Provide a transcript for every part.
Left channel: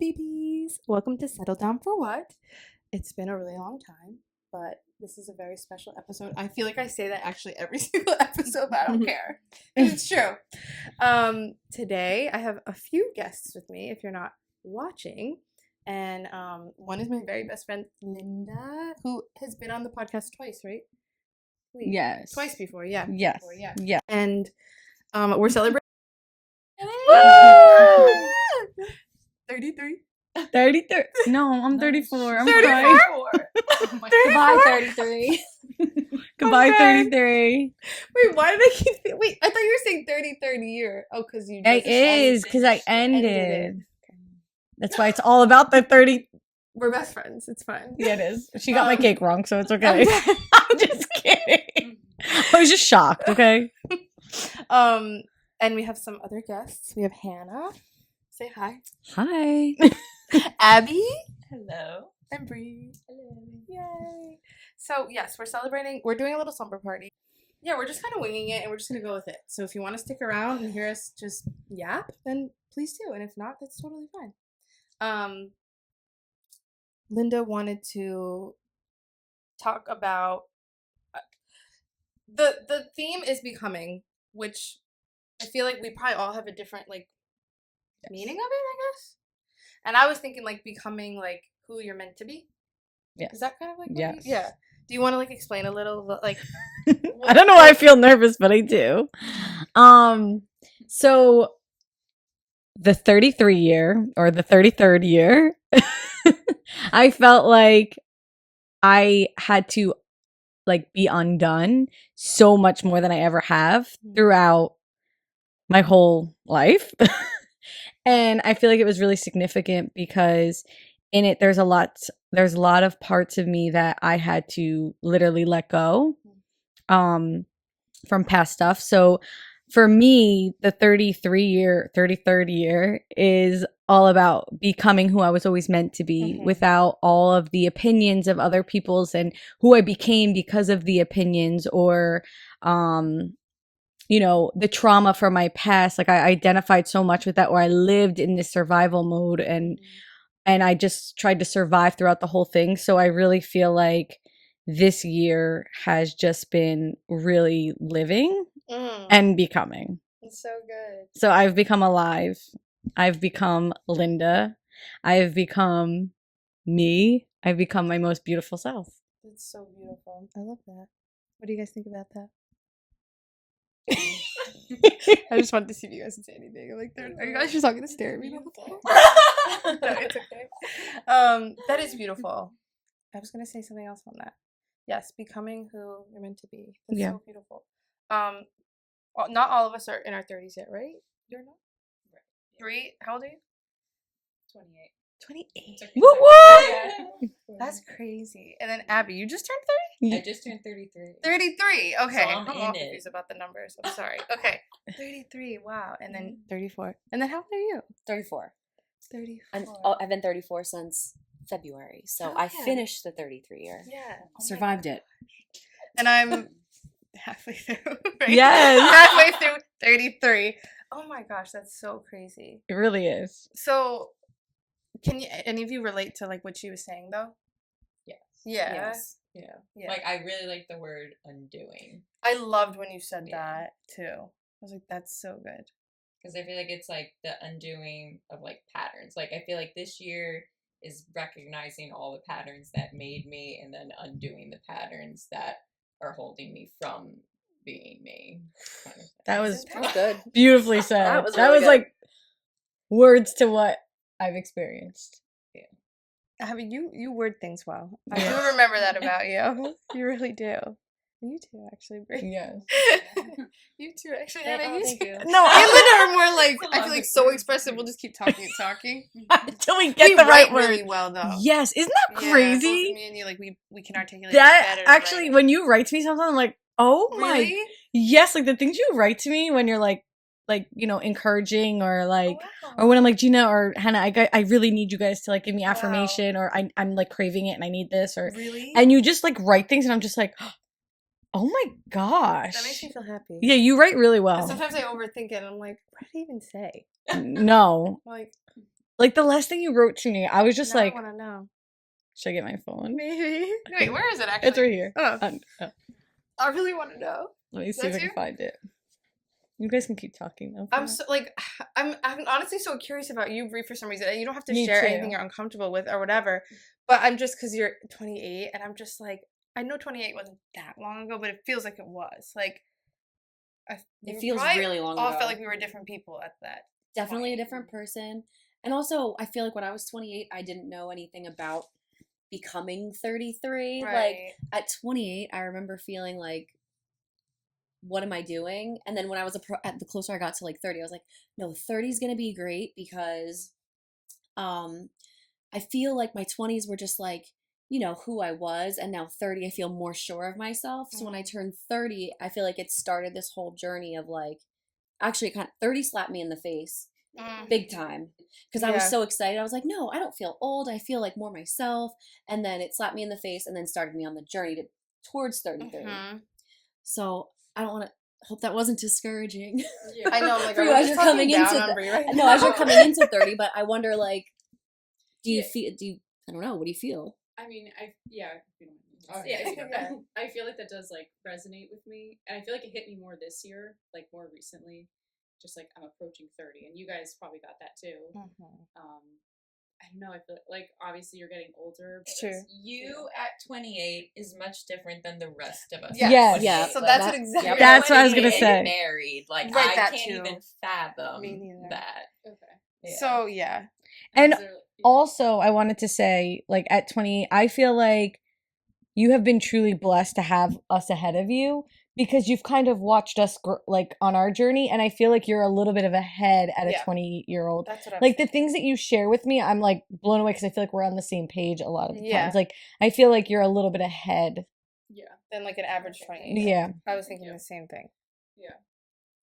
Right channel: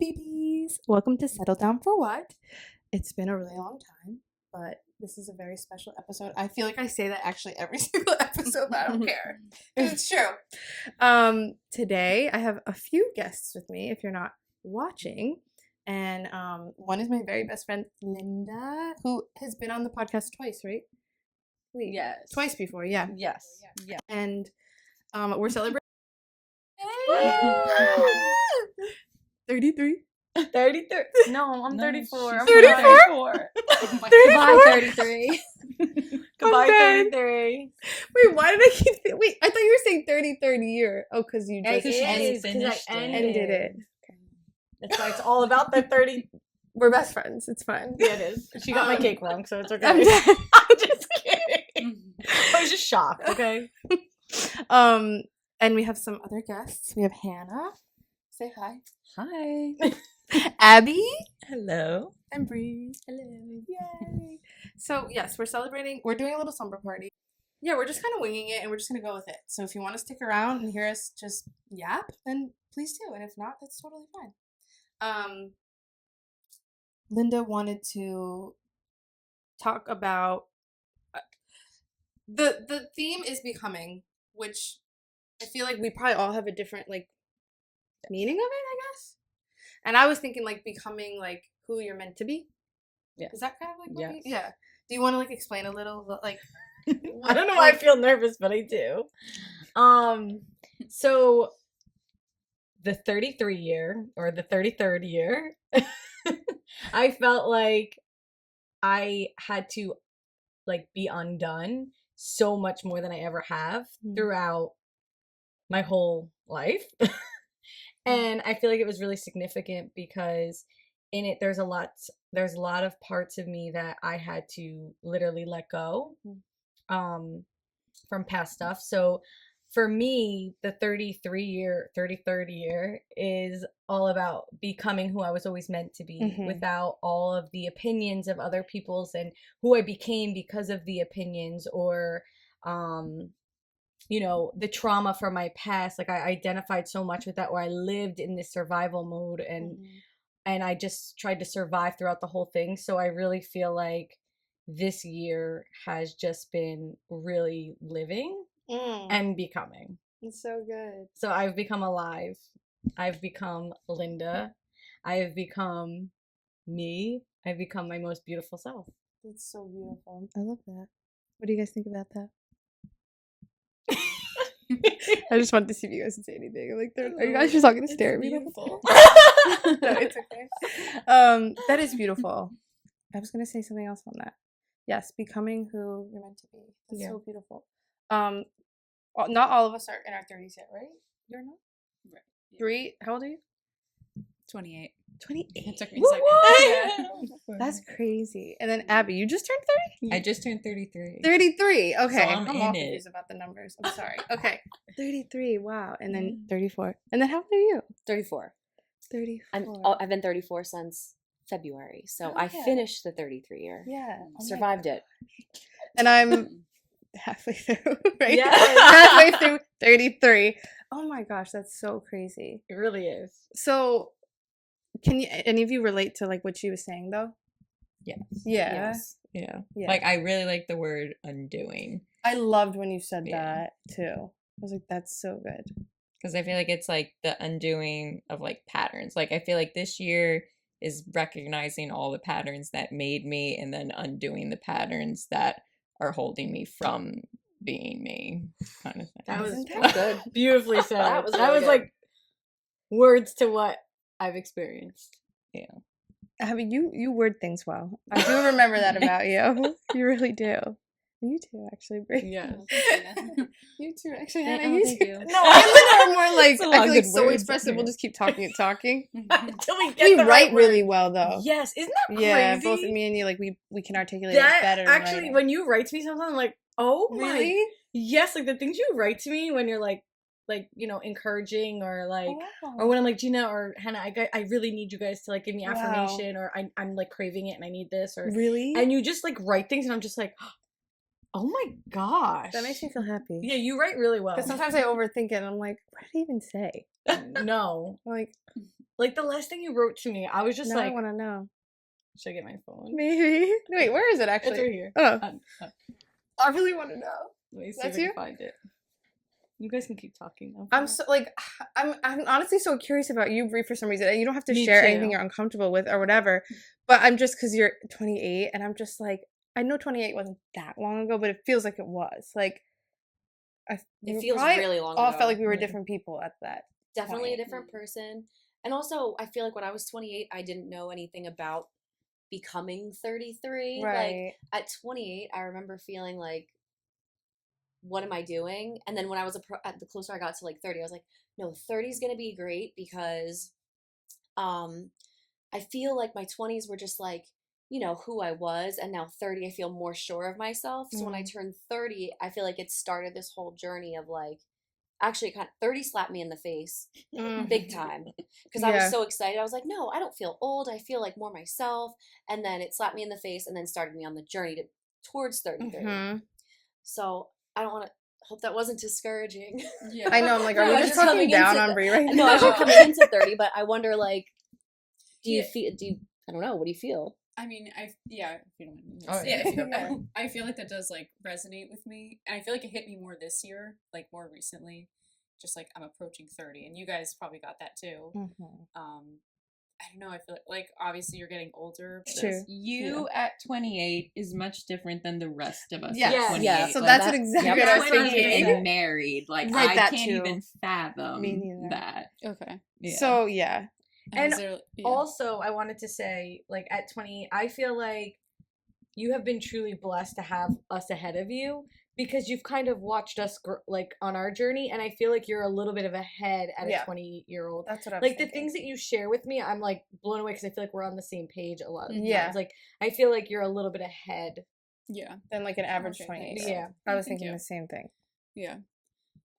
BBs! Welcome to Settle Down for What? It's been a really long time, but this is a very special episode. I feel like I say that actually every single episode, but I don't care. It's true. Today, I have a few guests with me, if you're not watching. And one is my very best friend, Linda, who has been on the podcast twice, right? Wait, yes. Twice before, yeah. Yes. Before, yeah. Yeah. And we're celebrating 33. 33. No, I'm 34. I'm 34? 34. Goodbye, 33. Goodbye, dead. 33. Wait, why did I keep wait, I thought you were saying 33rd year. Oh, because you just It is, because I ended it. That's why it's all about the 30. We're best friends. It's fine. Yeah, it is. She got my cake wrong, so it's I'm okay. dead. I'm just kidding. I was just shocked, okay? And we have some other guests. We have Hannah. Say hi. Hi. Abby. Hello. And Bree. Hello. Yay. So, yes, we're celebrating. We're doing a little slumber party. Yeah, we're just kind of winging it, and we're just going to go with it. So if you want to stick around and hear us just yap, then please do. And if not, that's totally fine. Linda wanted to talk about... The theme is becoming, which I feel like we probably all have a different, meaning of it, I guess. And I was thinking, becoming, who you're meant to be. Yeah. Is that kind of what Yes. yeah. Do you want to, explain a little, I don't know why I feel nervous, but I do. So the 33 year, or the 33rd year, I felt like I had to, be undone so much more than I ever have throughout my whole life. And I feel like it was really significant because in it there's a lot of parts of me that I had to literally let go from past stuff. So for me, the 33rd year is all about becoming who I was always meant to be without all of the opinions of other people's and who I became because of the opinions or the trauma from my past. I identified so much with that, or I lived in this survival mode and I just tried to survive throughout the whole thing. So I really feel like this year has just been really living and becoming. It's so good. So I've become alive. I've become Linda. I've become me. I've become my most beautiful self. It's so beautiful. I love that. What do you guys think about that? I just wanted to see if you guys would say anything. Are you guys just talking to stare at me? No, it's okay. That is beautiful. I was gonna say something else on that. Yes, becoming who you're meant to be. That's so beautiful. Not all of us are in our 30s yet, right? You're not? Right. Yeah. Bree, how old are you? 28. 28. What? That's crazy. And then Abby, you just turned 30? I just turned 33. 33. Okay. So I'm all in it. confused about the numbers. I'm sorry. Okay. 33. Wow. And then 34. And then how old are you? 34. 34. I've been 34 since February, so I finished the 33 year. Yeah. Survived it. And I'm halfway through, right? Yes. Halfway through 33. Oh my gosh, that's so crazy. It really is. So, can any of you relate to what she was saying though? Yes. Yeah. Yes. Yeah. Yeah. I really like the word undoing. I loved when you said Yeah. that too. I was like, that's so good. Because I feel like it's the undoing of patterns. I feel like this year is recognizing all the patterns that made me and then undoing the patterns that are holding me from being me. Kind of thing. That was Good. beautifully said. That was that really was good. words to what I've experienced. Yeah. Abby, you word things well. I do remember that about you. You really do. You too, actually, Brie. Yes. You too, actually. Thank- Hannah, oh, you thank too. you. No, I are more That's a lot I of feel good so words expressive. in We'll here. just keep talking and talking. Until we get We the write right word. really well though. Yes, isn't that Yeah, crazy? both me and you, we can articulate That it better. actually, right? when you write to me sometimes, I'm like, oh Really? my, yes, the things you write to me when you're encouraging or Wow. or when I'm like, Gina or Hannah, I really need you guys to give me Wow. affirmation, or I'm craving it and I need this, or Really? and you just write things and I'm just like, oh my gosh, That makes me feel happy. yeah, you write really well. And sometimes I overthink it and I'm like, what did I even say? No, I'm like, Like the last thing you wrote to me, I was just Now like, I want to know. should I get my phone? Maybe. Wait, where is it actually? It's right here. Oh, Oh, I really want to know. let me see That's if I you? can find it. You guys can keep talking though. I'm so like, I'm honestly so curious about you, Brie, for some reason. And you don't have to Me share too. anything you're uncomfortable with or whatever. But I'm just because you're 28, and I'm just like, I know 28 wasn't that long ago, but it feels like it was. Like, we It were feels probably really long all ago. felt like we were different people at that. Definitely a point. different person. And also, I feel like when I was 28, I didn't know anything about becoming 33. Like, Right. at 28, I remember feeling like, what am I doing? And then when I was the closer I got to like 30, I was like, no, 30 is going to be great because I feel like my 20s were just like, you know, who I was. And now 30, I feel more sure of myself. So when I turned 30, I feel like it started this whole journey of like, actually, 30 slapped me in the face big time because I was Yeah. so excited. I was like, no, I don't feel old. I feel like more myself. And then it slapped me in the face and then started me on the journey towards 33. Mhm. So I don't want to hope that wasn't discouraging. Yeah. I know. I'm like, are No, we I just was talking coming down into on the- Brie right no, now? as you're coming into 30, but I wonder, like, Yeah. I don't know, what do you feel? I mean, if you don't mind. Oh, Yeah, if you don't yeah. mind. I feel like that does like resonate with me, and I feel like it hit me more this year, like more recently. Just like I'm approaching 30, and you guys probably got that too. I don't know. I feel like obviously you're getting older. But True. You at 28 is much different than the rest of us. Yes. at 28. Yeah. So Like, that's that- exactly. yep. That's what I was gonna 28 say. and married. Like Right, I that can't too. even fathom Me neither. that. Okay. Yeah. So yeah. And Is there- yeah. Also, I wanted to say, like, at 20, I feel like you have been truly blessed to have us ahead of you because you've kind of watched us, like, on our journey. And I feel like you're a little bit of ahead at a Yeah. 28-year-old. That's what I'm Like, the things that you share with me, I'm, like, blown away because I feel like we're on the same page a lot of the Yeah. times. Like, I feel like you're a little bit ahead. Yeah. than like an average Okay, 28. thanks. Yeah. I was Thank thinking you. the same thing. Yeah.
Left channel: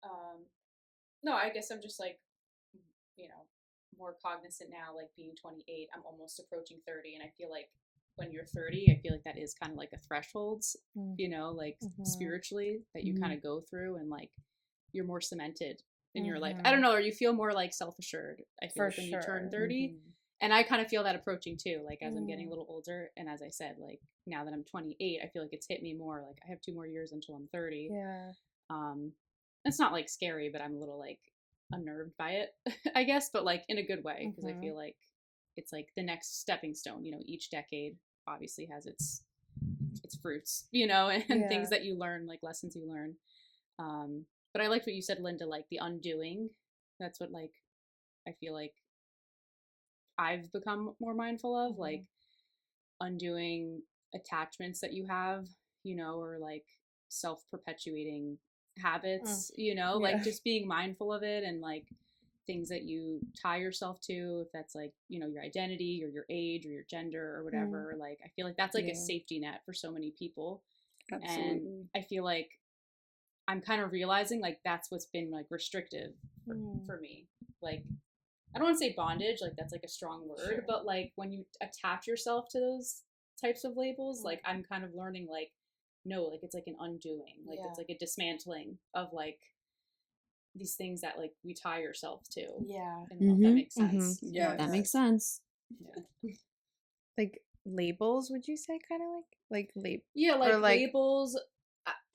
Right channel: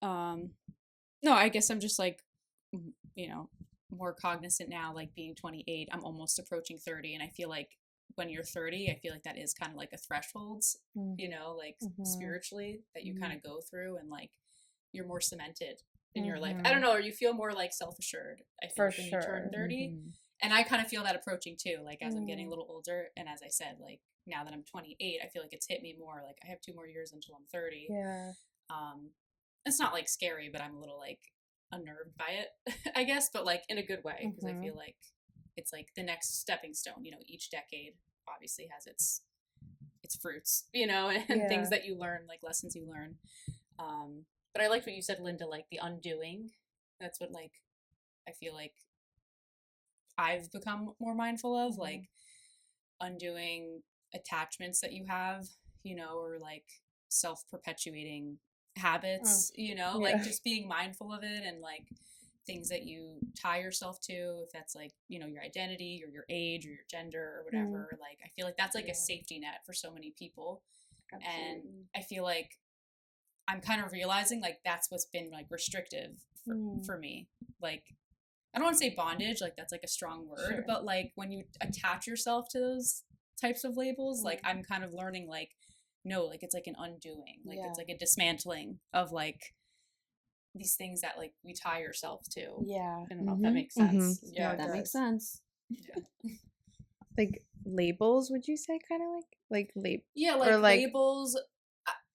No, I guess I'm just like, you know, more cognizant now, like being 28, I'm almost approaching 30. And I feel like when you're 30, I feel like that is kind of like a threshold, you know, like spiritually that you kind of go through and like you're more cemented in your life. I don't know, or you feel more like self-assured. I feel For like when you turn sure. 30. And I kind of feel that approaching too, like as I'm getting a little older. And as I said, like now that I'm 28, I feel like it's hit me more. Like I have 2 more years until I'm 30. Yeah. It's not like scary, but I'm a little like unnerved by it, I guess, but like in a good way because I feel like it's like the next stepping stone. You know, each decade obviously has its fruits, you know, and things that you learn, like lessons you learn. But I liked what you said, Linda, like the undoing. That's what like I feel like I've become more mindful of, like undoing attachments that you have, you know, or like self-perpetuating habits, you know, like just being mindful of it and like things that you tie yourself to, if that's like, you know, your identity or your age or your gender or whatever. Like I feel like that's like a safety net for so many people. Absolutely. And I feel like I'm kind of realizing like that's what's been like restrictive for me. Like I don't want to say bondage, like that's like a strong word, but like when you attach yourself to those types of labels, like I'm kind of learning like no, like it's like an undoing, like it's like a dismantling of like these things that like we tie yourself to. Yeah. I don't know if that makes sense. Yeah, That makes sense. Like labels, would you say? Kind of like Yeah, like, or like labels,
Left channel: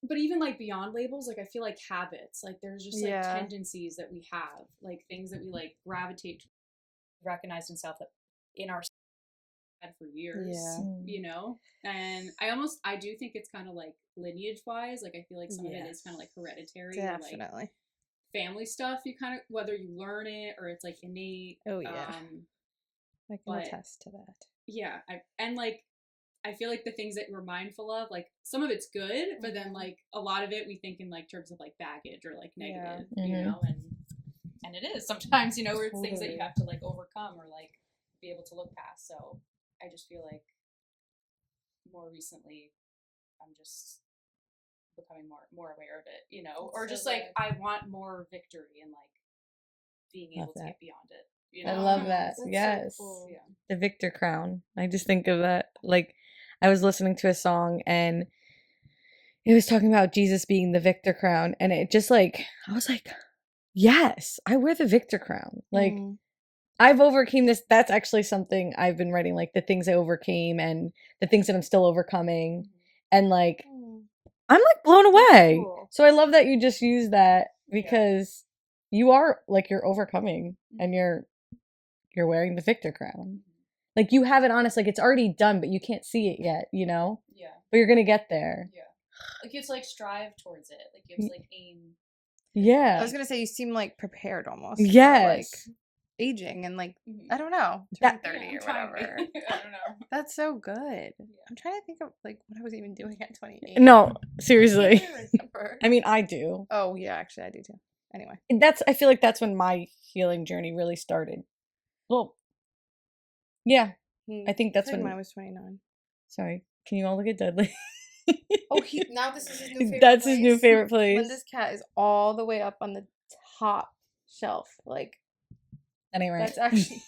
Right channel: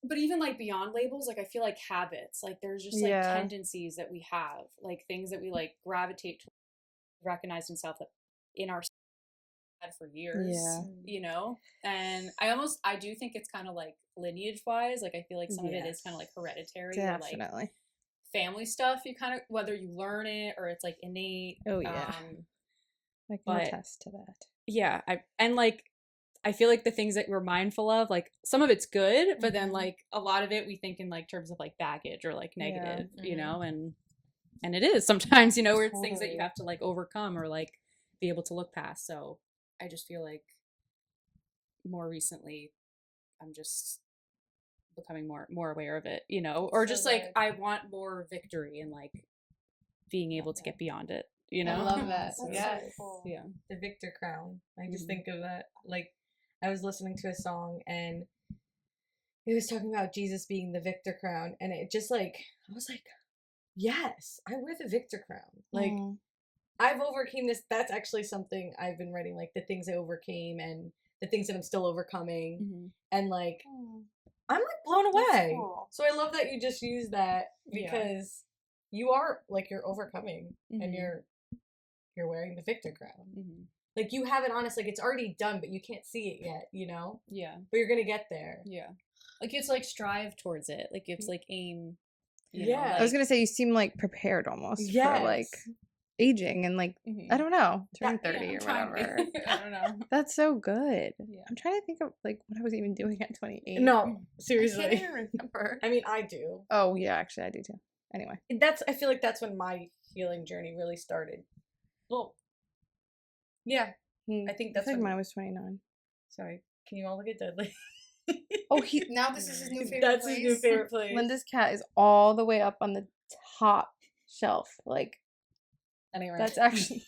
but even like beyond labels, like I feel like habits, like there's just like tendencies that we have, like things that we like gravitate to, recognized in self that in our had for years, you know. And I do think it's kind of like lineage wise, like I feel like some of it is kind of like hereditary, definitely. or like family stuff. You kind of, whether you learn it or it's like innate. Oh yeah, I can attest to that. Yeah, I feel like the things that we're mindful of, like some of it's good, but then like a lot of it we think in like terms of like baggage or like negative, you know, and it is sometimes, you know, where it's things that you have to like overcome or like be able to look past. So I just feel like more recently I'm just becoming more aware of it, you know, or just like I want more victory and like being able to get beyond it, you know. I love that. That's Yes. so cool. Yeah. The Victor Crown. I just think of that. Like, I was listening to a song and it was talking about Jesus being the Victor Crown. And it just like, I was like, yes, I wear the Victor Crown. Like, I've overcame this. That's actually something I've been writing, like the things I overcame and the things that I'm still overcoming. Mhm. And like, Mm. I'm like blown That's away. cool. So I love that you just use that Yeah. because you are like you're overcoming and Mhm. you're wearing the victor crown. Mhm. Like you have it honest, like it's already done, but you can't see it yet, you know? Yeah. But you're gonna get there. Yeah. Like you have to like strive towards it. Like you have to like aim. Yeah. I was gonna say you seem like prepared almost. Yes. For, like aging and like I don't know, turning 30 or whatever. I don't know. That's so good. Yeah. I'm trying to think of like what I was even doing at 28. No, I can't seriously. even remember. I mean, I do. Oh yeah, actually I do too. Anyway. I feel like that's when my healing journey really started. Well, yeah, I think that's I feel when like mine was 29. Sorry, can you all look at Dudley? Oh, now this is his new favorite That's place. his new favorite place. Linda's cat is all the way up on the top shelf. Like That ain't right. that's actually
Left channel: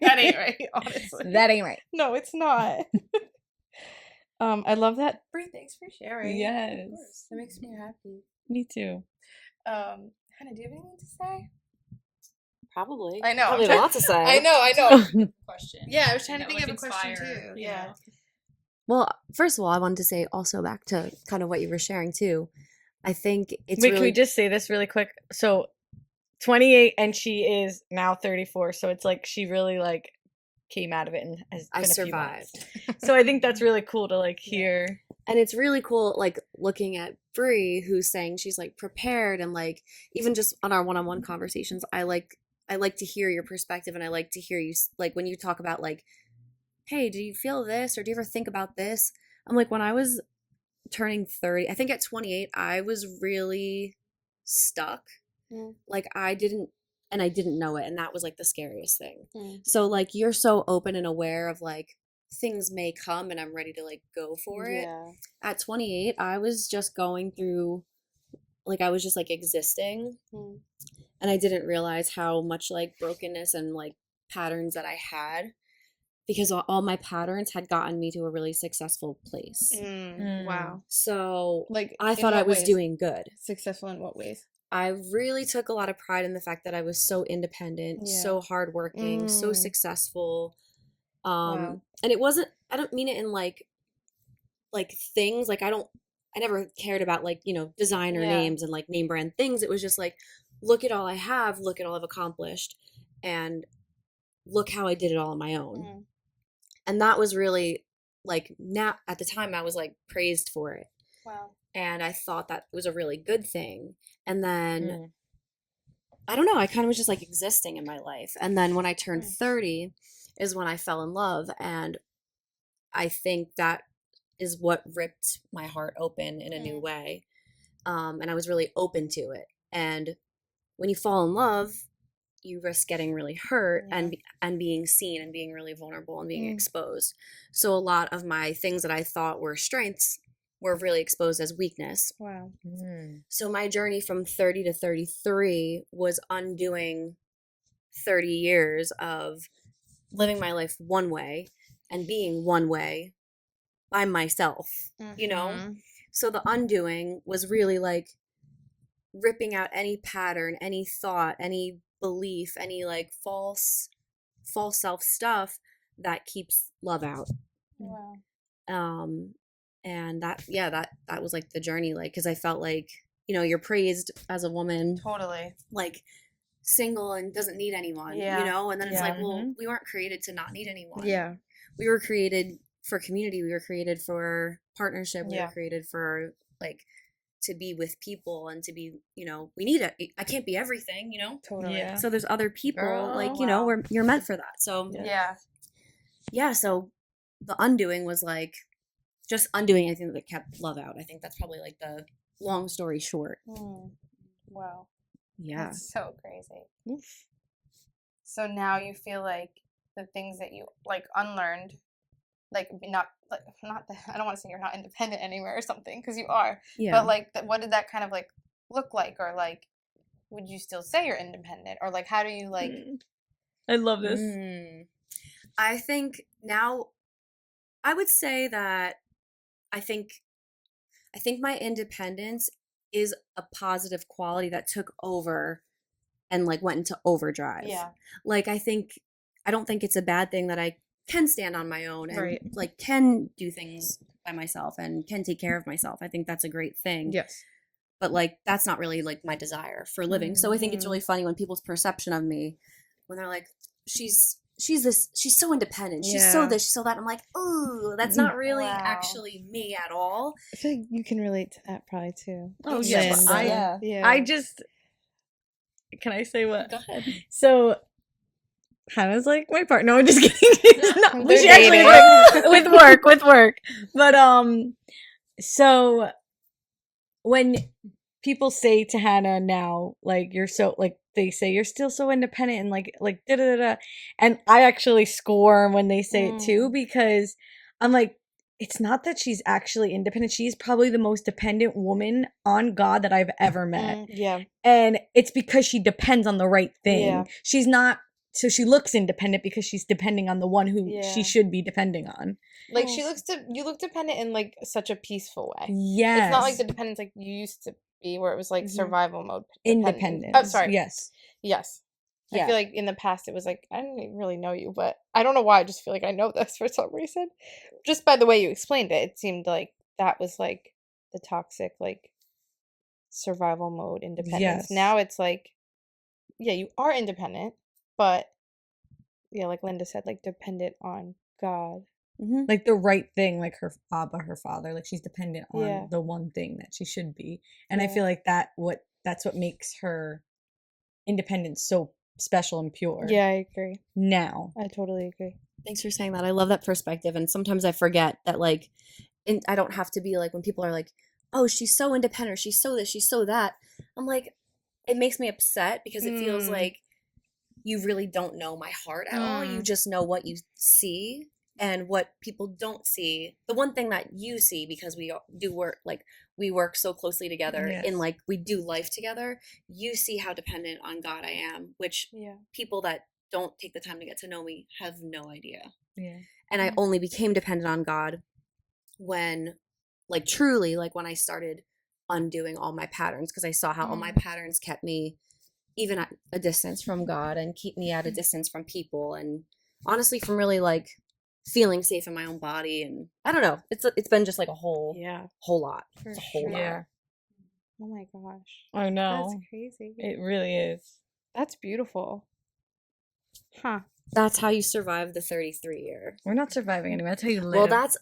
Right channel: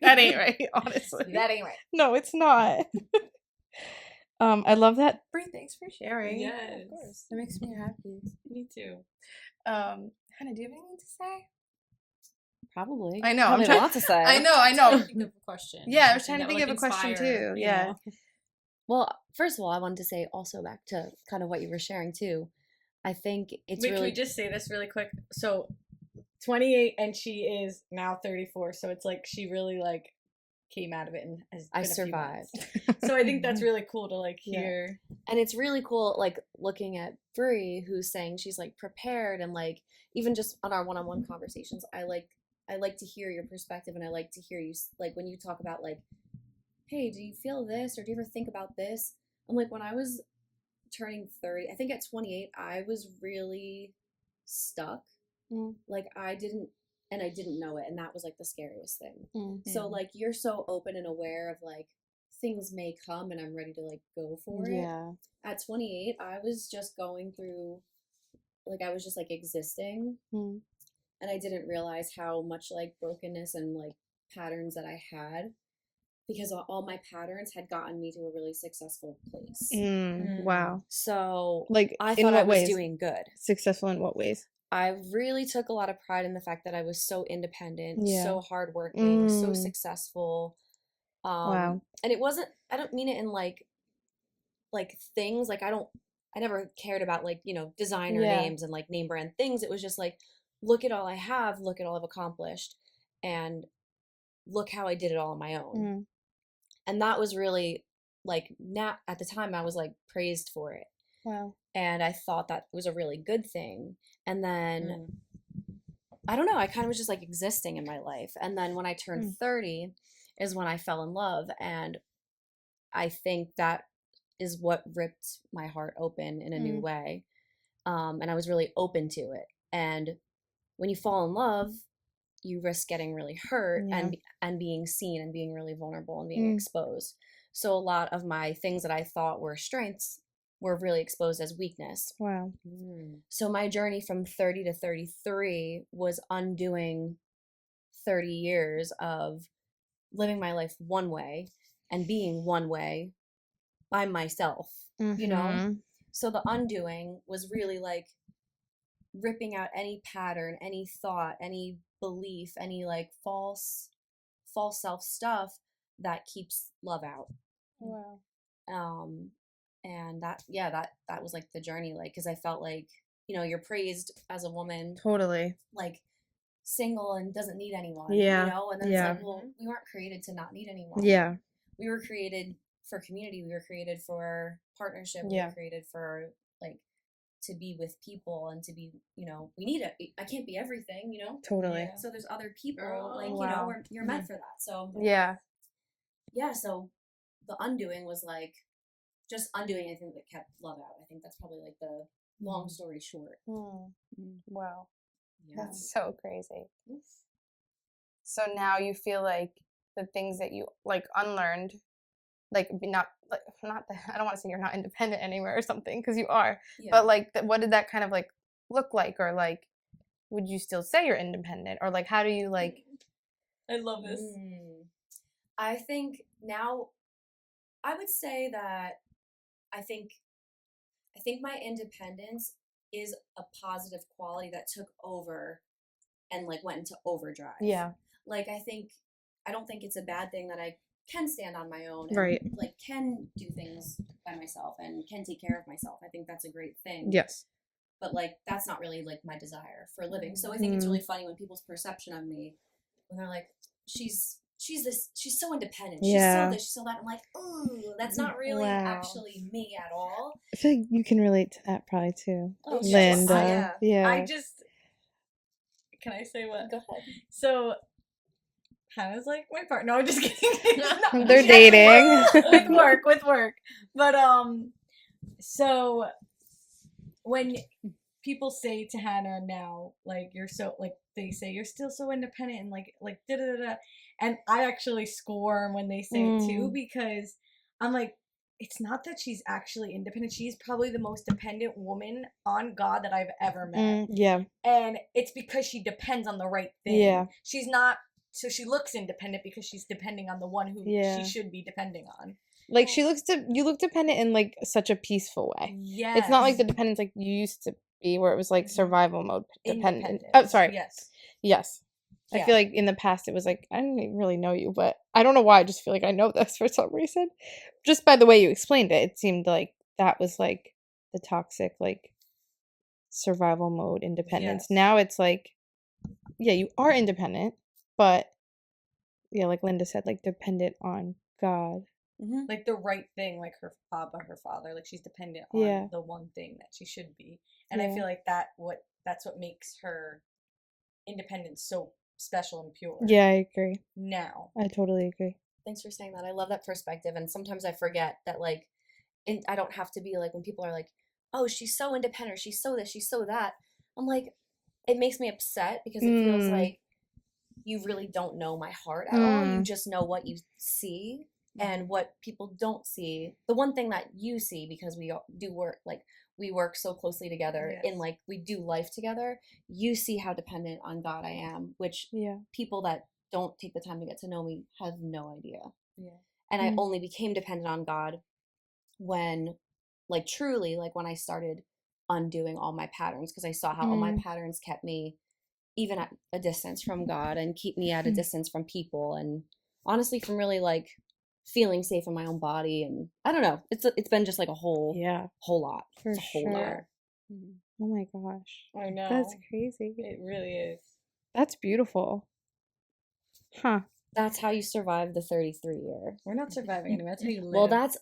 that ain't right, honestly. That ain't right. No, it's not. I love that. Brie, thanks for sharing. Yes. Of course. That makes me happy. Me too. Hannah, do you have anything to say? Probably. I know. Probably I'm trying- a lot to say. I know. Question. Yeah, I was trying to That think would, of a like, question inspire, too. you Yeah. know? Well, first of all, I wanted to say also back to kind of what you were sharing too. I think it's Wait, really can we just say this really quick? So 28 and she is now 34, so it's like she really like came out of it and has I been a few months. survived. So I think that's really cool to like Yeah. hear. And it's really cool, like looking at Brie, who's saying she's like prepared, and like even just on our one-on-one conversations, I like to hear your perspective, and I like to hear you like when you talk about like, hey, do you feel this, or do you ever think about this? I'm like, when I was turning 30, I think at 28, I was really stuck. Mm. Like I didn't know it, and that was like the scariest thing. Mm. So like you're so open and aware of like things may come, and I'm ready to like go for it. Yeah. At 28, I was just going through, like I was just like existing, Mm. and I didn't realize how much like brokenness and like patterns that I had, because all my patterns had gotten me to a really successful place. Wow. So Like I in thought I what was ways? doing good. Successful in what ways? I really took a lot of pride in the fact that I was so independent, Yeah. so hardworking, so Mm. successful. Wow. And it wasn't, I don't mean it in like things, like I never cared about like, designer Yeah. names and like name brand things. It was just like, look at all I have, look at all I've accomplished, and look how I did it all on my own. Mm. And that was really like, now at the time I was like praised for it. Wow. And I thought that was a really good thing. And then I don't know, I kind of was just like existing in my life. And then when I turned 30 is when I fell in love. And I think that is what ripped my heart open in a new way. And I was really open to it. And when you fall in love, you risk getting really hurt and being seen and being really vulnerable and being exposed. So a lot of my things that I thought were strengths were really exposed as weakness. Wow. So my journey from 30 to 33 was undoing 30 years of living my life one way and being one way by myself, you know? Mhm. So the undoing was really like ripping out any pattern, any thought, any belief, any like false self stuff that keeps love out. Wow. And that was like the journey, like, because I felt like, you're praised as a woman Totally. like single and doesn't need anyone, Yeah. and then it's Yeah. like, well, we weren't created to not need anyone. Yeah. We were created for community, we were created for partnership, we Yeah. were created for like to be with people and to be, we need it. I can't be everything, Totally. Yeah. so there's other people, Girl, like, wow. you're meant for that. So Yeah. so the undoing was like just undoing anything that kept love out. I think that's probably like the long story short. Wow. Yeah. That's so crazy. So now you feel like the things that you like unlearned, like not that I don't want to say you're not independent anymore or something, because you are. Yeah. But like, what did that kind of like look like, or like, would you still say you're independent, or like, how do you like? I love this. I think now I would say that I think my independence is a positive quality that took over and like went into overdrive. Yeah. Like I don't think it's a bad thing that I can stand on my own and Right. like can do things by myself and can take care of myself. I think that's a great thing. Yes. But like that's not really like my desire for living. So I think it's really funny when people's perception of me, when they're like, she's so independent. She's so Yeah. this, she's so that. I'm like, ooh, that's not really Wow. actually me at all. I feel like you can relate to that probably too. Oh, yes. Linda. Yeah. I just can I say what? Go ahead. So Hannah's like my partner. No, I'm just kidding. No, They're she actually dating. with work. But so when people say to Hannah now, like you're so like they say you're still so independent and like da da da da, and I actually squirm when they say it too because I'm like, it's not that she's actually independent. She's probably the most dependent woman on God that I've ever met. Yeah. And it's because she depends on the right thing. Yeah. She's not, so she looks independent because she's depending on the one who Yeah. she should be depending on. Like you look dependent in like such a peaceful way. Yes. It's not like the dependence like you used to be where it was like survival mode independence. Oh, sorry. Yes. Yes. I feel like in the past it was like I didn't really know you, but I don't know why. I just feel like I know this for some reason. Just by the way you explained it, it seemed like that was like the toxic like survival mode independence. Yes. Now it's like, yeah, you are independent, but yeah, like Linda said, like dependent on God. Like the right thing, like her her father, like she's dependent on Yeah. the one thing that she should be. And I Yeah. feel like that's what makes her independence so special and pure. Yeah, I agree. Now. I totally agree. Thanks for saying that. I love that perspective. And sometimes I forget that, like, I don't have to be like, when people are like, oh, she's so independent, she's so this, she's so that. I'm like, it makes me upset because it feels like you really don't know my heart at all. You just know what you see and what people don't see. The one thing that you see, because we do work, like, we work so closely together in like we do life together, you see how dependent on God I am, which people that don't take the time to get to know me have no idea. And I only became dependent on God when, like, truly, like when I started undoing all my patterns, because I saw how all my patterns kept me even at a distance from God and keep me at a distance from people, and honestly from really like feeling safe in my own body. And I don't know, it's been just like a whole lot. For It's a whole sure. lot. Oh my gosh. I know. That's crazy. It really is. That's beautiful. Huh. That's how you survive the 33 year. We're not surviving anymore. That's how you live. Well, that's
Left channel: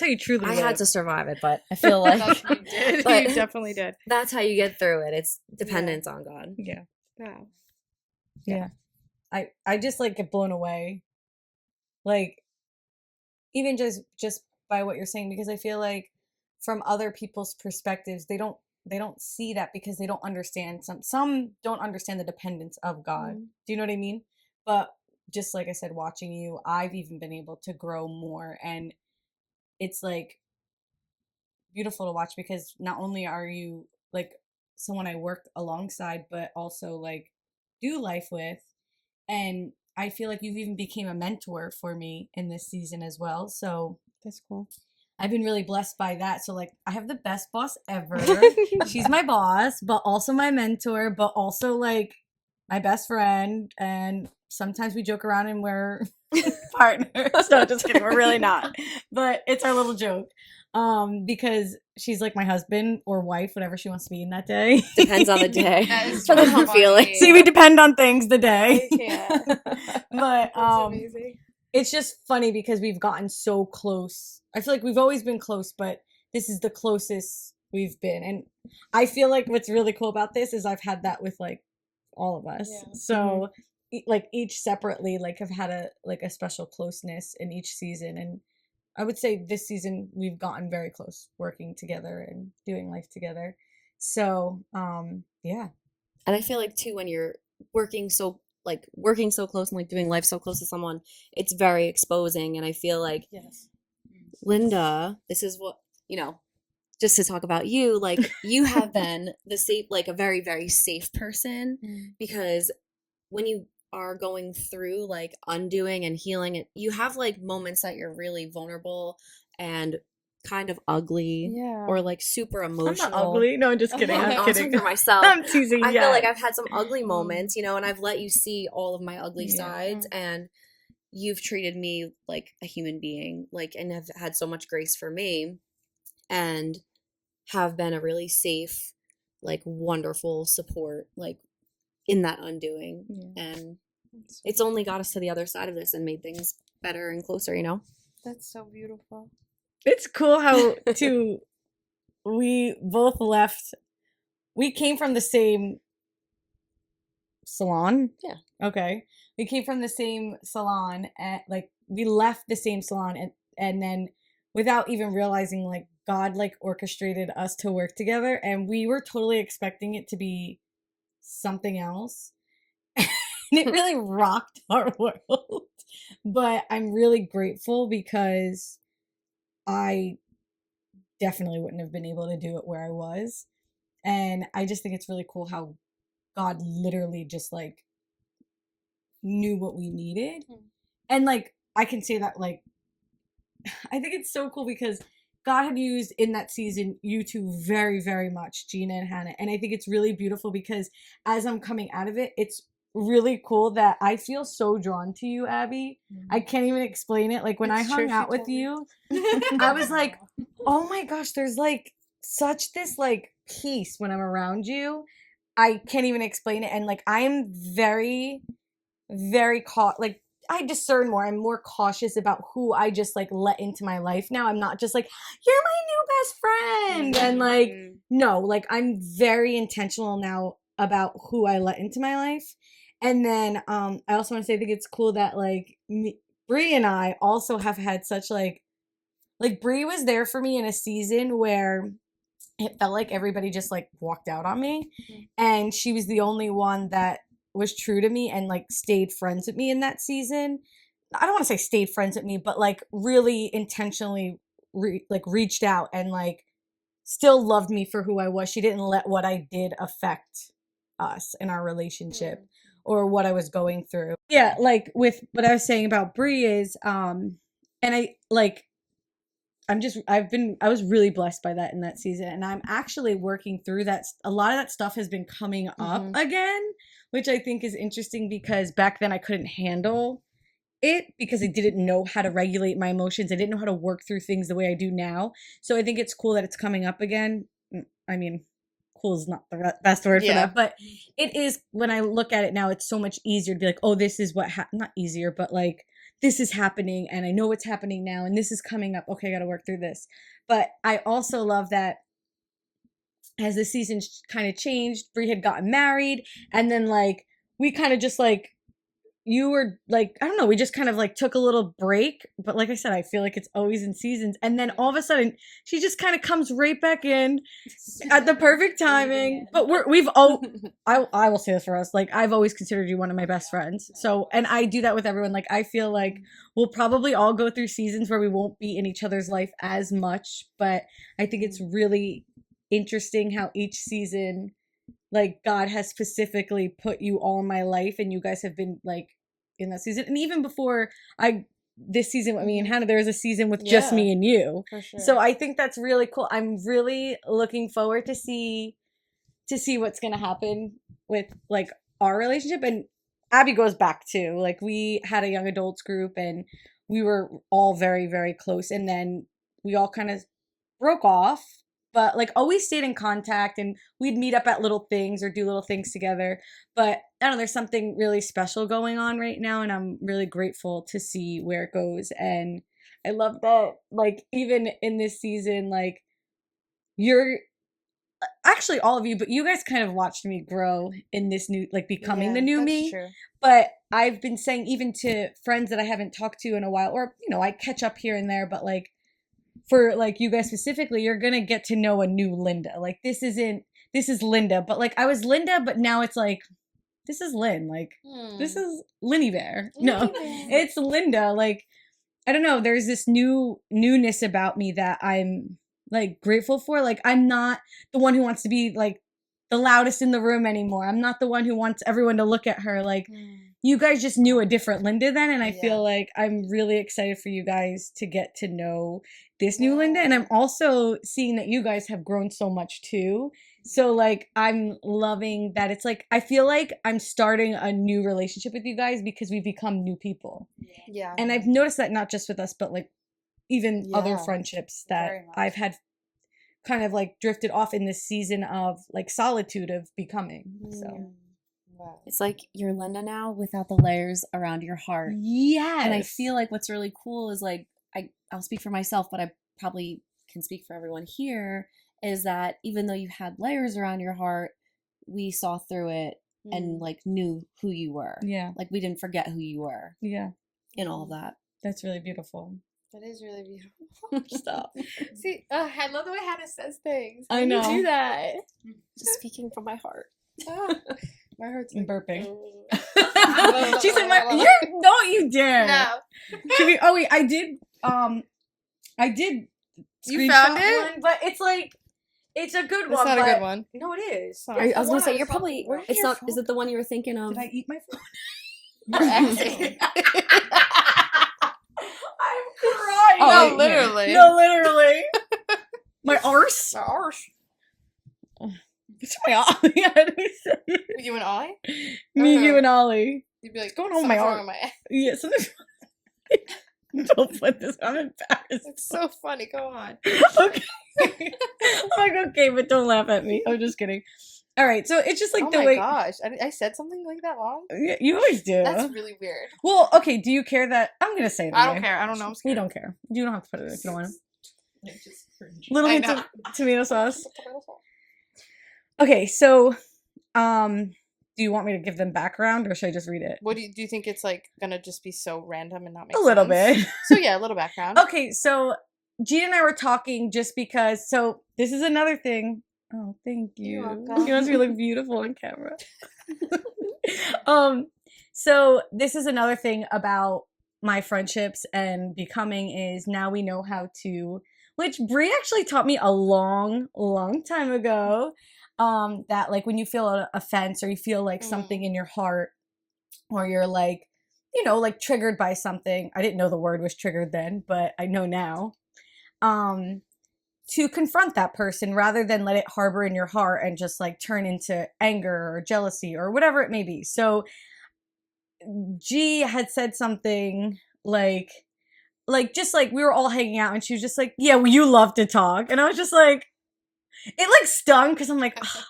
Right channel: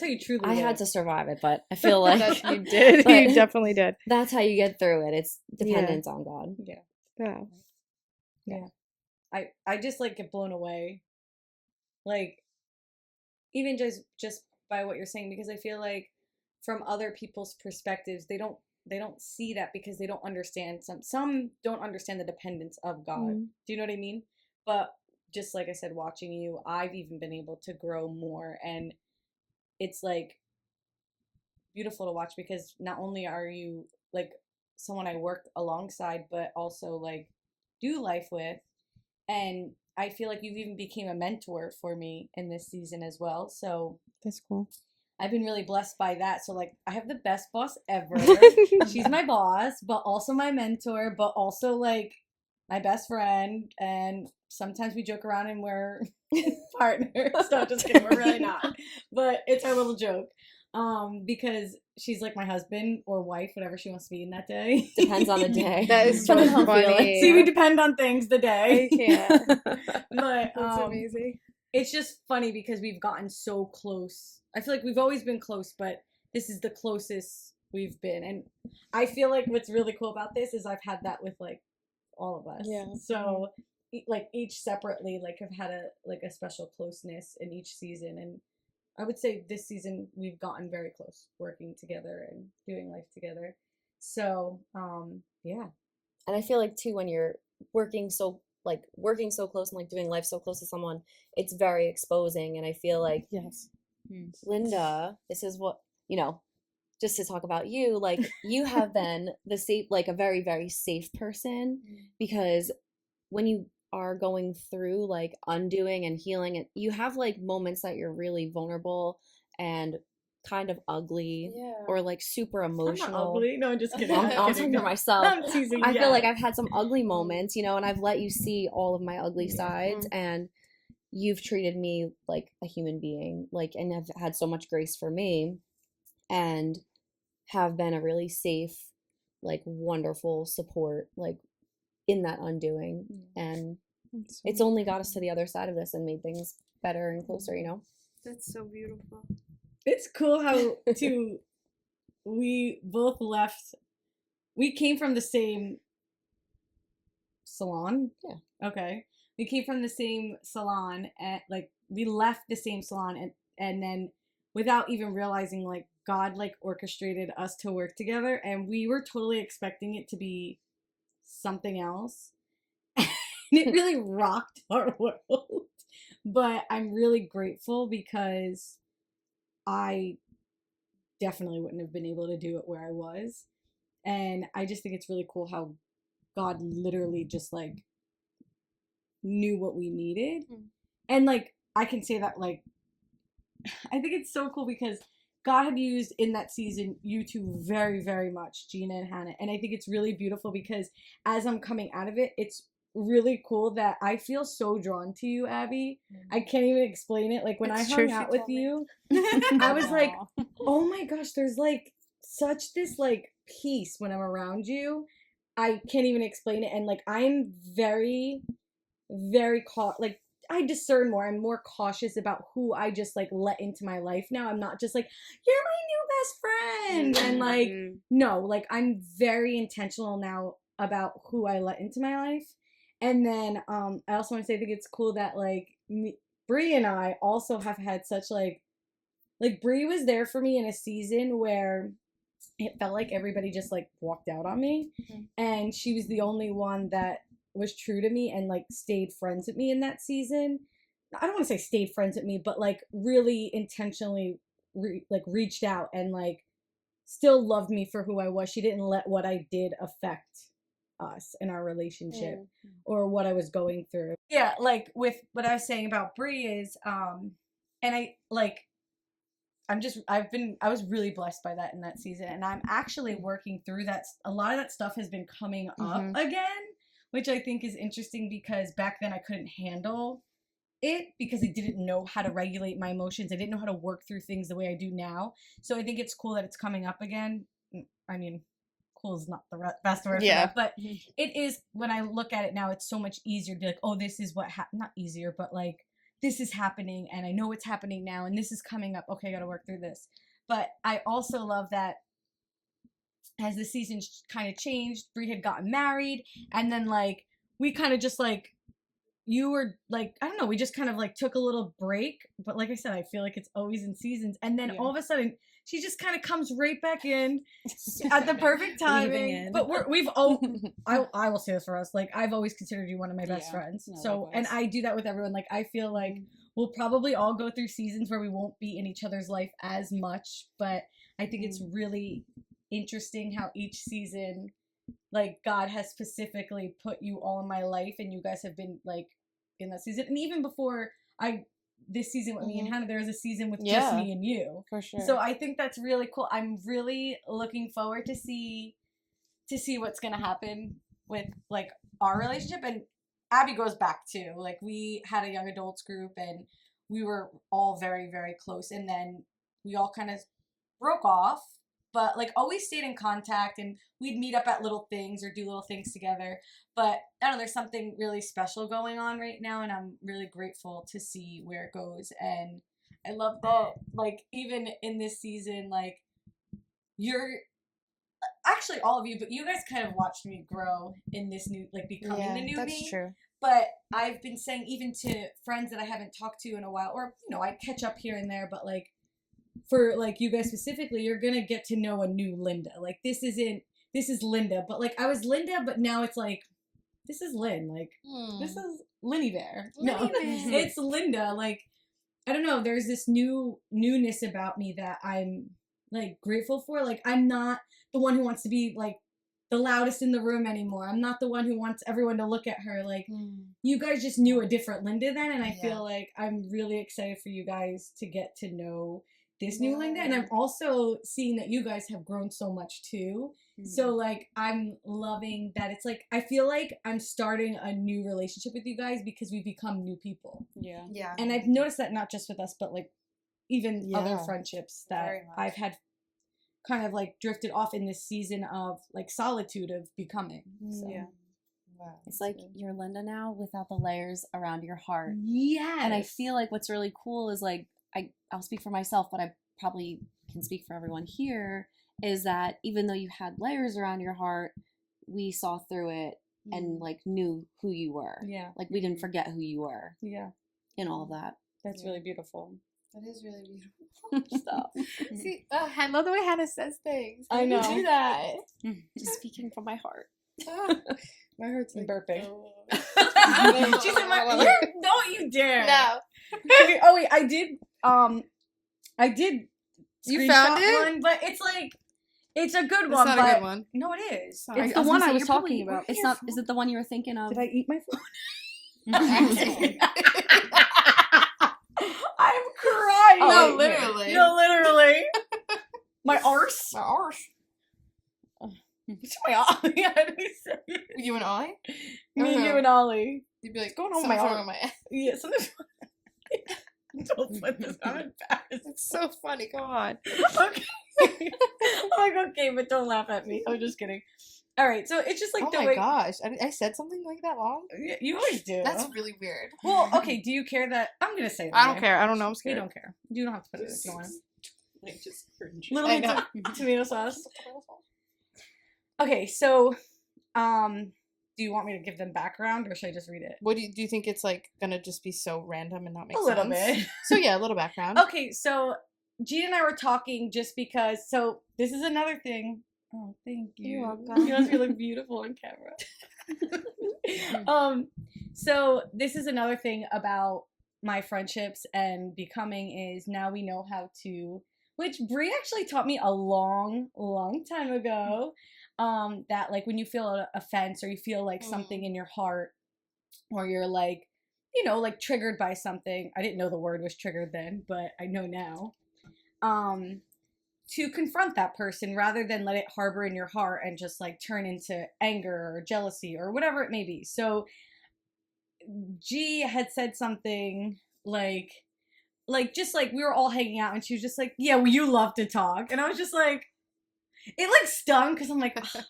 how you truly I live. had to survive it, but I feel like You did. but You definitely did. that's how you get through it. It's dependence on God. Yeah. I just like get blown away, like even just by what you're saying, because I feel like from other people's perspectives they don't see that because they don't understand, some don't understand the dependence of God. Do you know what I mean? But just like I said, watching you, I've even been able to grow more, and it's like beautiful to watch because not only are you like someone I work alongside, but also like do life with. And I feel like you've even became a mentor for me in this season as well. So That's cool. I've been really blessed by that. So like I have the best boss ever. She's my boss, but also my mentor, but also like my best friend. And sometimes we joke around and we're partners. So just kidding, we're really not. But it's our little joke. Because she's like my husband or wife, whatever she wants to be in that day. Depends on the day. That is But I so don't feel funny. it. See, we depend on things the day. I can't. But That's amazing. it's just funny because we've gotten so close. I feel like we've always been close, but this is the closest we've been. And I feel like what's really cool about this is I've had that with like all of us. Yeah. So like each separately, like have had a special closeness in each season. And I would say this season we've gotten very close working together and doing life together. So, yeah. And I feel like too, when you're working so close and like doing life so close to someone, it's very exposing. And I feel like Linda, this is what, just to talk about you, like you have been the safe, like a very, very safe person, because when you are going through like undoing and healing it, you have like moments that you're really vulnerable and kind of ugly Yeah. or like super I'm emotional. not ugly. No, I'm just kidding. I'm I'm I'm kidding. talking for myself. I'm teasing. I yeah. feel like I've had some ugly moments, you know, and I've let you see all of my ugly Yeah. sides, and you've treated me like a human being, like, and have had so much grace for me, and have been a really safe, like, wonderful support, like, in that undoing. Yeah. And That's so it's only got us to the other side of this and made things better and closer, you know? That's so beautiful. It's cool how we both left. We came from the same salon. Yeah. Okay. We came from the same salon, and like we left the same salon, and then without even realizing, like God like orchestrated us to work together, and we were totally expecting it to be something else. And it really rocked our world. But I'm really grateful because I definitely wouldn't have been able to do it where I was. And I just think it's really cool how God literally just like knew what we needed. And like I can say that like I think it's so cool because God had used in that season you two very, very much, Gina and Hannah. And I think it's really beautiful because as I'm coming out of it, it's really cool that I feel so drawn to you, Abby. I can't even explain it. Like when I It's true, hung she out with told me. you, I was like, oh my gosh, there's like such this like peace when I'm around you. I can't even explain it. And like I am very, very like I discern more. I'm more cautious about who I just like let into my life now. I'm not just like, you're my new best friend. And like, no, like I'm very intentional now about who I let into my life. And then I also want to say I think it's cool that like Brie and I also have had such like Brie was there for me in a season where it felt like everybody just like walked out on me. And she was the only one that was true to me and like stayed friends with me in that season. I don't want to say stayed friends with me, but like really intentionally reached out and like still loved me for who I was. She didn't let what I did affect us in our relationship or what I was going through. Yeah, like with what I was saying about Brie is and I like I was really blessed by that in that season. And I'm actually working through that. A lot of that stuff has been coming up again, which I think is interesting because back then I couldn't handle it because I didn't know how to regulate my emotions. I didn't know how to work through things the way I do now. So I think it's cool that it's coming up again. I mean, cool is not the best word for that, but it is, when I look at it now, it's so much easier to be like, oh, this is what not easier, but like, this is happening and I know what's happening now and this is coming up. Okay, I got to work through this. But I also love that as the season kind of changed, Brie had gotten married and then like we kind of just like, you were like, I don't know, we just kind of like took a little break. But like I said, I feel like it's always in seasons. And then all of a sudden she just kind of comes right back in at the perfect timing. But I will say this for us, like I've always considered you one of my best friends. So, and I do that with everyone. Like I feel like we'll probably all go through seasons where we won't be in each other's life as much. But I think it's really interesting how each season, like God has specifically put you all in my life and you guys have been like in that season. And even before this season with me and Hannah, there was a season with just me and you. For sure. So I think that's really cool. I'm really looking forward to see what's going to happen with like our relationship. And Abby goes back too. Like we had a young adults group and we were all very, very close. And then we all kind of broke off, but like always stayed in contact and we'd meet up at little things or do little things together. But I don't know, there's something really special going on right now and I'm really grateful to see where it goes. And I love that, like, even in this season, like, you're actually all of you, but you guys kind of watched me grow in this new, like, becoming the new me. True. But I've been saying even to friends that I haven't talked to in a while, or, you know, I catch up here and there, but like, for like you guys specifically, you're gonna get to know a new Linda. Like this is Linda, but like I was Linda, but now it's like this is Lynn. Like this is Linny Bear. No, it's Linda. Like I don't know. There's this newness about me that I'm like grateful for. Like I'm not the one who wants to be like the loudest in the room anymore. I'm not the one who wants everyone to look at her. Like, you guys just knew a different Linda then, and I feel like I'm really excited for you guys to get to know this new Linda. And I'm also seeing that you guys have grown so much too. So like, I'm loving that. It's like, I feel like I'm starting a new relationship with you guys because we've become new people. Yeah. And I've noticed that not just with us, but like even other Yeah. friendships that Very much. I've had kind of like drifted off in this season of like solitude of becoming. So Yeah. Wow. It's like you're Linda now without the layers around your heart. yes. And I feel like what's really cool is like, I'll speak for myself, but I probably can speak for everyone here, is that even though you had layers around your heart, we saw through it and like knew who you were. Yeah. Like we didn't forget who you were Yeah. in all of that. That's really beautiful. That is really beautiful. Stop. See, I love the way Hannah says things. I How do you know. do that. Just speaking from my heart. Oh, my heart's I'm like, burping. oh. She's like, don't you dare. No. Oh wait, I did You screenshot found it? one, but it's like, it's a good It's one. not but a good one. No, it is. Sorry. It's I was the gonna one say I you're was probably. talking about. It's not. Is it the one you were thinking of? Did I eat my phone? I'm crying. No, literally. No, literally. My arse. My arse. It's my Ollie. How do we say it? You and I? Me, Uh-huh. you, and Ollie. You'd be like, Going on my "Something's wrong arm." with my ass." Yeah, something. Don't put this. I'm embarrassed. It's so funny. Go on. Okay. I'm like, okay, but don't laugh at me. I'm just kidding. All right, so it's just like Oh the my way. gosh. I said something like that wrong? Yeah, you always do. That's really weird. Well, okay, do you care that. I'm going to say it. I don't anyway. care. I don't know. I'm You scared. don't care. You don't have to put it if you don't want to. I just cringe. Little I bit know. of tomato sauce. Okay, so do you want me to give them background or should I just read it? What do you think it's like gonna just be so random and not make A little sense? bit. So yeah, a little background. Okay, so Gina and I were talking just because. So this is another thing. Oh, thank you. You're welcome. You must be look beautiful on camera. So this is another thing about my friendships and becoming is now we know how to. Which Brie actually taught me a long time ago. That like when you feel an offense or you feel like something in your heart, or you're like, you know, like triggered by something. I didn't know the word was triggered then, but I know now. To confront that person rather than let it harbor in your heart and just like turn into anger or jealousy or whatever it may be. So G had said something like just like we were all hanging out and she was just like, yeah, well, you love to talk. And I was just like, it like stung because I'm like, ugh,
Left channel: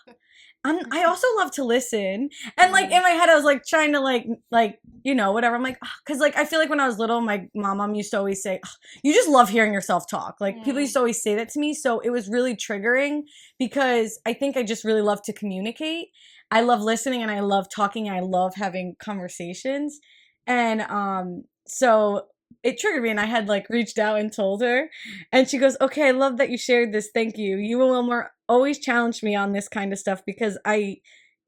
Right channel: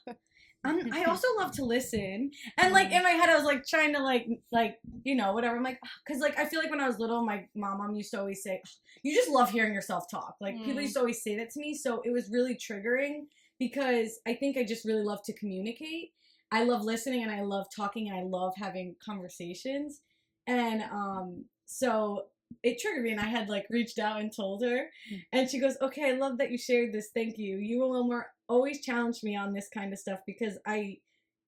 I also love to listen. And like in my head, I was like trying to like, you know, whatever. I'm like, because like I feel like when I was little, my mom used to always say, you just love hearing yourself talk. Like people used to always say that to me. So it was really triggering because I think I just really love to communicate. I love listening and I love talking. I love having conversations. And so it triggered me and I had like reached out and told her and she goes, okay, I love that you shared this. Thank you. You and Wilmer always challenge me on this kind of stuff because I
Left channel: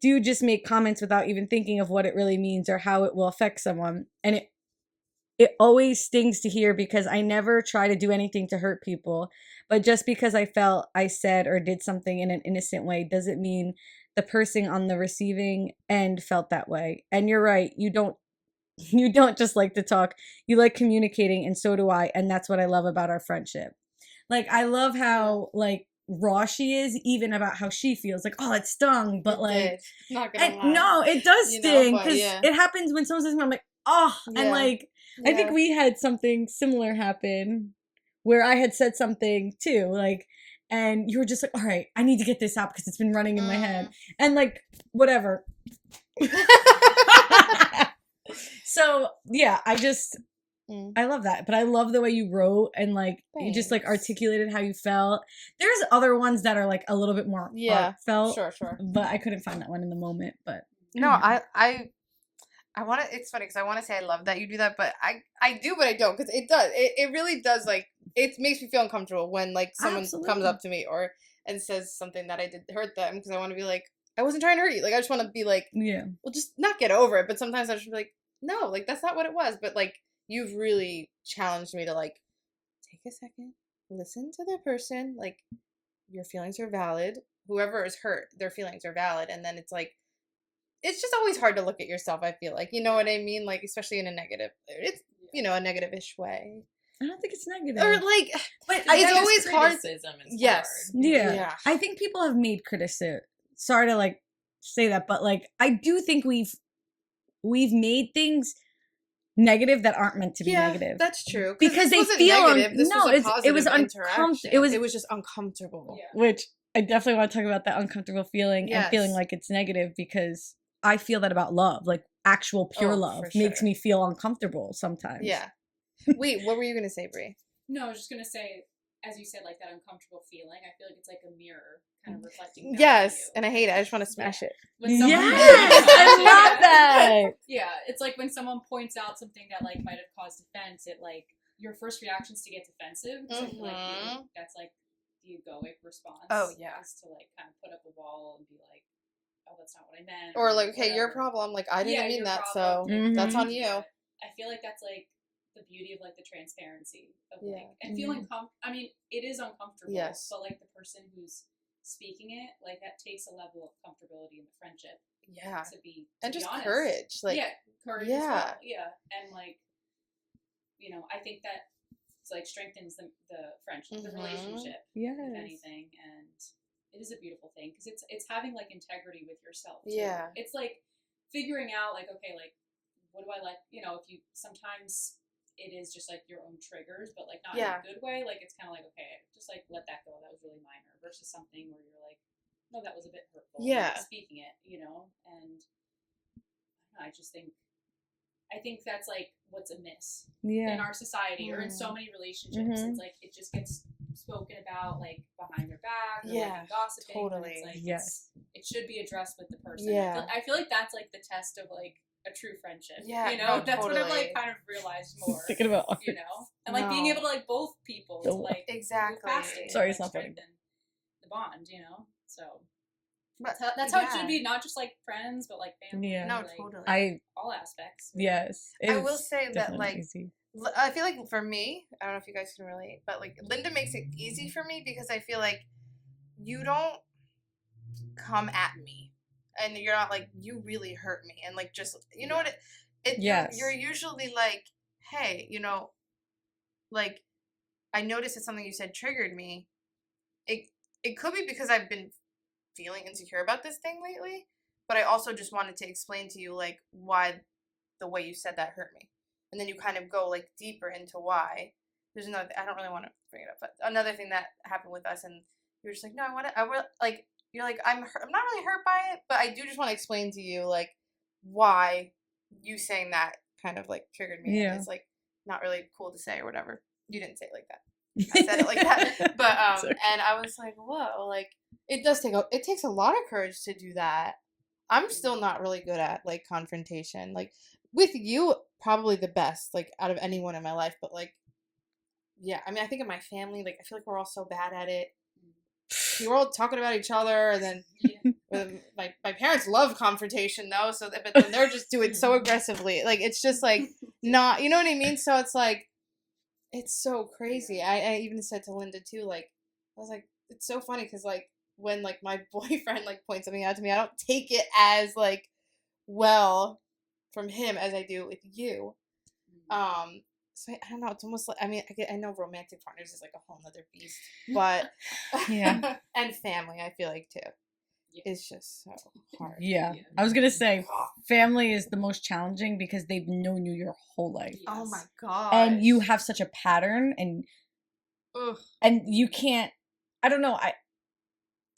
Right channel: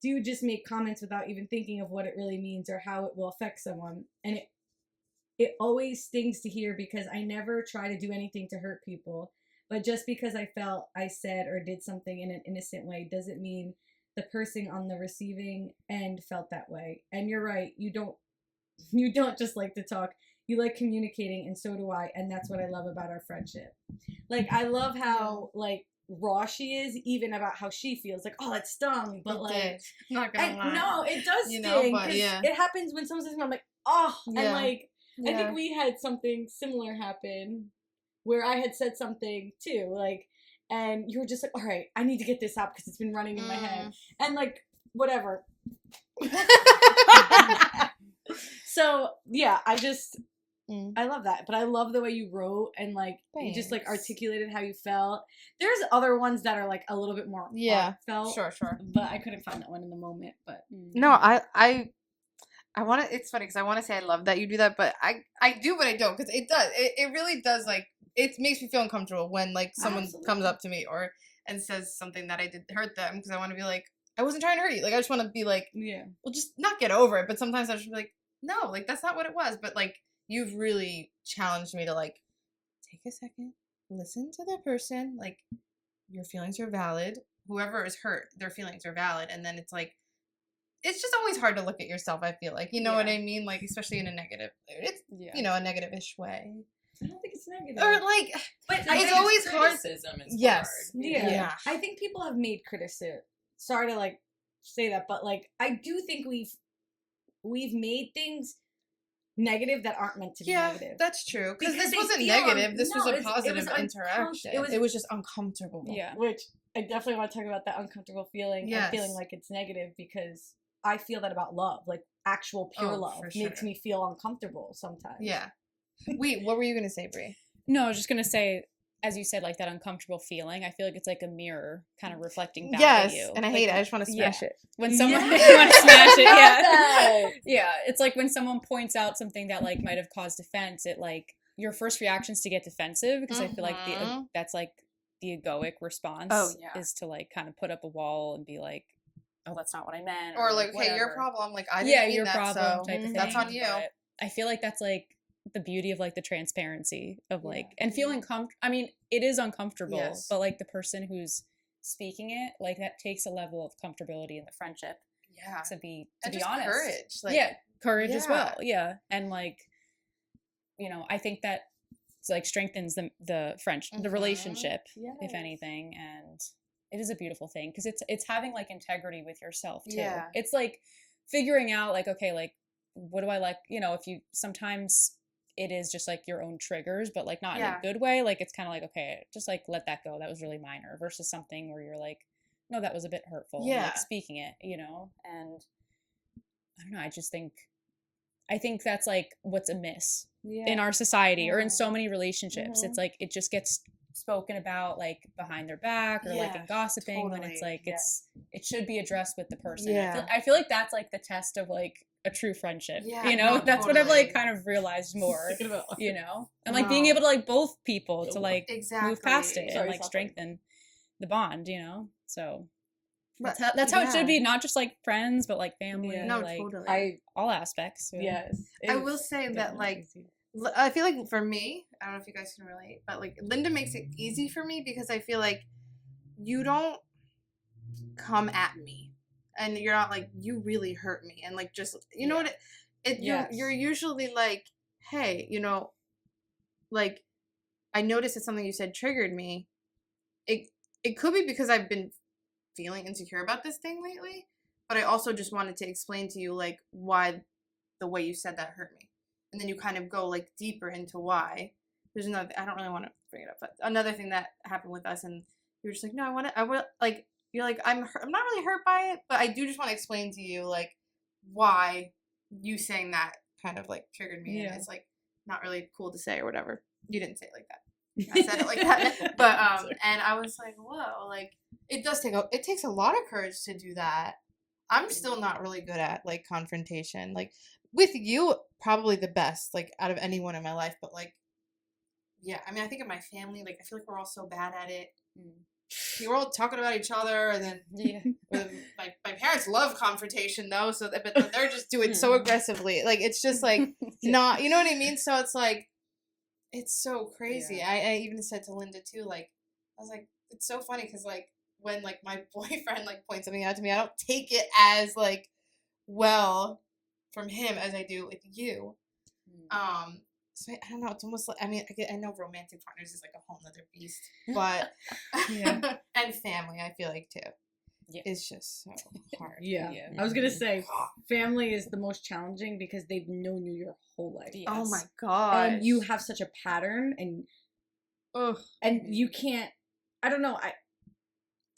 do just make comments without even thinking of what it really means or how it will affect someone. And it always stings to hear because I never try to do anything to hurt people. But just because I felt I said or did something in an innocent way doesn't mean the person on the receiving end felt that way. And you're right. You don't just like to talk. You like communicating, and so do I. And that's what I love about our friendship. Like, I love how, like, raw she is, even about how she feels. Like, oh, it stung. But, like, not gonna and, lie. no, it does You know, sting. but Because yeah. it happens when someone says, I'm like, oh. Yeah. And, like, I think we had something similar happen where I had said something, too. Like, and you were just like, all right, I need to get this out because it's been running in my head. And, like, whatever. So yeah, I love that. But I love the way you wrote and like you just like articulated how you felt. There's other ones that are like a little bit more heartfelt. Sure. But I couldn't find that one in the moment. But No, I want to. It's funny because I want to say I love that you do that, but I do, but I don't because it does. It really does. Like it makes me feel uncomfortable when like someone comes up to me and says something that I did hurt them because I want to be like I wasn't trying to hurt you. Like I just want to be like well, just not get over it. But sometimes I just be like no, like that's not what it was. But like you've really challenged me to like take a second, listen to the person. Like your feelings are valid. whoever is hurt, their feelings are valid. And then it's like, it's just always hard to look at yourself, I feel like. You know what I mean? Like, especially in a negative, it's, you know, a negative-ish way. I don't think it's negative. Or like, But it's always hard. criticism is Yes. hard. Yeah. I think people have made criticism. Sorry to like say that, but like I do think we've made things negative that aren't meant to be negative. That's true. Because this they wasn't feel negative. This was a positive it was interaction. it was just uncomfortable. Yeah. Which I definitely want to talk about that uncomfortable feeling and feeling like it's negative, because I feel that about love. Like actual pure love makes me feel uncomfortable sometimes. Yeah. Wait, what were you gonna say, Brie? No, I was just gonna say, as you said, like that uncomfortable feeling. I feel like it's like a mirror, kind of reflecting back at you. And I hate it. I just want to smash it. When someone Yes! smash it, That! yeah, it's like when someone points out something that like might have caused offense. It like your first reaction is to get defensive, because I feel like that's like the egoic response. Is to like kind of put up a wall and be like, oh, that's not what I meant, or like, whatever. hey, your problem. Like I didn't mean that, so that's on you. But I feel like that's like the beauty of like the transparency of like and feeling comfortable. I mean, it is uncomfortable, but like the person who's speaking it, like that takes a level of comfortability in the friendship. Yeah, to be just honest. courage. Like courage as well. Yeah, and like, you know, I think that like strengthens the friendship, the relationship, if anything, and it is a beautiful thing because it's having like integrity with yourself too. Yeah, it's like figuring out like, okay, like what do I like? You know, if you sometimes it is just like your own triggers, but like not in a good way. Like it's kind of like, okay, just like let that go. That was really minor, versus something where you're like, no, that was a bit hurtful. Yeah, like, speaking it, you know, and I don't know. I think that's like what's amiss in our society or in so many relationships. It's like it just gets spoken about like behind their back or like in gossiping, when it's like it should be addressed with the person. I feel like that's like the test of like a true friendship. You know, that's what I've like kind of realized more. You know, and like being able to like both people to like move past it and like strengthen the bond. You know, so. That's how it should be, not just like friends, but like family. No, like, totally. All aspects. Yes. I will say that like easy. I feel like for me, I don't know if you guys can relate, but like Linda makes it easy for me because I feel like you don't come at me and you're not like, you really hurt me, and like just you know what you're usually like, hey, you know, like I noticed that something you said triggered me. It could be because I've been feeling insecure about this thing lately, but I also just wanted to explain to you like why the way you said that hurt me, and then you kind of go like deeper into why. There's another, I don't really want to bring it up, but another thing that happened with us, and you were just like, no, I will, like, you're like, I'm not really hurt by it, but I do just want to explain to you like why you saying that kind of like triggered me. And it's like not really cool to say or whatever. You didn't say it like that. I said it like that, but and I was like, whoa, like it takes a lot of courage to do that. I'm still not really good at like confrontation. Like with you, probably the best like out of anyone in my life. But like, yeah, I mean, I think in my family, like I feel like we're all so bad at it. We're all talking about each other, and then my parents love confrontation though. So but they're just doing it so aggressively. Like it's just like not, you know what I mean? So it's like. It's so crazy. Yeah. I even said to Linda too, like, I was like, it's so funny because like when like my boyfriend like points something out to me, I don't take it as like well from him as I do with you. So I don't know. It's almost like, I mean, I know romantic partners is like a whole nother beast, but and family, I feel like too. It's just so hard. Yeah. I was gonna say family is the most challenging because they've known you your whole life. Yes. Oh my god. And you have such a pattern and you can't, I don't know, I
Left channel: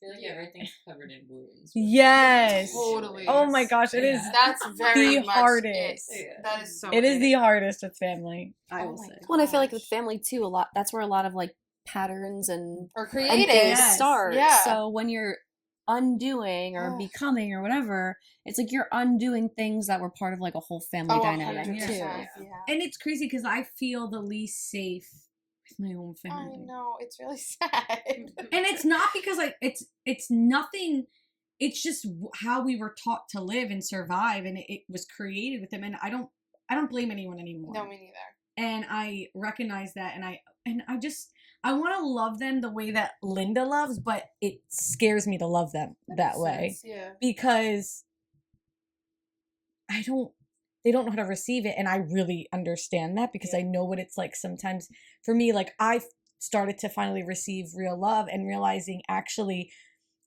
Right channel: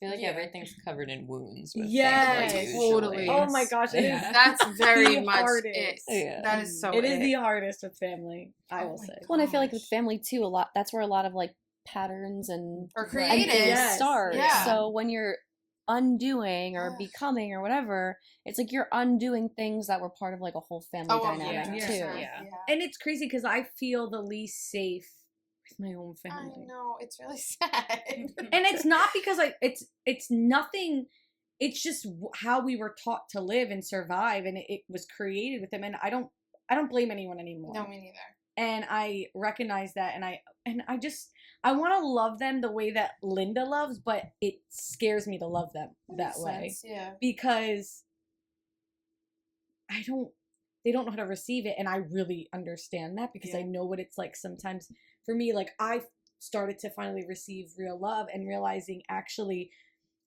feel like everything's covered in wounds. Yes. Totally. Oh my gosh, it is. That's very the much hardest. That is so It is the hardest with family, I will say. Well, and I feel like with family too, a lot, that's where a lot of like patterns and creative start. Yeah. So when you're undoing or becoming or whatever, it's like you're undoing things that were part of like a whole family dynamic too. Yeah. And it's crazy because I feel the least safe with my own family. I know, it's really sad. And it's not because it's nothing, it's just how we were taught to live and survive, and it was created with them, and I don't blame anyone anymore. No, me neither. And I recognize that, and and I want to love them the way that Linda loves, but it scares me to love them that way Yeah. because they don't know how to receive it, and I really understand that because I know what it's like sometimes for me. Like, I started to finally receive real love and realizing actually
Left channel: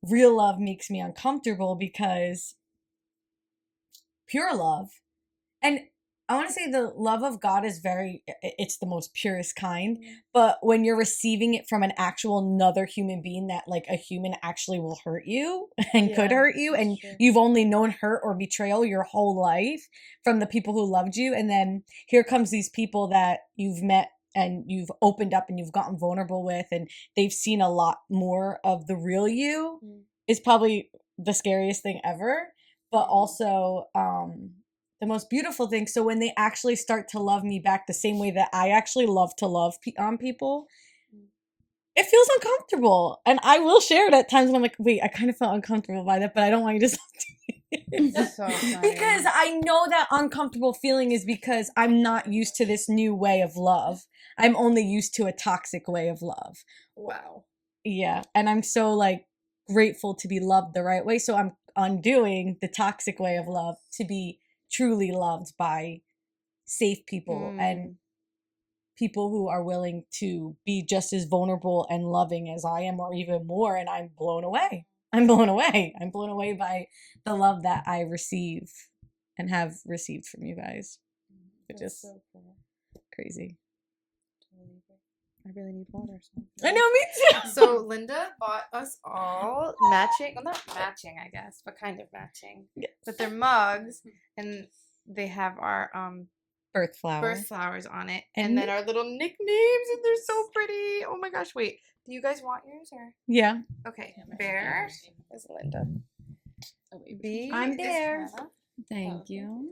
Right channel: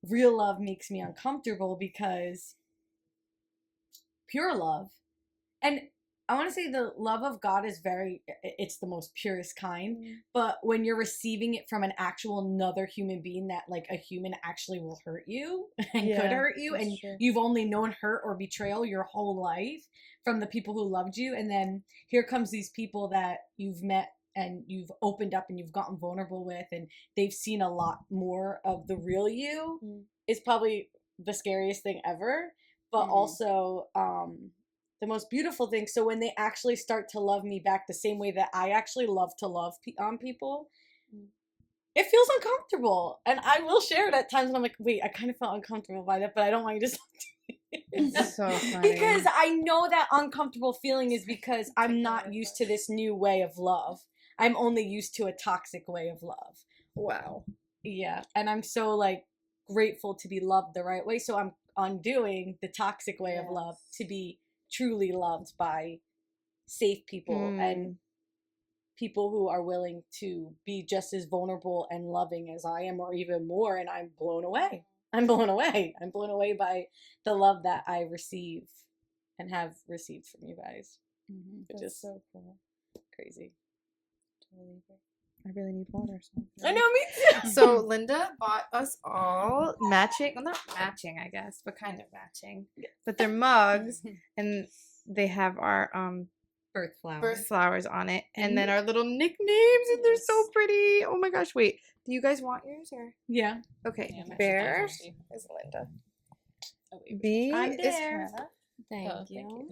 real love makes me uncomfortable because pure love, and I want to say the love of God is it's the most purest kind, but when you're receiving it from an actual another human being that like a human actually will hurt you and could hurt you, and you've only known hurt or betrayal your whole life from the people who loved you, and then here comes these people that you've met and you've opened up and you've gotten vulnerable with, and they've seen a lot more of the real you, is probably the scariest thing ever, but also the most beautiful thing. So when they actually start to love me back the same way that I actually love to love people, it feels uncomfortable. And I will share it at times when I'm like, wait, I kind of felt uncomfortable by that, but I don't want you to It's so funny. because I know that uncomfortable feeling is because I'm not used to this new way of love. I'm only used to a toxic way of love. Wow. Yeah. And I'm so like grateful to be loved the right way. So I'm undoing the toxic way of love to be truly loved by safe people and people who are willing to be just as vulnerable and loving as I am, or even more. And I'm blown away. I'm blown away by the love that I receive and have received from you guys. Which is so cool. Crazy. I really need water. So. I know, me too. So Linda bought us all matching, well, not matching, I guess, but kind of matching. Yeah. But they're mugs, and they have our Birth flowers on it, and then our little nicknames, and they're so pretty. Oh my gosh! Wait, do you guys want yours or? Yeah. Okay. Yeah, Bear is Linda. B I'm is Bear. Hannah. Thank you.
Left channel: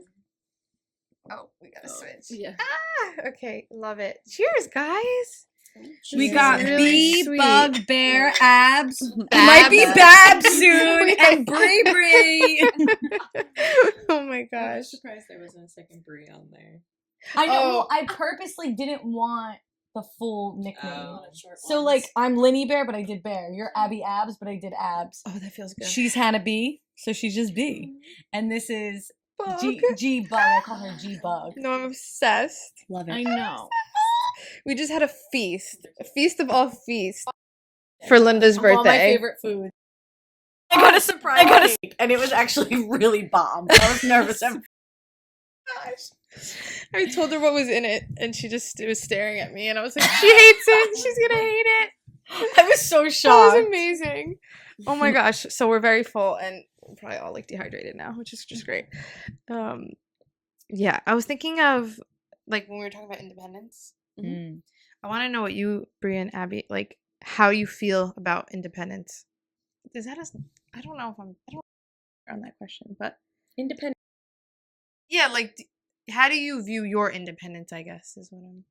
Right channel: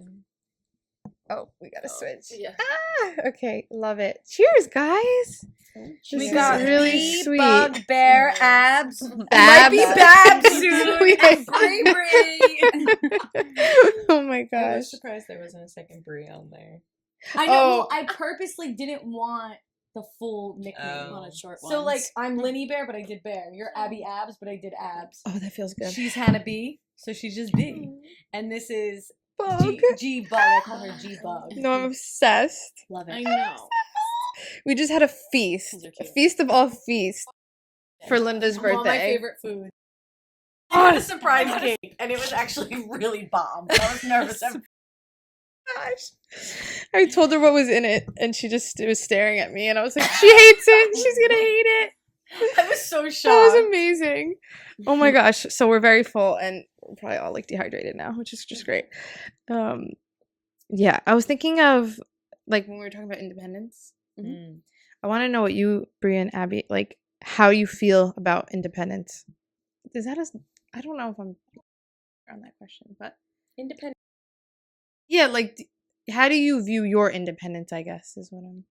Oh, we gotta switch. Yeah. Ah, okay, love it. Cheers, guys. We This got is really Bee, sweet. Bug, Bear, Abs. Babs. Might be Babs soon. We And Brie Brie. Oh my I gosh. was surprised there wasn't a second Brie on there. I know. Oh. Well, I purposely didn't want the full nickname. Oh. Wanted short So, ones. like, I'm Linny Bear, but I did Bear. You're Abby Abs, but I did Abs. Oh, that feels good. She's Hannah B, so she's just B. And this is Bug. G Bug. I call her G Bug. No, I'm obsessed. Love it. I know. We just had a feast. They're A cute. feast of all feasts for Linda's All my birthday. favorite food. I got a surprise cake, and it was actually really bomb. I was nervous. Gosh. I told her what was in it, and she just was staring at me, and I was like, she hates it. She's gonna hate it. I was so That shocked. was amazing. Oh my gosh. So we're very full, and we're probably all like dehydrated now, which is just great. Yeah, I was thinking of like when we were talking about independence. Mm. I want to know what you, Bria and Abby, like how you feel about independence. Is that I don't know if I'm on that question, but Independent. yeah, like how do you view your independence? I guess is what I'm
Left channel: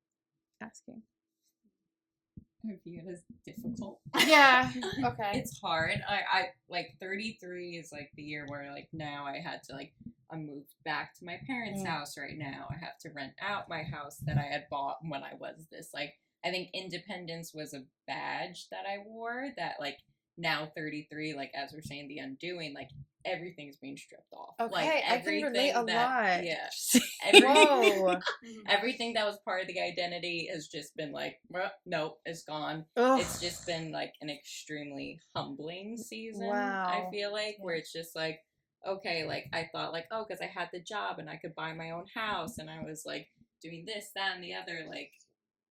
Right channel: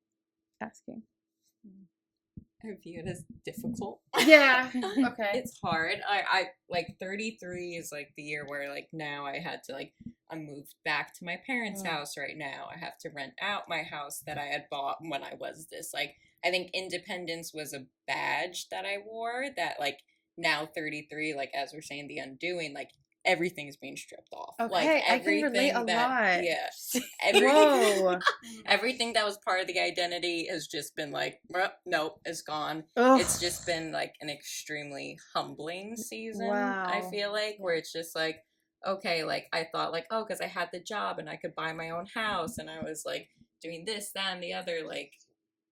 asking. I view it as difficult. Yeah. Okay. It's hard. I like 33 is like the year where like now I had to like I moved back to my parents' house right now. I have to rent out my house that I had bought when I was this like I think independence was a badge that I wore that like now 33 like as we're saying the undoing like everything's being stripped off. Okay, like, I can relate a lot. Yeah. Whoa. Everything that was part of the identity has just been like, nope, it's gone. Ugh. It's just been like an extremely humbling season. Wow. I feel like where it's just like, okay, like I thought like, oh, because I had the job and I could buy my own house and I was like doing this, that, and the other. Like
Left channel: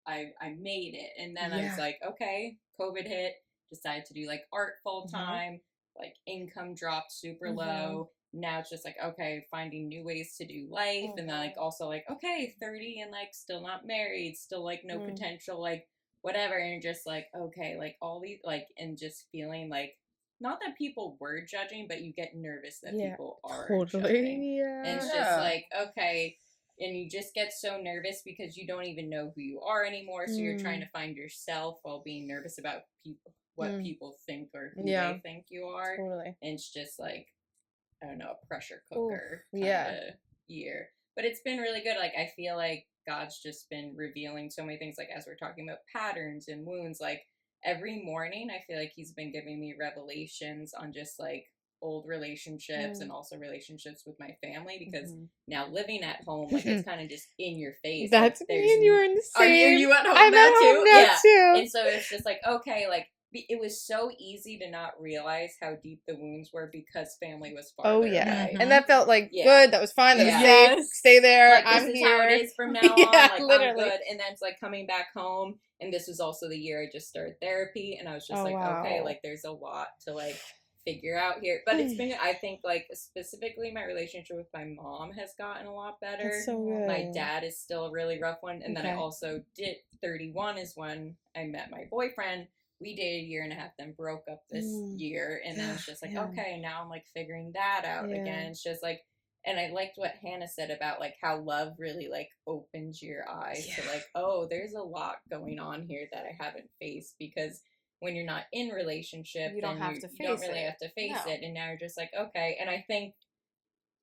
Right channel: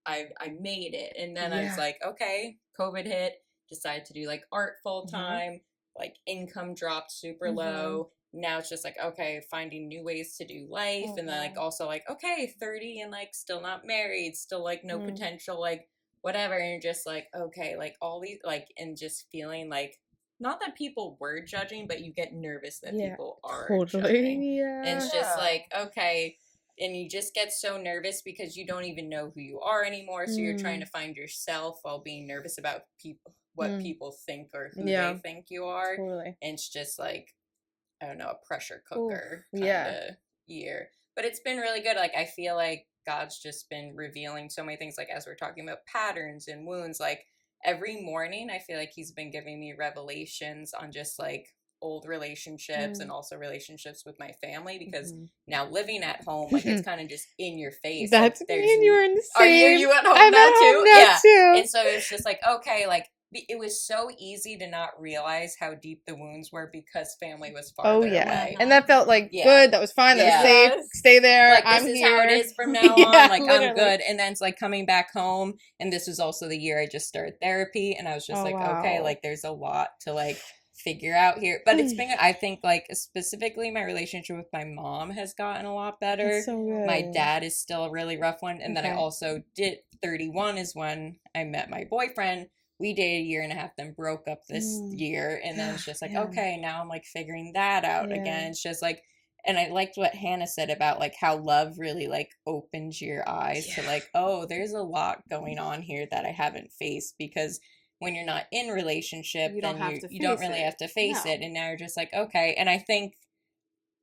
I made it, and then I was like, okay, COVID hit. Decided to do like art full time. Like income dropped super low. Now it's just like, okay, finding new ways to do life. And then like also like, okay, 30 and like still not married, still like no potential, like whatever. And you're just like, okay, like all these like and just feeling like not that people were judging, but you get nervous that people are judging. Yeah. And it's just like, okay. And you just get so nervous because you don't even know who you are anymore. So you're trying to find yourself while being nervous about what people think or who they think you are. Totally. And it's just like, I don't know, a pressure cooker kind of year. But it's been really good. Like, I feel like God's just been revealing so many things, like as we're talking about patterns and wounds, like every morning I feel like he's been giving me revelations on just like old relationships and also relationships with my family, because now living at home, like it's kind of just in your face. That's like, me and you are in the Are same. you at home I'm now at too? home now too. And so it's just like, okay, like it was so easy to not realize how deep the wounds were because family was farther away. And that felt like Yeah. good. That was fine. That was safe. Stay there. Like, I'm this is here. how it is from now on. Like, literally. I'm good. And then it's like coming back home. And this was also the year I just started therapy. And I was just okay, like there's a lot to like figure out here. But it's been, I think, like specifically my relationship with my mom has gotten a lot better. That's so good. My dad is still a really rough one. And then I also did 31 is when I met my boyfriend. We dated a year and a half, then broke up this year. And then it's just like, okay, now I'm like figuring that out again. It's just like, and I liked what Hannah said about like how love really like opens your eyes to like, oh, there's a lot going on here that I haven't faced, because when you're not in relationship, You don't really have to face it. And now you're just like, okay. And I think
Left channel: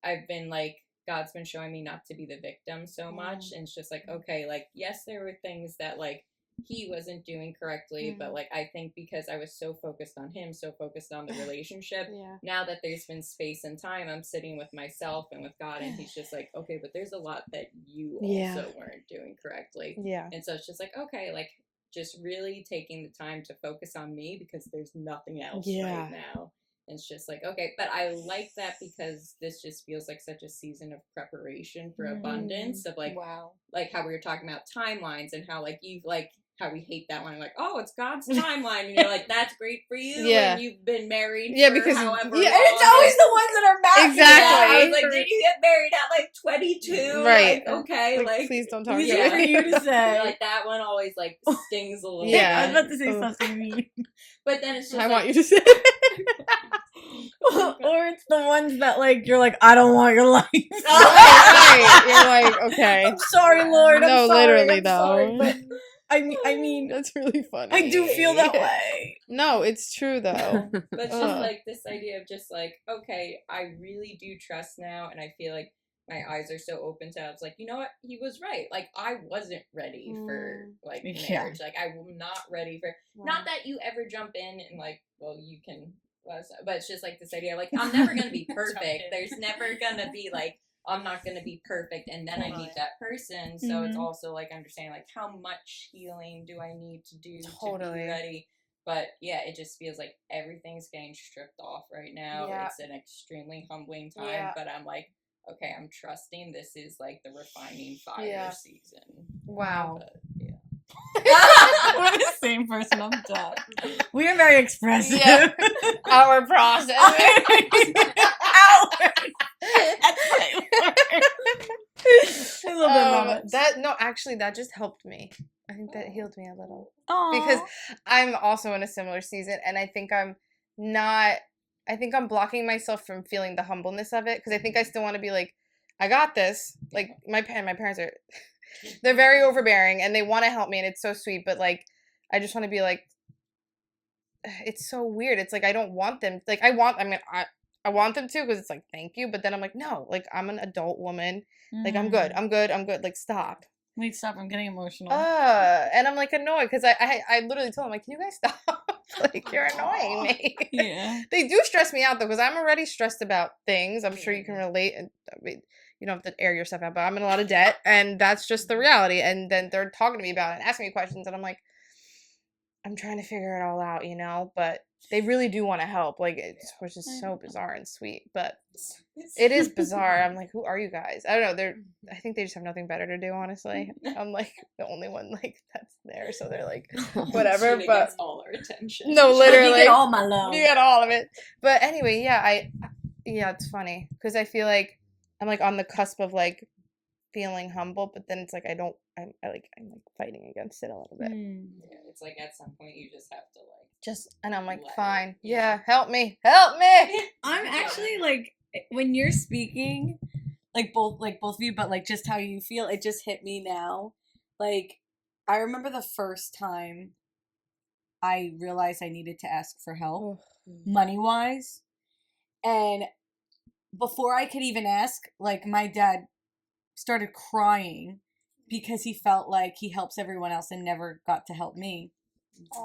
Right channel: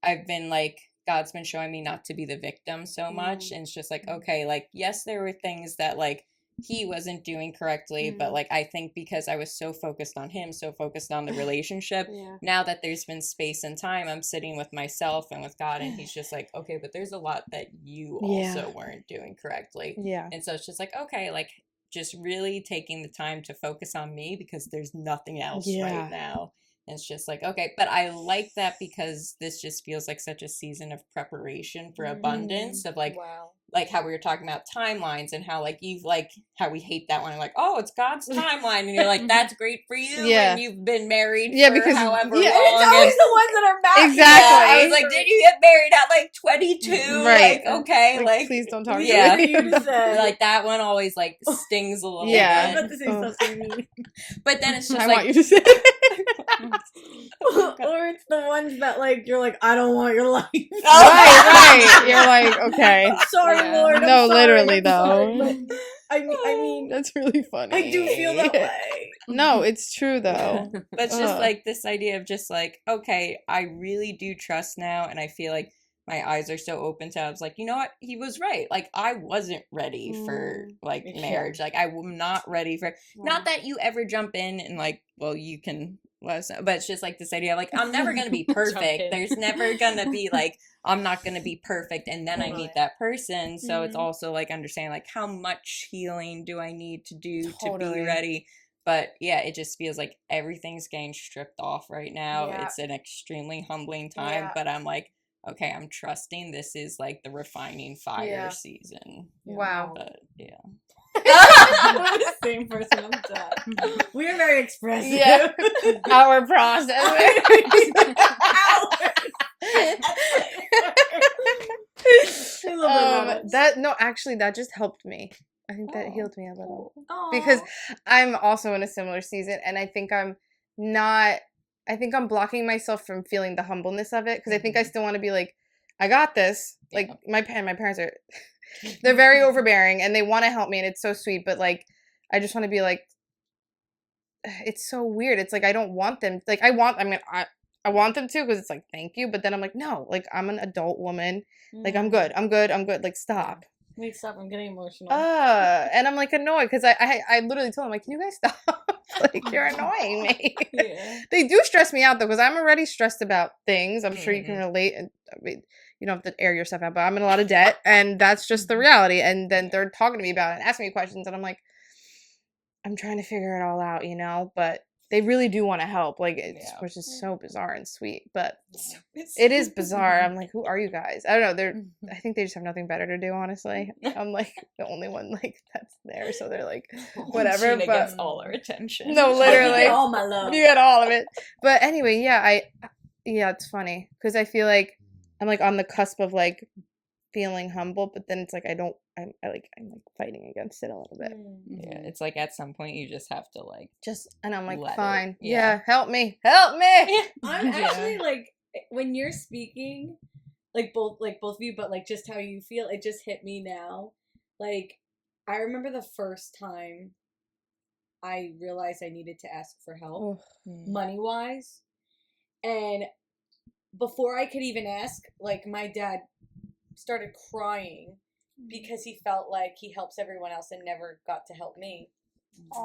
I've been like, God's been showing me not to be the victim so much. And it's just like, okay, like, yes, there were things that like he wasn't doing correctly, but like I think because I was so focused on him, so focused on the relationship, now that there's been space and time, I'm sitting with myself and with God, and he's just like, okay, but there's a lot that you also weren't doing correctly. And so it's just like, okay, like just really taking the time to focus on me, because there's nothing else right now. And it's just like, okay, but I like that because this just feels like such a season of preparation for abundance, of like, like how we were talking about timelines, and how like you've like how we hate that one, like, oh, it's God's timeline, and you're like, that's great for you, and you've been married for because however long. It's always the ones that are mad. Exactly. I was like, did you get married at like 22? Right. Like, okay, like please don't talk We to should me. hear you to say. like that one always like stings a little Yeah. I was bit. about to say something mean. But then it's just I like, want you to say. Or it's the ones that like you're like, I don't want your life. right. You're like, okay. Sorry, Lord. I'm No, sorry, literally, I'm though. sorry, but I mean, That's really funny. I do feel that way. No, it's true though. but it's just like this idea of just like, okay, I really do trust now, and I feel like my eyes are so open to, I was like, you know what, he was right. Like, I wasn't ready for like marriage. Like, I'm not ready for, not that you ever jump in and like, well, you can let us know, but it's just like this idea of like, I'm never gonna be perfect. There's never gonna be like, I'm not gonna be perfect and then I meet that person. So it's also like understanding like how much healing do I need to do to be ready. But yeah, it just feels like everything's getting stripped off right now. It's an extremely humbling time, but I'm like, okay, I'm trusting this is like the refining fire season. Wow. But, We're the same person on the top. We are very expressive. Yeah. Our process. Actually, that just helped me. I think that healed me a little. Because I'm also in a similar season, and I think I'm blocking myself from feeling the humbleness of it, because I think I still want to be like, I got this. Like, my parents are, they're very overbearing, and they want to help me, and it's so sweet, but like, I just want to be like, it's so weird. It's like, I don't want them, like, I want them to, because it's like, thank you, but then I'm like, no, like, I'm an adult woman, like, I'm good, like, stop. Wait, stop, I'm getting emotional. And I'm like annoyed, because I literally told them, like, can you guys stop? Like, you're annoying me. Yeah. They do stress me out, though, because I'm already stressed about things. I'm sure you can relate, and I mean, you don't have to air yourself out, but I'm in a lot of debt, and that's just the reality. And then they're talking to me about it and asking me questions, and I'm like, I'm trying to figure it all out, but they really do want to help, like, which is so bizarre and sweet, but it is bizarre. I'm like, who are you guys? I don't know. I think they just have nothing better to do, honestly. I'm like the only one like that's there, so they're like, whatever. Sheena but gets all our attention. No, literally, You get all my love. You get all of it. But anyway, it's funny because I feel like I'm like on the cusp of like feeling humble, but then it's like I'm like fighting against it a little bit. Yeah, it's like at some point you just have to like and I'm like, let fine, it. help me. I'm actually like, when you're speaking, like both of you, but like just how you feel, it just hit me now. Like, I remember the first time I realized I needed to ask for help, money-wise, and before I could even ask, like, my dad started crying because he felt like he helps everyone else and never got to help me.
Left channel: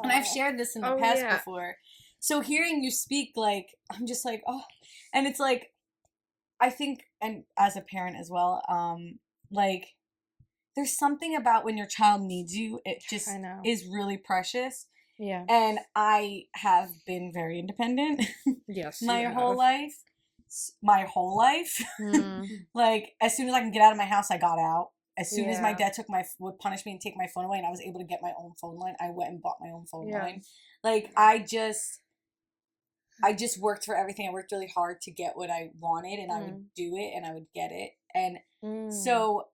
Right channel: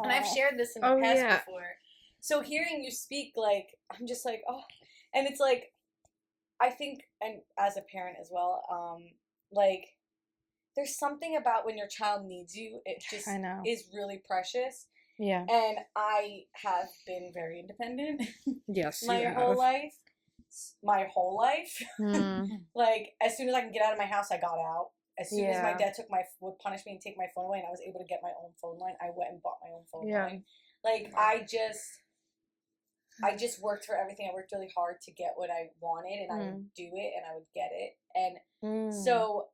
And I've shared this in the past before. So hearing you speak, like, I'm just like, oh. And it's like, I think, and as a parent as well, like, there's something about when your child needs you, it just is really precious. Yeah. And I have been very independent. Yes. my whole life. Like, as soon as I can get out of my house, I got out. As soon as my dad would punish me and take my phone away and I was able to get my own phone line, I went and bought my own phone line. Like, I just worked for everything. I worked really hard to get what I wanted, and I would do it and I would get it. And so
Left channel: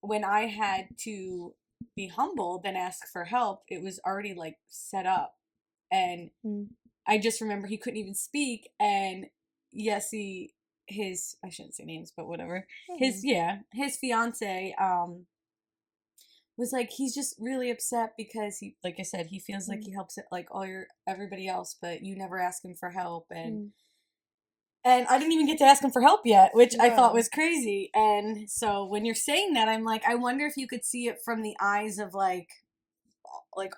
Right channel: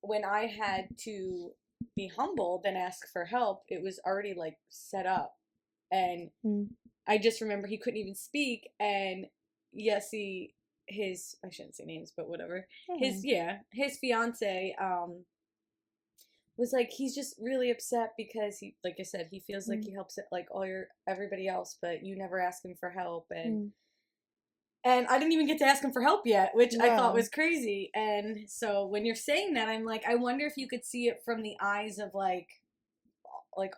when I had to be humbled and ask for help, it was already like set up. And I just remember he couldn't even speak, and Yessie, I shouldn't say names, but whatever. His fiance was like, he's just really upset because he, like I said, he feels like he helps it like everybody else, but you never ask him for help. And I didn't even get to ask him for help yet, which I thought was crazy. And so when you're saying that, I'm like, I wonder if you could see it from the eyes of like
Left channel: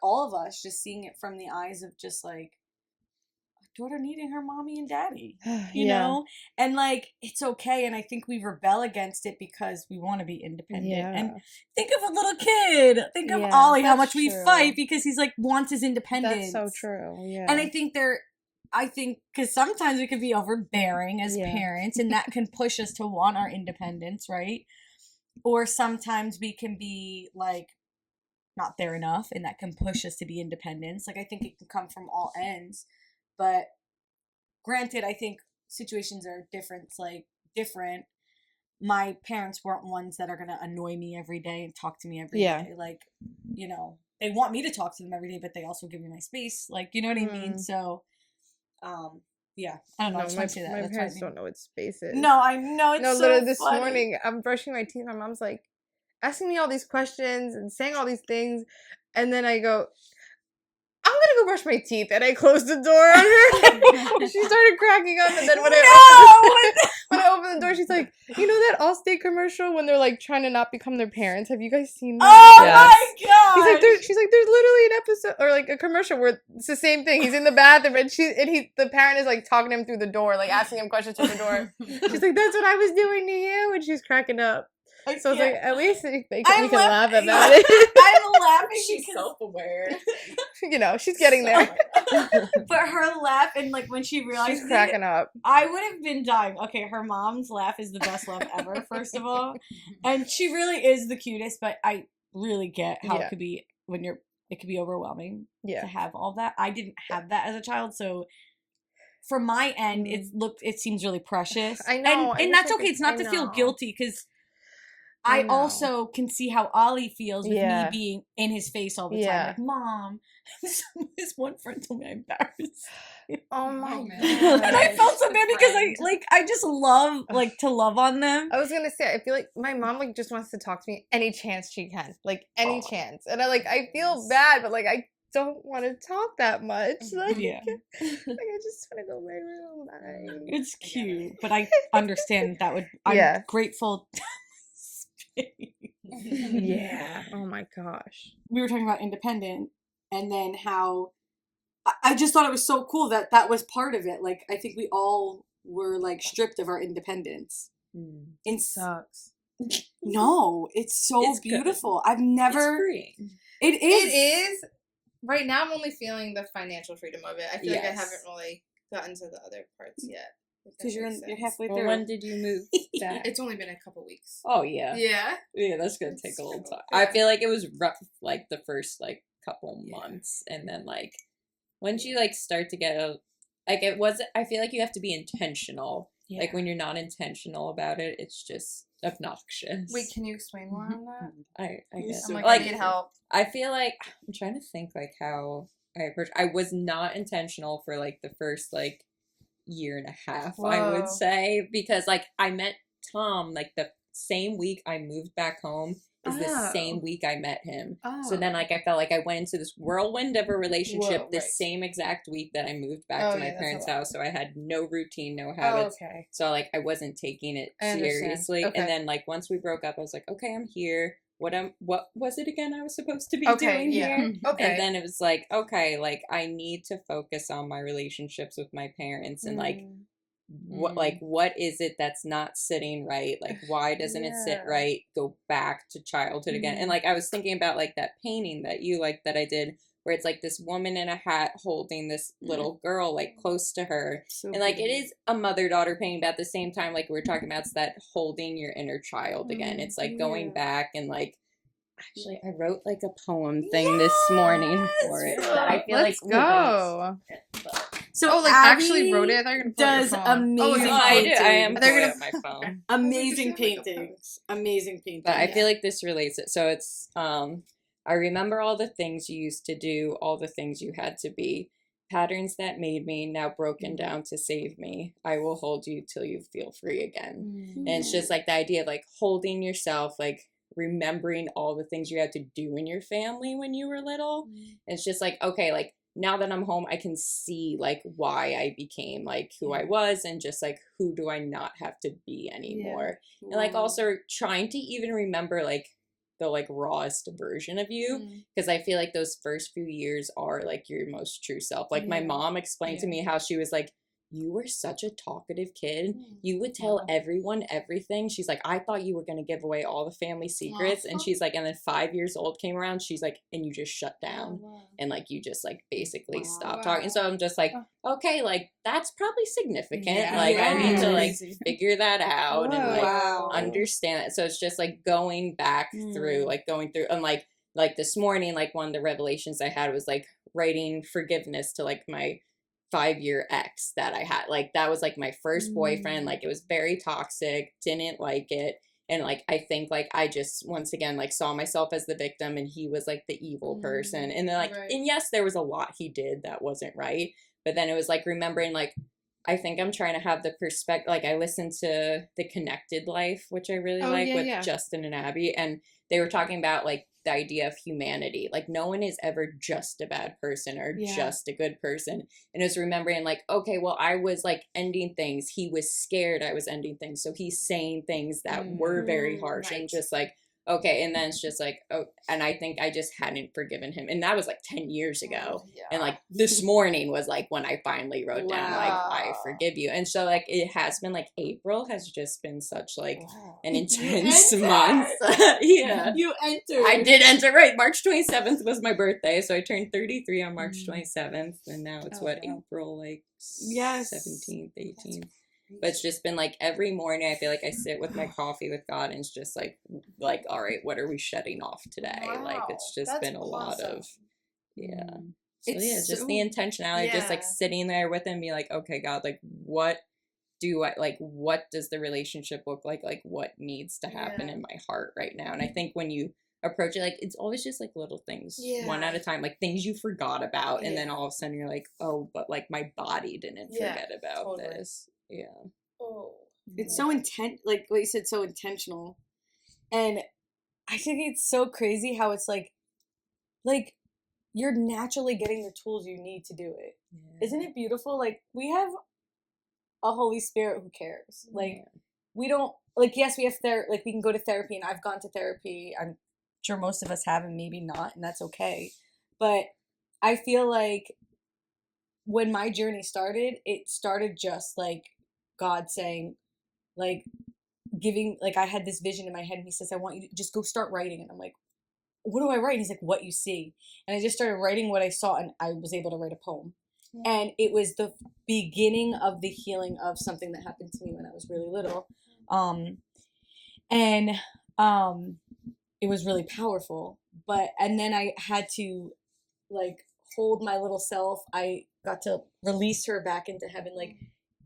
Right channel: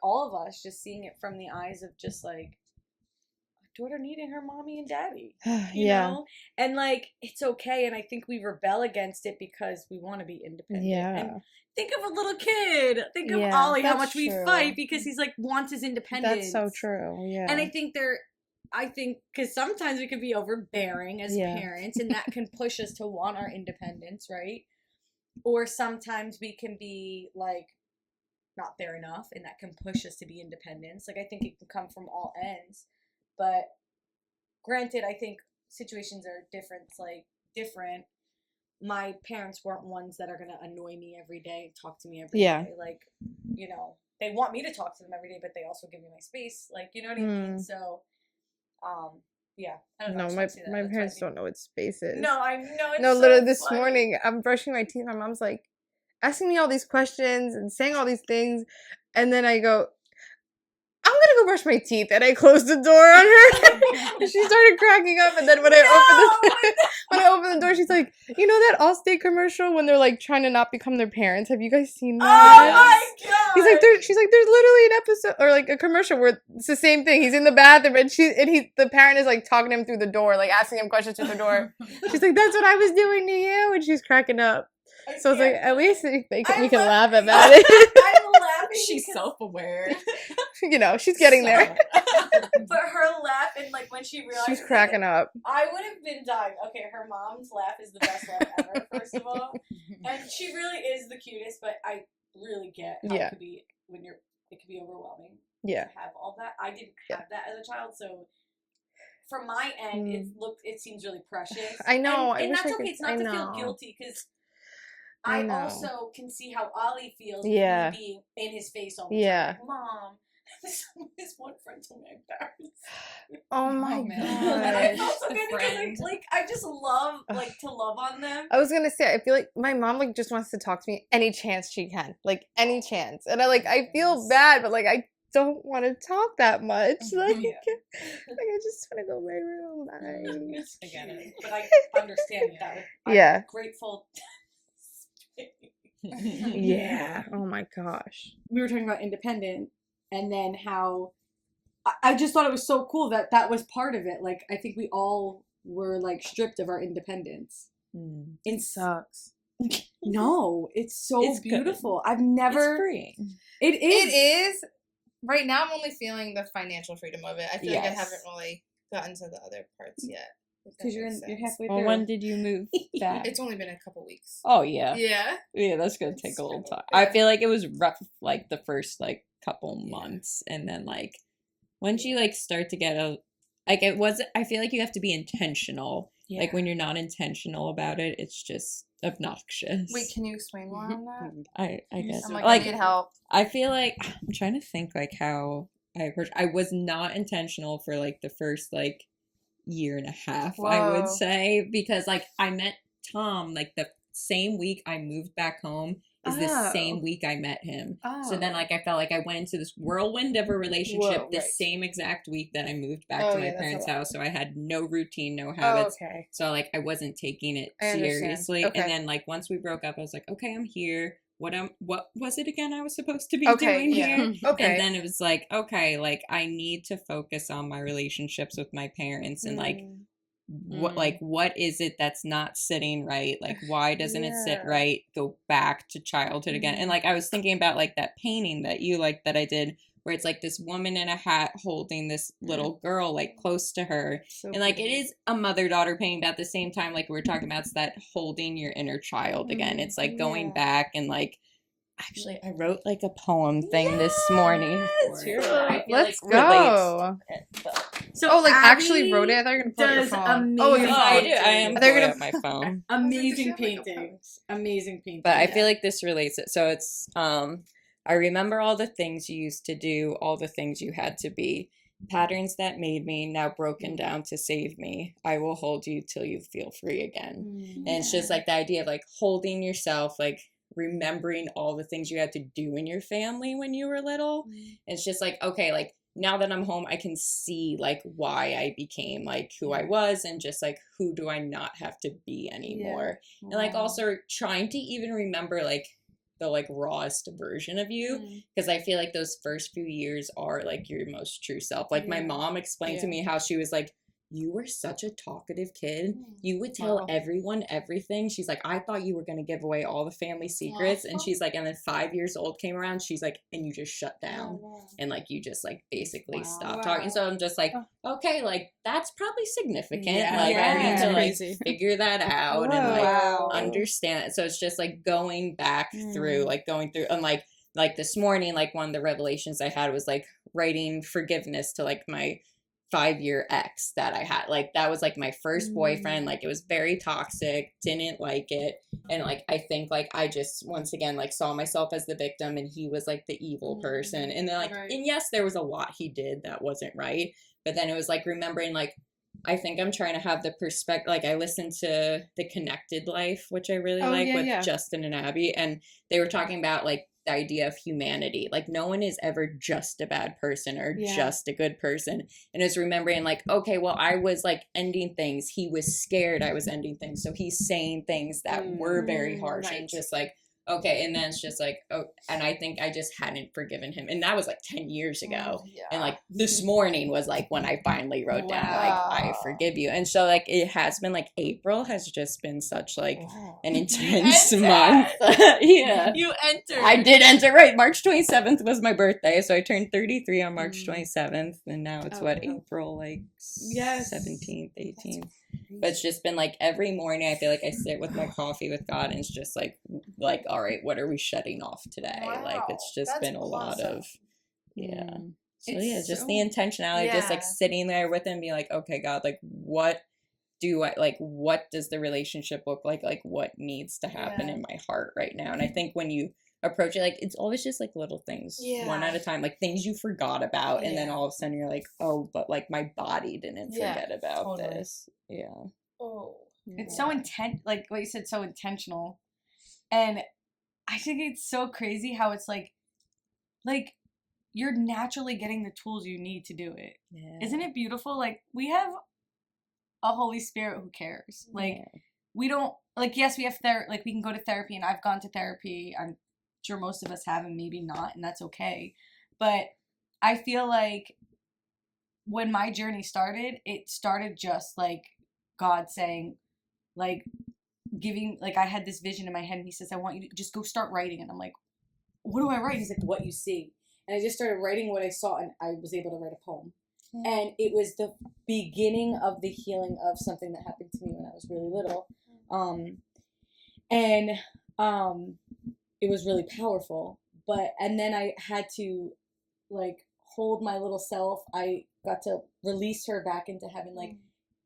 all of us, just seeing it from the eyes of just like daughter needing her mommy and daddy, you know? And like, it's okay. And I think we rebel against it because we want to be independent. And think of a little kid. Think of Ollie, how much we fight because he's like, wants his independence. That's so true. Yeah. And I think because sometimes we can be overbearing as parents, and that can push us to want our independence, right? Or sometimes we can be like, not there enough, and that can push us to be independent. Like, I think it can come from all ends. But granted, I think situations are different. My parents weren't ones that are going to annoy me every day and talk to me every day. Like, you know, they want me to talk to them every day, but they also give me my space. Like, you know what I mean? So, I don't know. No, my parents don't know what space is. No, I know. It's literally this morning, I'm brushing my teeth. My mom's like asking me all these questions and saying all these things. And then I go, I'm gonna go brush my teeth, and I closed the door on her. And she started cracking up, and then when I opened the door, she's like, "You know that Allstate commercial when they're like trying to not become their parents? Have you guys seen that?" Oh my god! She's like, "There's literally an episode or like a commercial where it's the same thing. He's in the bathroom, and the parent is like talking to him through the door, like asking him questions through the door. She's like, "That's what I was doing to you," and she's cracking up. So it's like, at least we can laugh about it. I'm laughing. She's self-aware. You know, she's getting there. But her laugh, and like when she realized she's cracking up. I would have been dying. Okay, her mom's laugh is the best laugh ever, first of all. And she really is the cutest, but I really get how it could be it could be overwhelming to have all that. I didn't have that as a child, so from my end, it seems really precious. I know. And that's okay. It's not to feel guilty, because I also can see how Ollie feels with me being in his face all the time. Like, Mom, this one friend told me I'm embarrassed. Oh my god! And I felt so bad because I just love to love on them. I was gonna say, I feel like my mom like just wants to talk to me any chance she can, like any chance, and I feel bad, but like I don't want to talk that much. Like, like I just want to go to my room. Bye. It's cute, but I understand that would. I'm grateful. Oh my gosh. We were talking about independent, and then how I just thought it was so cool that was part of it. Like, I think we all were like stripped of our independence. It sucks. No, it's beautiful. Good. I've never. It's free. It is. Right now, I'm only feeling the financial freedom of it. I feel like I haven't really gotten to the other parts yet. Because you're halfway through. Well, when did you move back? It's only been a couple weeks. Oh, yeah. Yeah, that's gonna take a little time. I feel like it was rough, like the first like couple months, and then like once you like start to get I feel like you have to be intentional. Like when you're not intentional about it, it's just obnoxious. Wait, can you explain more on that? I guess I'm like, I need help. I feel like I'm trying to think like how I was not intentional for like the first like year and a half. Whoa. I would say, because like I met Tom like the same week I moved back home is the same week I met him. So then like I felt like I went into this whirlwind of a relationship same exact week that I moved back to my parents' house. So I had no routine, no habits. So like I wasn't taking it seriously. And then like once we broke up, I was like, okay, I'm here. what was it again I was supposed to be Okay, doing yeah. here? Okay. And then it was like, okay, like I need to focus on my relationships with my parents and like what is it that's not sitting right? Like why doesn't it sit Yeah. right? Go back to childhood again. And like I was thinking about like that painting that you like that I did where it's like this woman in a hat holding this little girl like close to her. So And like it beautiful. is a mother-daughter painting, but at the same time, like we were talking about, it's that holding your inner child again. It's like going Yeah. back and like actually I wrote like a poem thing this morning for it. that I feel Let's like go. So Oh, like actually Abby wrote it? I thought you were gonna pull out your does phone. Oh, amazing I did. I am paintings. They're pulling gonna- up my phone. Amazing Like a poem. paintings. Amazing paintings. But I feel like this relates it. So it's I remember all the things you used to do, all the things you had to be, patterns that made me, now broken down to save me. I will hold you till you feel free again. And it's just like the idea of like holding yourself, like remembering all the things you had to do in your family when you were little. It's just like, okay, like now that I'm home, I can see like why I became like who I was and just like who do I not have to be anymore. And like also trying to even remember like the like rawest version of you, because I feel like those first few years are like your most true self. Like my mom explained to me how she was like, you were such a talkative kid. You would tell everyone everything. She's like, I thought you were going to give away all the family secrets. And she's like, and then 5 years old came around. She's like, and you just shut down. And like, you just like basically stopped talking. So I'm just like, okay, like that's probably significant. Like I need to like figure that out and like understand it. So it's just like going back through, like going through and like this morning, like one of the revelations I had was like writing forgiveness to like my 5-year ex that I had. Like that was like my first boyfriend. Like it was very toxic, didn't like it. And like I think like I just once again like saw myself as the victim and he was like the evil person. And then like and yes, there was a lot he did that wasn't right. But then it was like remembering like I think I'm trying to have the perspective, like I listened to The Connected Life, which I really like with Justin and Abby, and they were talking about like the idea of humanity. Like no one is ever just a bad person or just a good person. And it's remembering like, okay, well, I was like ending things. He was scared I was ending things. So he's saying things that were very harsh and just like, okay. And then it's just like, oh, and I think I just hadn't forgiven him. And that was like 10 years ago. And like this morning was like when I finally wrote down, like, I forgive you. And so like, it has been like April has just been such like an intense month. Yeah. You entered. I did enter, right. March 27th was my birthday. So I turned 33 on March 27th. And now it's April like 17th, 18th. But it's just been like every morning I feel like I sit with my coffee with God and it's just like all right, what are we shedding off today? Like it's just been a lot of so just the intentionality, just like sitting there with him, be like, okay, God, like what does the relationship look like what needs to happen in my heart right now? And I think when you approach it, like it's always just like little things one at a time, like things you forgot about, and then all of a sudden you're like, oh, but like my body didn't forget about this. It's so intent, like what you said, so intentional. And I think it's so crazy how it's like you're naturally getting the tools you need to do it. Isn't it beautiful? Like we have a Holy Spirit who cares. Like we don't, like, yes, we have like we can go to therapy, and I've gone to therapy. I'm sure most of us have, and maybe not, and that's okay. But I feel like when my journey started, it started just like God saying, like, giving, like, I had this vision in my head, and he says, I want you to just go start writing. And I'm like, what do I write? He's like, what you see. And I just started writing what I saw, and I was able to write a poem. And it was the beginning of the healing of something that happened to me when I was really little. It was really powerful. And then I had to, like, hold my little self. I got to release her back into heaven. Like,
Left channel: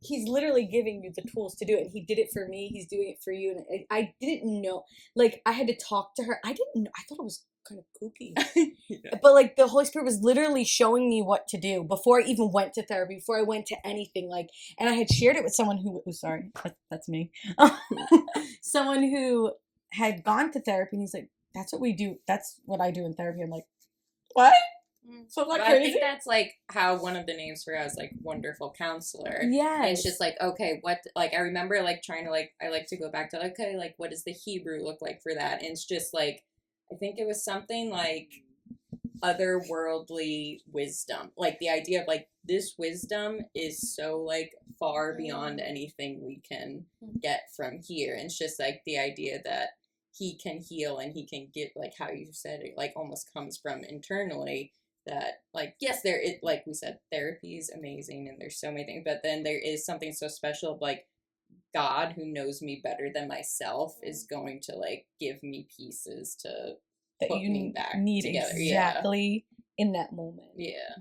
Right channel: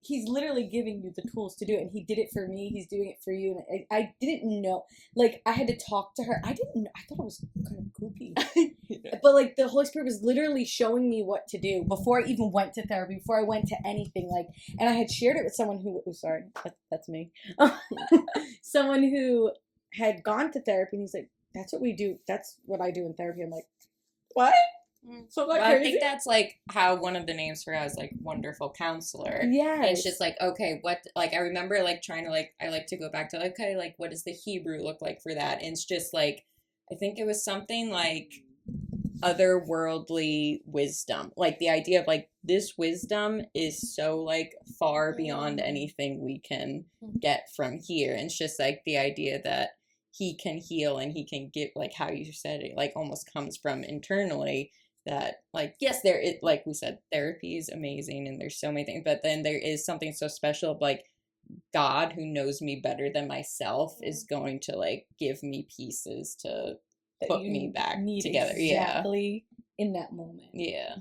he's literally giving you the tools to do it. And he did it for me. He's doing it for you. And I didn't know. Like, I had to talk to her. I didn't know. I thought it was kind of kooky. But, like, the Holy Spirit was literally showing me what to do before I even went to therapy, before I went to anything. Like, and I had shared it with someone who, that's me. Someone who had gone to therapy, and he's like, that's what we do. That's what I do in therapy. I'm like, what? So like I think that's like how one of the names for us, like, wonderful counselor. Yeah, it's just like, okay, what, like, I remember like trying to, like, I like to go back to, okay, like, what does the Hebrew look like for that? And it's just like, I think it was something like otherworldly wisdom. Like the idea of like this wisdom is so like far beyond anything we can get from here. And it's just like the idea that he can heal and he can give, like how you said it, like almost comes from internally. That like yes, there it like we said, therapy is amazing and there's so many things, but then there is something so special of like God who knows me better than myself is going to like give me pieces to That put you me back need together. exactly in that moment. Yeah.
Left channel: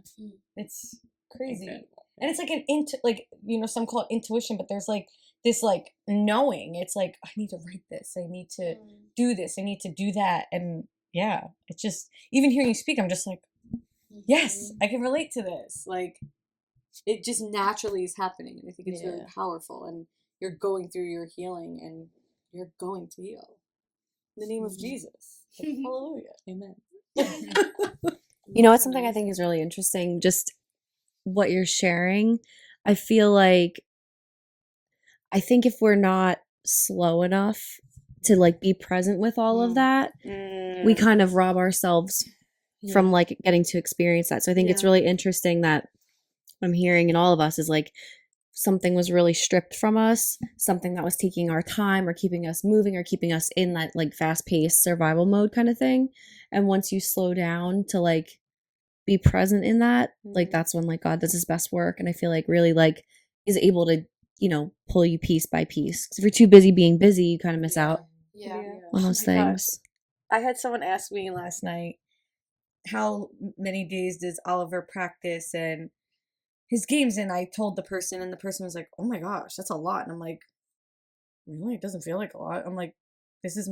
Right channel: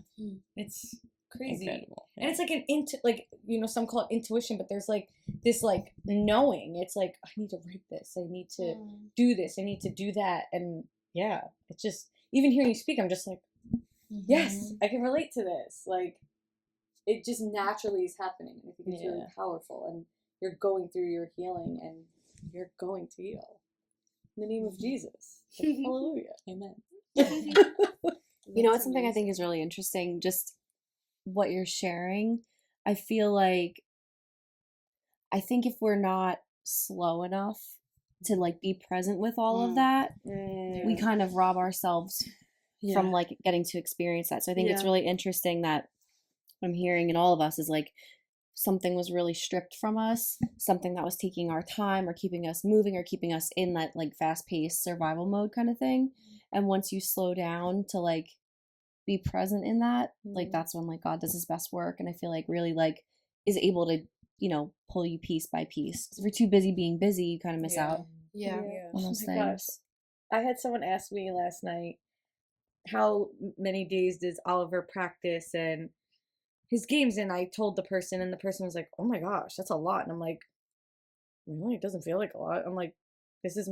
It's crazy. Incredible. And it's like an like some call it intuition, but there's like this like knowing. It's like I need to write this. I need to do this. I need to do that. And yeah, it's just even hearing you speak, I'm just like, yes, I can relate to this. Like it just naturally is happening. And I think it's really powerful. And you're going through your healing and you're going to heal. In the name of Jesus. Like, hallelujah. Amen. You know, it's something I think is really interesting. Just what you're sharing. I feel like, I think if we're not slow enough to like be present with all of that, we kind of rob ourselves from like getting to experience that. So I think it's really interesting that I'm hearing in all of us is like something was really stripped from us, something that was taking our time or keeping us moving or keeping us in that like fast-paced survival mode kind of thing. And once you slow down to like be present in that, like that's when like God does his best work. And I feel like really like is able to, pull you piece by piece. Because if you're too busy being busy, you kind of miss out on those things. I had someone ask me last night, how many days does Oliver practice and his games? And I told the person, and the person was like, oh my gosh, that's a lot. And I'm like, really? It doesn't feel like a lot. I'm like, this is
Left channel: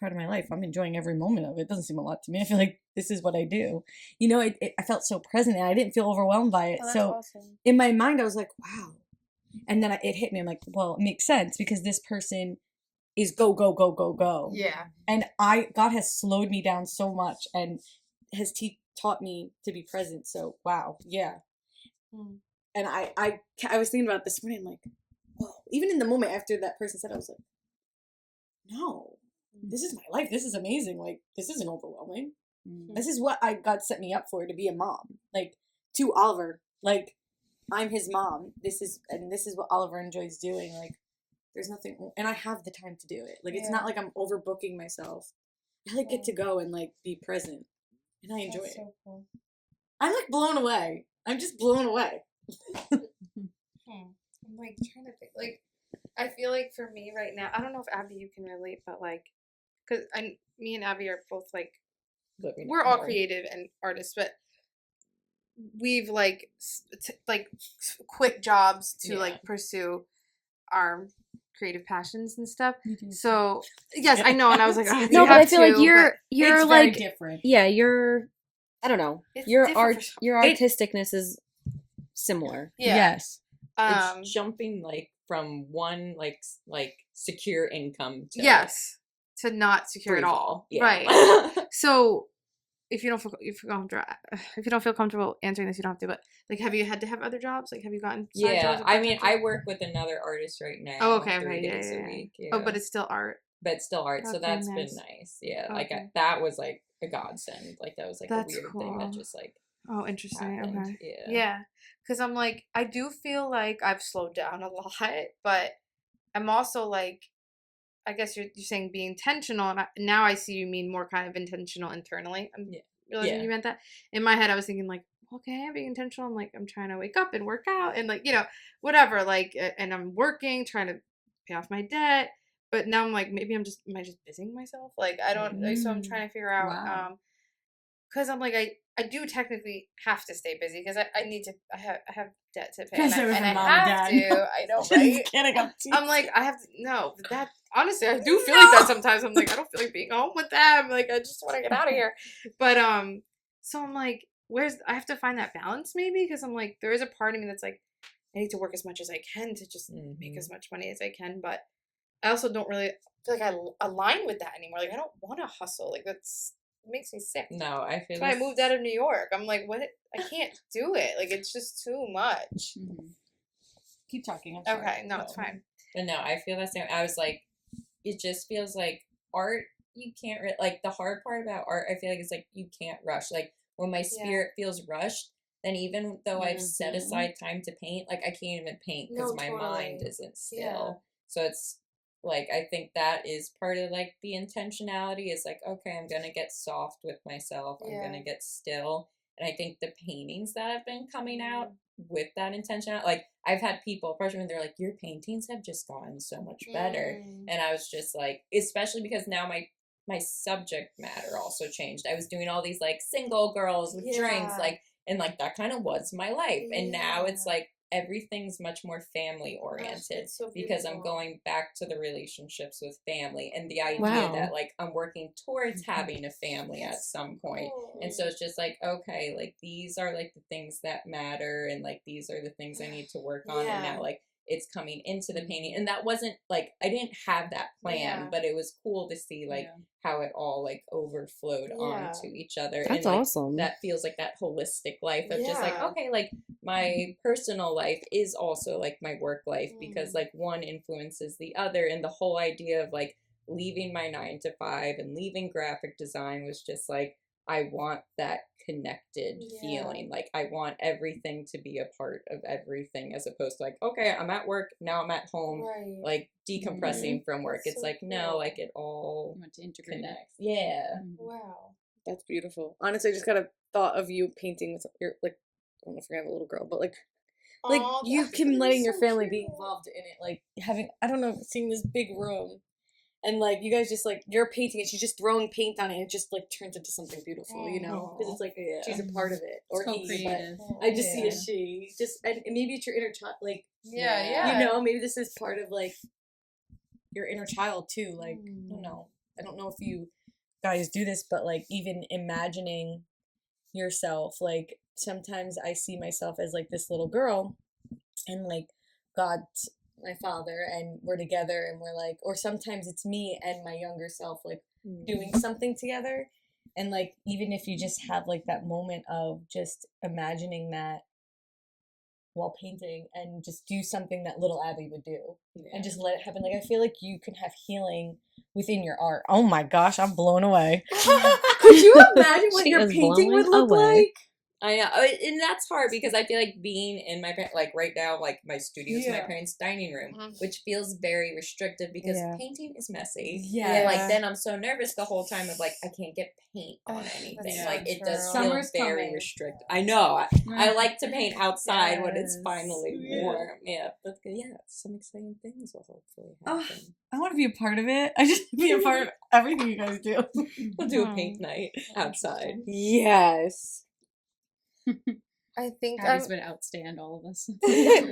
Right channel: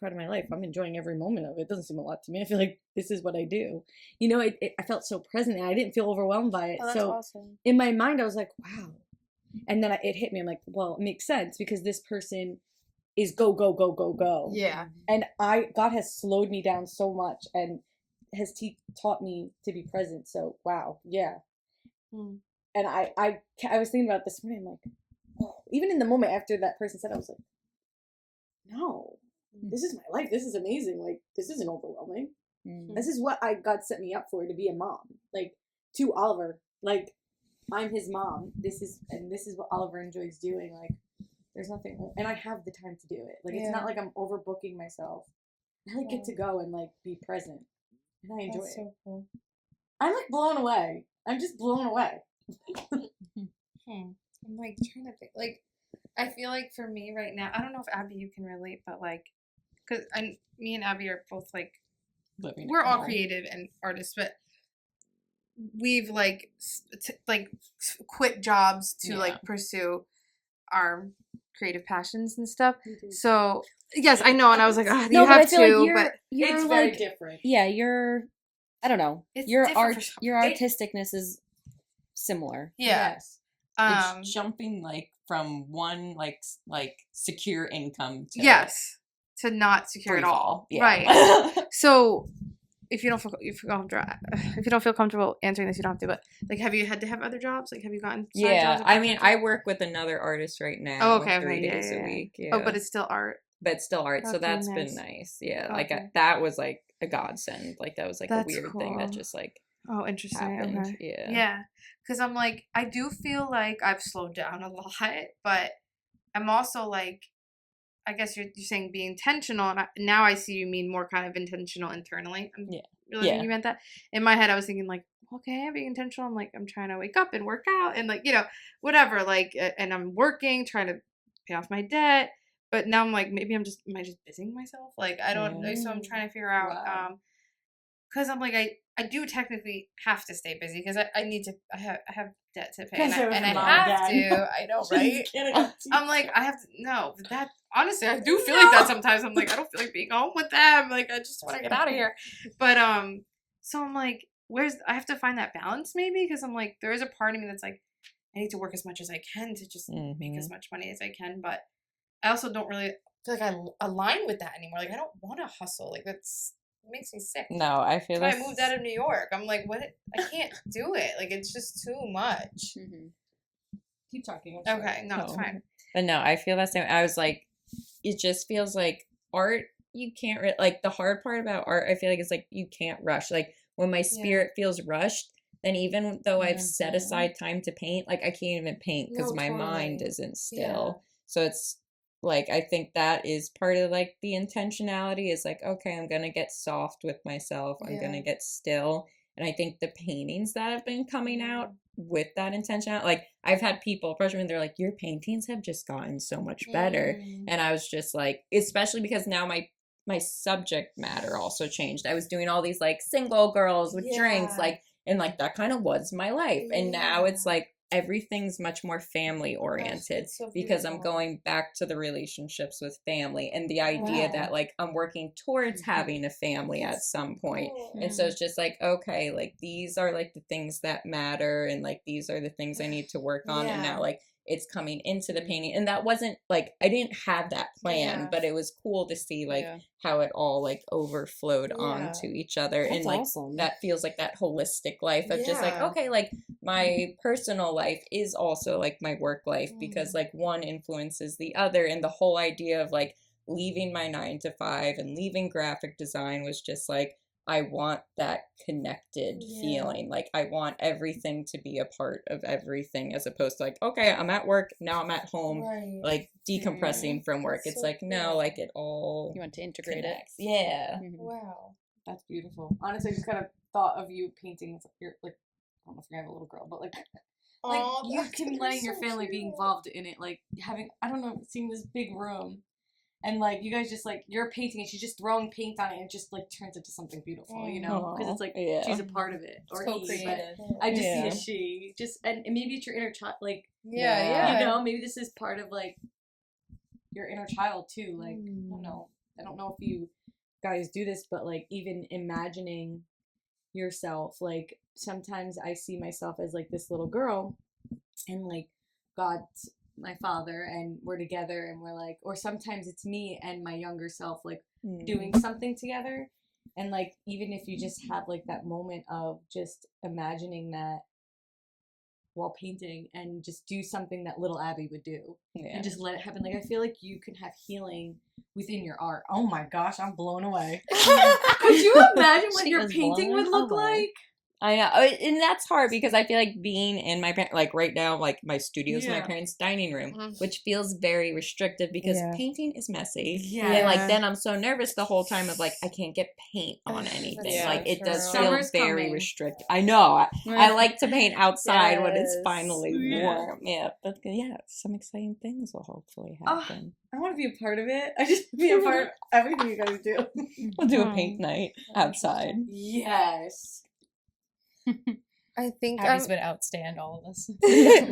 part of my life. I'm enjoying every moment of it. It doesn't seem a lot to me. I feel like this is what I do. I felt so present and I didn't feel overwhelmed by it. Oh, that's awesome. In my mind, I was like, wow. And then it hit me. I'm like, well, it makes sense because this person is go, go, go, go, go. Yeah. And God has slowed me down so much and has taught me to be present. So, wow. Yeah. And I was thinking about this morning. I'm like, oh, even in the moment after that person said, I was like, no, this is my life. This is amazing. Like, this isn't overwhelming. This is what God set me up for, to be a mom. Like, to Oliver. Like, I'm his mom. This is what Oliver enjoys doing. Like, there's nothing, and I have the time to do it. Like, it's not like I'm overbooking myself. I like get to go and like be present, and I enjoy it. So cool. I'm like blown away. I'm just blown away. I'm like trying to think. Like, I feel like for me right now, I don't know if Abby you can relate, but like, because me and Abby are both like, we're all creative and artists, but we've like quit jobs to like pursue our creative passions and stuff. So yes, I know, and I was like, oh, no, but I feel like you're it's like very different. Yeah, I don't know. It's Your different your artisticness is similar. Yeah. Yes. It's jumping like from one like secure income to to not secure at all. Yeah. Right. So if you don't feel comfortable answering this, you don't have to. But like, have you had to have other jobs? Like, have you gotten side jobs? I mean, I work with another artist right now. Oh, okay, 3 okay, days a week. Yeah. Oh, but it's still art. But it's still art, so Okay, that's nice. been nice. Yeah, Okay. like that was like a godsend. Like that was like That's a weird thing that cool. just like Oh, interesting. happened. Okay. Yeah. Yeah, because I'm like, I do feel like I've slowed down a lot, but I'm also like, I guess you're saying be intentional, and now I see you mean more kind of intentional internally. I'm realizing you meant that. In my head, I was thinking like, okay, I'm being intentional. I'm like, I'm trying to wake up and work out and like, whatever. Like, and I'm working, trying to pay off my debt. But now I'm like, maybe am I just busying myself? Like, I don't. Like, so I'm trying to figure out. Because I'm like, I do technically have to stay busy because I need to. I have debt to pay, and I have to. I know, right? I'm like, I have to. No, but that honestly, I do feel like that sometimes. I'm like, I don't feel like being home with them. Like, I just want to get out of here. But so I'm like, I have to find that balance maybe because I'm like, there is a part of me that's like, I need to work as much as I can to just make as much money as I can, but I also don't really feel like I align with that anymore. Like, I don't want to hustle. Like, it makes me sick. No, I feel like I moved out of New York. I'm like, what? I can't do it. Like, it's just too much. Keep talking. Okay, no, it's fine. But no, I feel that same. I was like, it just feels like art you can't like the hard part about art, I feel like, is like you can't rush. Like when my spirit feels rushed, then even though I've set aside time to paint, like I can't even paint because No, my mind totally. isn't still. Yeah. So it's like I think that is part of like the intentionality is like, okay, I'm gonna get soft with myself. I'm gonna get still. And I think the paintings that have been coming out with that intention, like I've had people, freshmen, they're like, your paintings have just gotten so much better. And I was just like, especially because now my subject matter also changed. I was doing all these like single girls with drinks, like, and like that kind of was my life. And now it's like everything's much more family oriented because I'm going back to the relationships with family and the idea that like I'm working towards having a family at some point. And so it's just like, okay, like these are like the things that matter and like these are the things I need to work on. And now like it's coming into the painting. And that wasn't like I didn't have that plan, but it was cool to see like how it all like overflowed onto each other. That's and like awesome. that feels like that holistic life of just like, okay, like my personal life is also like my work life because like one influences the other. And the whole idea of like leaving my 9 to 5 and leaving graphic design was just like, I want that connected feeling. Like I want everything to be a part of everything as opposed to like, okay, I'm at work, now I'm at home, like decompressing from work. It's like, no, like it all You want to integrate connects. Yeah. Wow. That's beautiful. Honestly, I just kind of thought of you painting with your, like, I don't know if I have a little girl, but like Aw, you that's can letting your so family be cute. involved in it, like having, I don't know, seeing this big room and like you guys just like you're painting and she's just throwing paint on it and it just like turns into something beautiful, you know, because it's like she's a part of it or So he, creative. but I just see a she just and maybe it's your inner child, like you Yeah. know, maybe this is part of like your inner child too, like I don't know if you guys do this, but like even imagining yourself, like sometimes I see myself as like this little girl and like God's my father and we're together and we're like, or sometimes it's me and my younger self like doing something together. And like even if you just have like that moment of just imagining that while painting and just do something that little Abby would do and just let it happen. Like I feel like you can have healing within your art. Oh my gosh, I'm blown away. Could you imagine what She your is painting would blown look away. like? I know, and that's hard because I feel like being in my like right now, like my studio's my parents' dining room, which feels very restrictive because painting is messy. Yeah. And like then I'm so nervous the whole time of like I can't get paint on anything. so Like it does true. feel Summer's very coming. restrictive. I know. I like to paint outside when it's Yes. finally warm. Yeah, but yeah, some exciting things will hopefully happen. I want to be a part of it. I just be a part of everything you guys do. We'll do a paint night outside. Yes. I think Abby's been outstand all of us.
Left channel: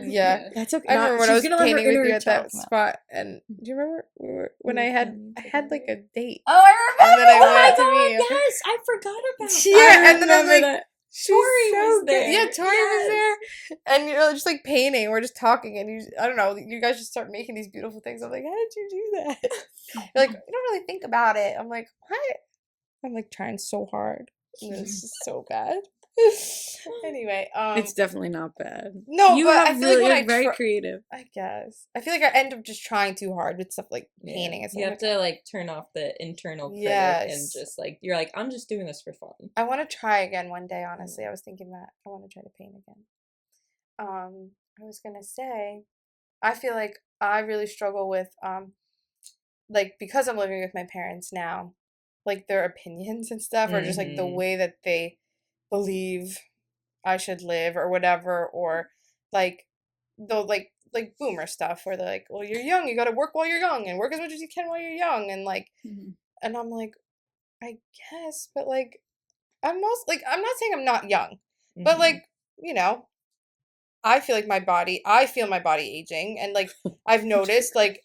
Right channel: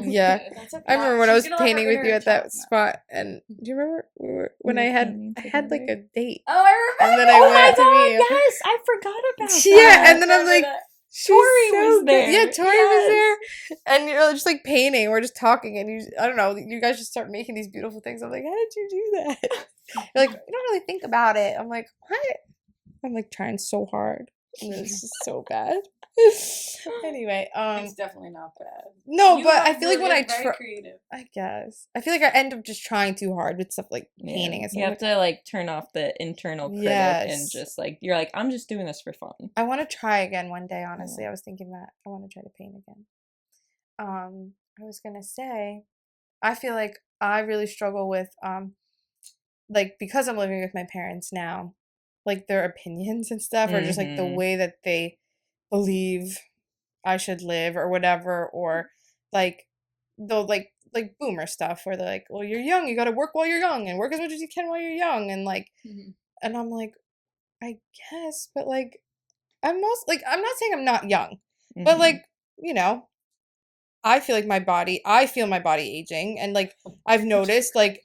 yeah. That's okay. I remember when I was She's gonna let her painting with inner you at that child come out. spot, and do you remember when I had like a date? Oh, I remember. And then I went to meet you. Yes, I forgot about Yeah, and then I'm like, that. she's Tori so was good. there. Yeah, Tori was Yes. there, and you're just like painting. We're just talking, and I don't know. You guys just start making these beautiful things. I'm like, how did you do that? You're like, you don't really think about it. I'm like, what? I'm like trying so hard, and it's just so bad. Anyway, It's definitely not bad. no, You but have I feel like when I very try, creative. I guess I feel like I end up just trying too hard with stuff like Yeah. painting and stuff. You like have to like turn off the internal critic and Yes. just like you're like I'm just doing this for fun. I want to try again one day, honestly. I was thinking that I want to try to paint again. I was going to say I feel like I really struggle with like because I'm living with my parents now, like their opinions and stuff or just like the way that they believe I should live or whatever, or like they'll like boomer stuff where they're like, well, you're young, you got to work while you're young and work as much as you can while you're young, and like and I'm like, I guess, but like I'm most like I'm not saying I'm not young, but like, you know, I feel my body aging, and like I've noticed like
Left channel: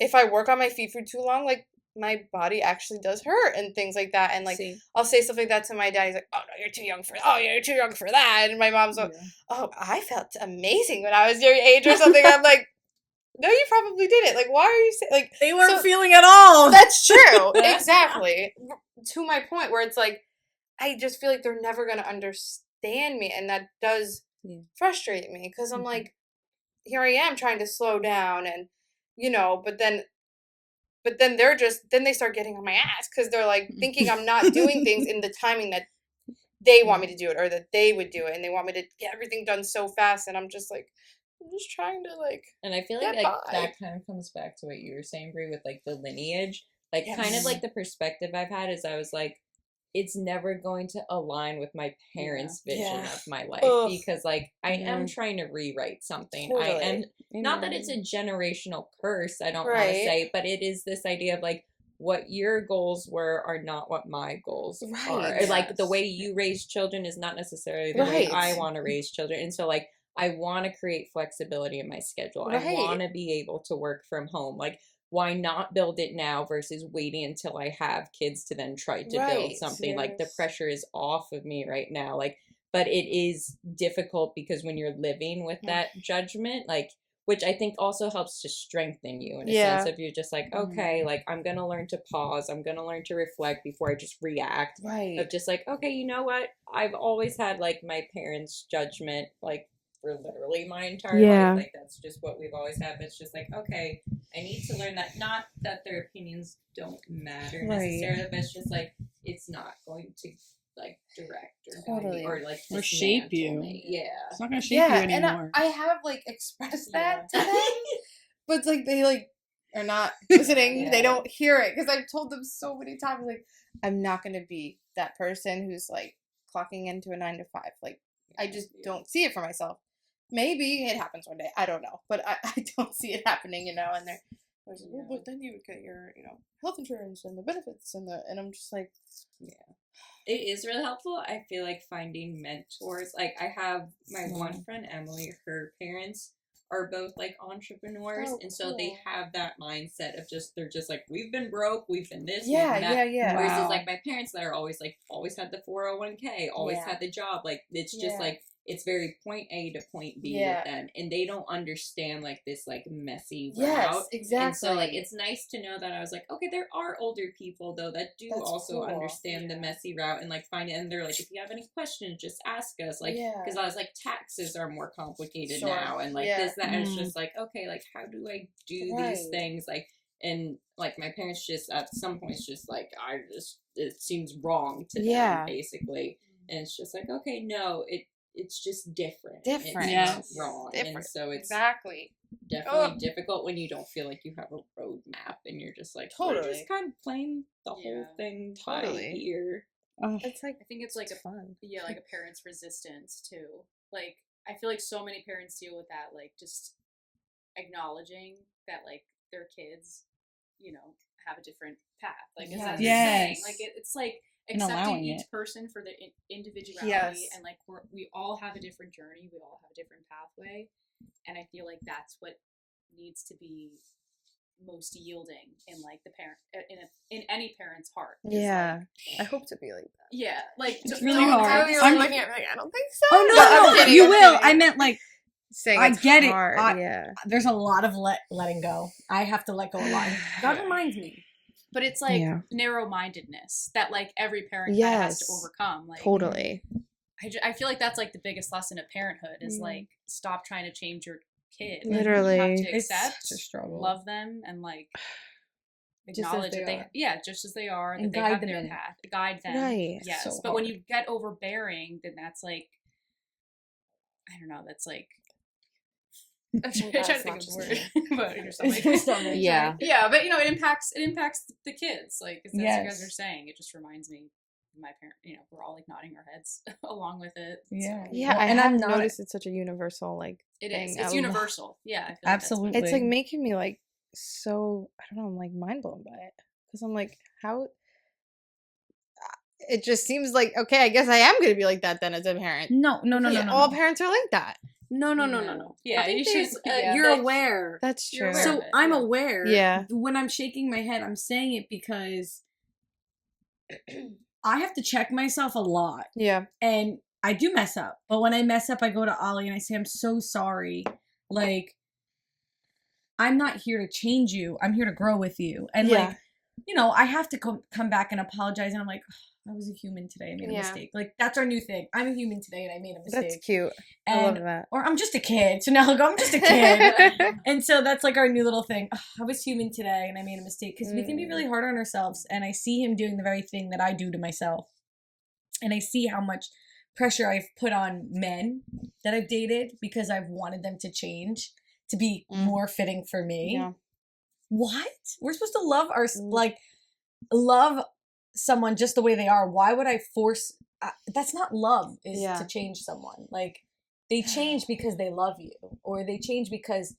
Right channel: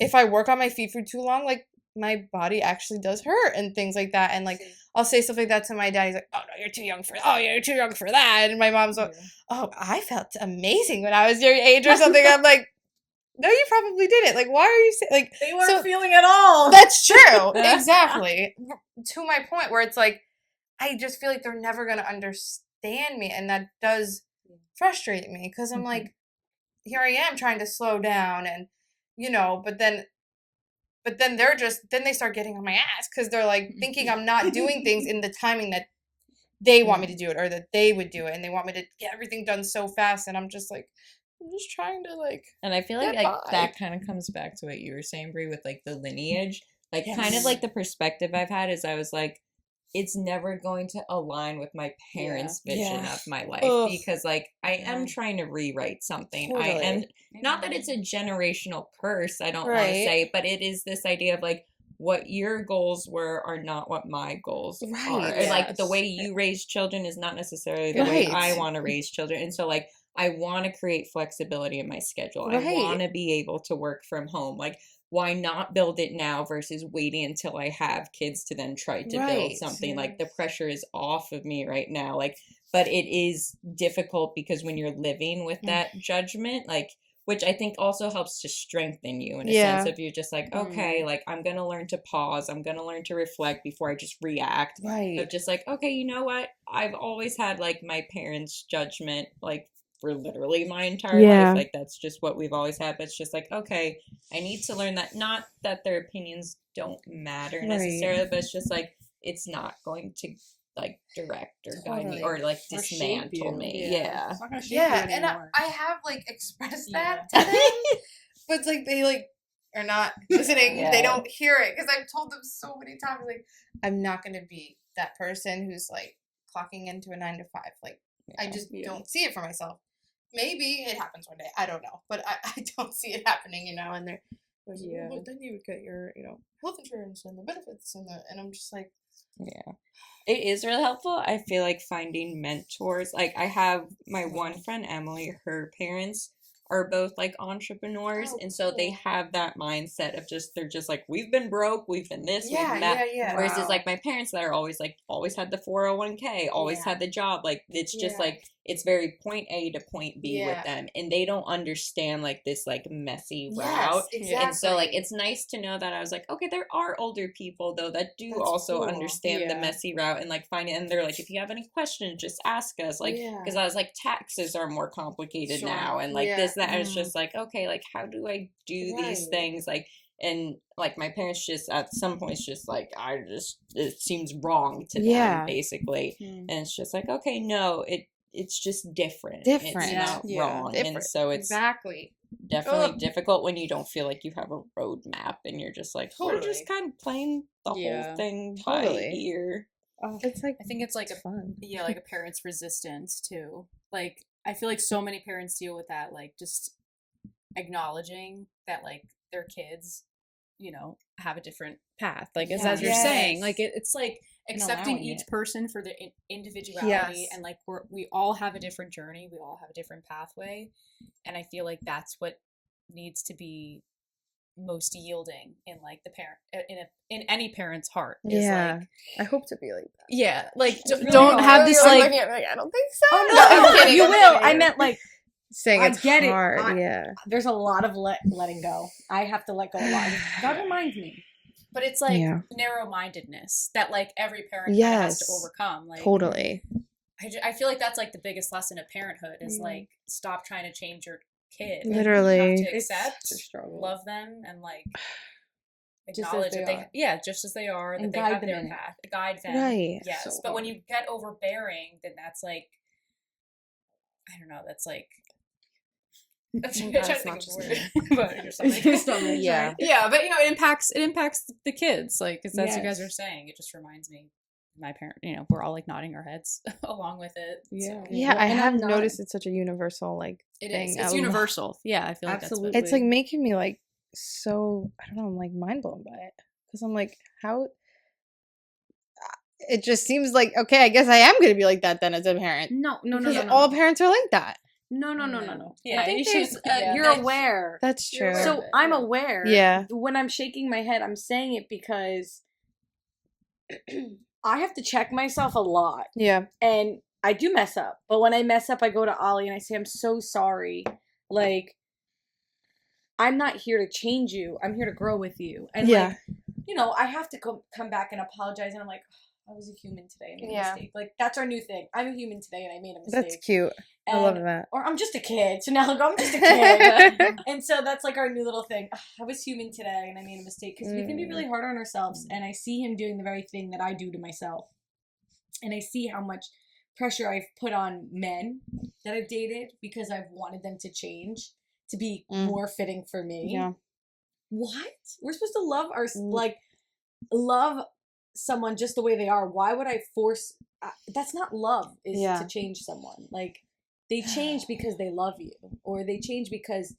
if I work on my feet for too long, like my body actually does hurt and things like that, and like I'll say stuff like that to my dad. He's like, "Oh no, you're too young for that," and my mom's like, "Oh, I felt amazing when I was your age or something." I'm like, no, you probably didn't. Like, why are you saying like They weren't feeling at all. That's true. Exactly. To my point where it's like I just feel like they're never gonna understand me, and that does frustrate me because I'm like, here I am trying to slow down, and you know, but then But then they start getting on my ass because they're like thinking I'm not doing things in the timing that they want me to do it or that they would do it, and they want me to get everything done so fast, and I'm just like, I'm just trying to like. And I feel get like by. that kind of comes back to what you were saying, Brie, with like the lineage. Like kind of Yes. like the perspective I've had is I was like, it's never going to align with my parents' vision Yeah. of my life Ugh. because like I am trying to rewrite something. I Totally. am not that it's a generational curse, I don't want to Right. say, but it is this idea of like what your goals were are not what my goals are. Right. Or, like the Yes. way you raise children is not necessarily the way Right. I want to raise children. And so like I want to create flexibility in my schedule. Right. I want to be able to work from home. Like why not build it now versus waiting until I have kids to then try to build Right. something? Like the Yes. pressure is off of me right now. Like, but it is difficult because when you're living with that judgment, like, which I think also helps to strengthen you in a Yeah. sense of you're just like, okay, like I'm going to learn to pause. I'm going to learn to reflect before I just react. Right. Of just like, okay, you know what? I've always had like my parents' judgment, like for literally my entire Yeah. life. Like that's just what we've always had. But it's just like, okay, I need to learn that. Not that their opinions don't matter Right. necessarily, but it's just like it's not going to like direct or guide me Totally. or like Or shape dismantle you. me. Yeah. Yeah. It's not gonna shape you Yeah, and anymore. I have like expressed that Yeah. to them, but it's like they like are not listening. Yeah. They don't hear it because I've told them so many times like I'm not gonna be that person who's like clocking into a 9 to 5. Like I just Yeah. don't see it for myself. Maybe it happens one day. I don't know, but I don't see it happening. And they're like, Yeah. "Oh, but then you would get your health insurance and the benefits and I'm just like, Yeah. It is really helpful. I feel like finding mentors. Like I have my one friend Emily, her parents are both like entrepreneurs, Oh, and so they cool. have that mindset of just they're just like we've been broke, we've been this, we've yeah, been that. yeah. Versus Wow. like my parents that are always like always had the 401k, always Yeah. had the job. Like it's just Yeah. like it's very point A to point B Yeah. with them, and they don't understand like this like messy Yes, route. exactly. And so like it's nice to know that I was like, okay, there are older people though that do That's also cool. understand the Yeah. messy route and like find it, and they're like, if you have any questions, just ask us. Like Yeah. because I was like, taxes are more complicated Sure. now, and like Yeah. this that. And it's Mm. just like, okay, like how do I do Right. these things? Like and like my parents just at some points just like it seems wrong to Yeah. them basically, Mm. and it's just like, okay, no, it's just different. Different. It's Yeah. not Yeah. wrong. Different. And so it's Exactly. definitely Ugh. difficult when you don't feel like you have a roadmap and you're just like, we're Totally. just kind of playing the Yeah. whole thing by Totally. ear. Oh, It's like I think it's like a fun. yeah, like a parent's resistance too. Like I feel like so many parents deal with that, like just acknowledging that like their kids, have a different path. Like as you're Yes. saying, like it's like And accepting allowing each it. person for their individuality, Yes. and like we all have a different journey, we all have a different pathway, and I feel like that's what needs to be most yielding in like the parent in any parent's heart. Is, Yeah. like, I hope to be like that. yeah, like really Don't hard. have this I'm like, like- I don't think so. Oh I'm no, kidding, you I'm will. kidding. I meant like saying I it's get it. hard. Yeah. there's a lot of letting go. I have to let go a lot. God reminds me. but it's like Yeah. narrow-mindedness that like every parent kind of has to Yes. overcome. Like Totally. I feel like that's like the biggest lesson of parenthood is Mm. like stop trying to change your kid. Literally. You have to It's accept, such a struggle. love them, and like Just as acknowledge they that are. just as they are, And that they guide have them their in it. path. Guide them. Right. Yes. So but when hard. you get overbearing, then that's like I don't know, that's like I'm trying That's to think not of just a me. word. But your Your stomach. stomach, Yeah. sorry. Yeah, but it impacts the kids, like as you guys Yes. are saying. It just reminds me, my parent. We're all like nodding our heads along with it. Yeah. so Yeah, I And have I'm not- noticed it's such a universal like it thing. is. I It's love- universal. Yeah, I feel like Absolutely. That's It's like making me like so I don't know, I'm like mind blown by it because I'm like how it just seems like okay, I guess I am gonna be like that then as a parent. No. Because all parents are like that. No. Yeah, I think you should- there's, yeah. you're aware. That's You're true. aware. So of it, I'm yeah. aware. Yeah. When I'm shaking my head, I'm saying it because I have to check myself a lot. Yeah. And I do mess up. But when I mess up, I go to Ollie and I say, I'm so sorry. Like, I'm not here to change you. I'm here to grow with you. And Yeah. like, I have to come back and apologize. And I'm like, I was a human today. I made a Yeah. mistake. Like, that's our new thing. I'm a human today and I made a mistake. That's cute. And, I love that. Or I'm just a kid. So now I'll go, I'm just a kid. And so that's like our new little thing. "Ugh, I was human today and I made a mistake." Because we can be really hard on ourselves. And I see him doing the very thing that I do to myself. And I see how much pressure I've put on men that I've dated because I've wanted them to change to be more fitting for me. Yeah. What? We're supposed to love love someone just the way they are. Why would I force? That's not love. Is to change someone. Like, they change because they love you, or they change because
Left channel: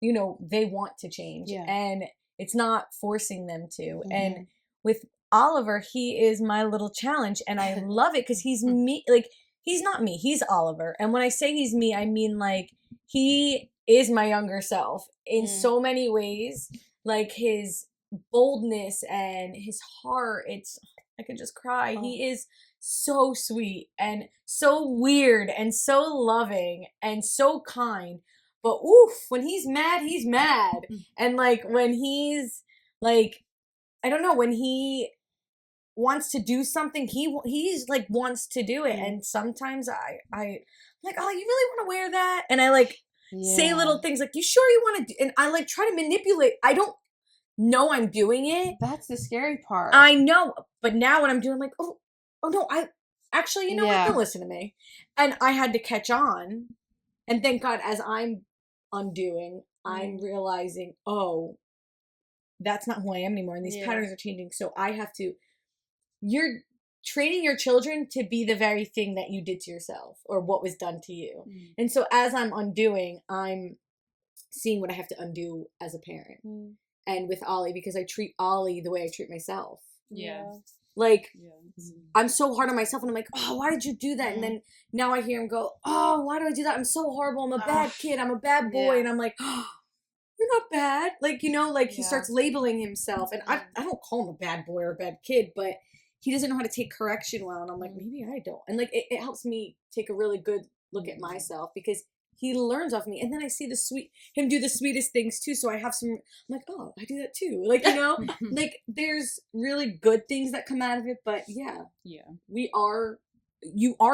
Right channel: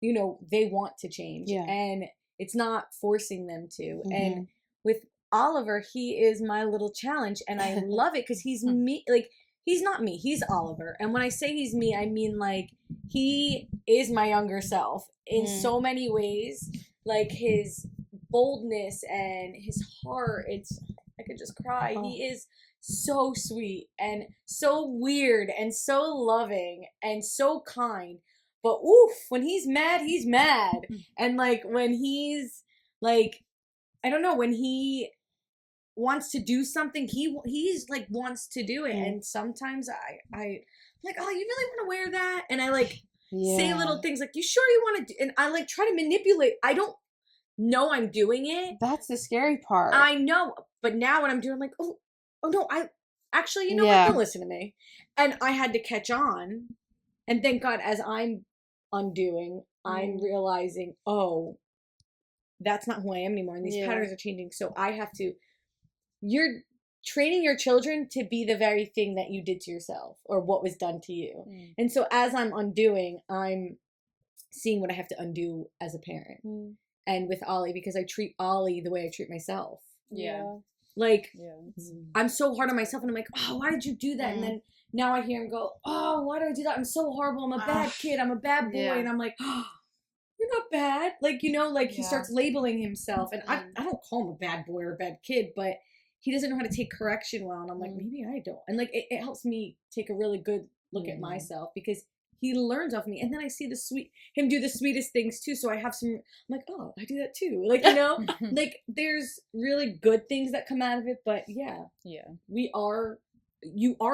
they want to change. Yeah. And it's not forcing them to. And with Oliver, he is my little challenge, and I love it because he's me. Like, he's not me. He's Oliver. And when I say he's me, I mean, like, he is my younger self in so many ways. Like, his boldness and his heart, I could just cry. He is so sweet and so weird and so loving and so kind. But oof, when he's mad, he's mad. And like, when he's like, I don't know, when he wants to do something, he's like wants to do it. And sometimes I'm like, "Oh, you really want to wear that?" And I like say little things like, "You sure you want to do?" And I like try to manipulate. I don't know I'm doing it. That's the scary part. I know. But now when I'm doing, I'm like, oh no, I actually, you know what? Don't listen to me. And I had to catch on. And thank God, as I'm undoing, I'm realizing, oh, that's not who I am anymore. And these patterns are changing. So I have to, you're training your children to be the very thing that you did to yourself or what was done to you. And so as I'm undoing, I'm seeing what I have to undo as a parent. And with Ollie, because I treat Ollie the way I treat myself. Yeah. Like, I'm so hard on myself, and I'm like, oh, why did you do that? And then now I hear him go, oh, why do I do that? I'm so horrible. I'm a bad kid. I'm a bad boy. And I'm like, oh, you're not bad. Like, like he starts labeling himself. And I don't call him a bad boy or a bad kid, but he doesn't know how to take correction well. And I'm like, maybe I don't. And like, it helps me take a really good look at myself, because he learns off me. And then I see him do the sweetest things too. So I have I'm like, oh, I do that too. Like, like, there's really good things that come out of it. But you are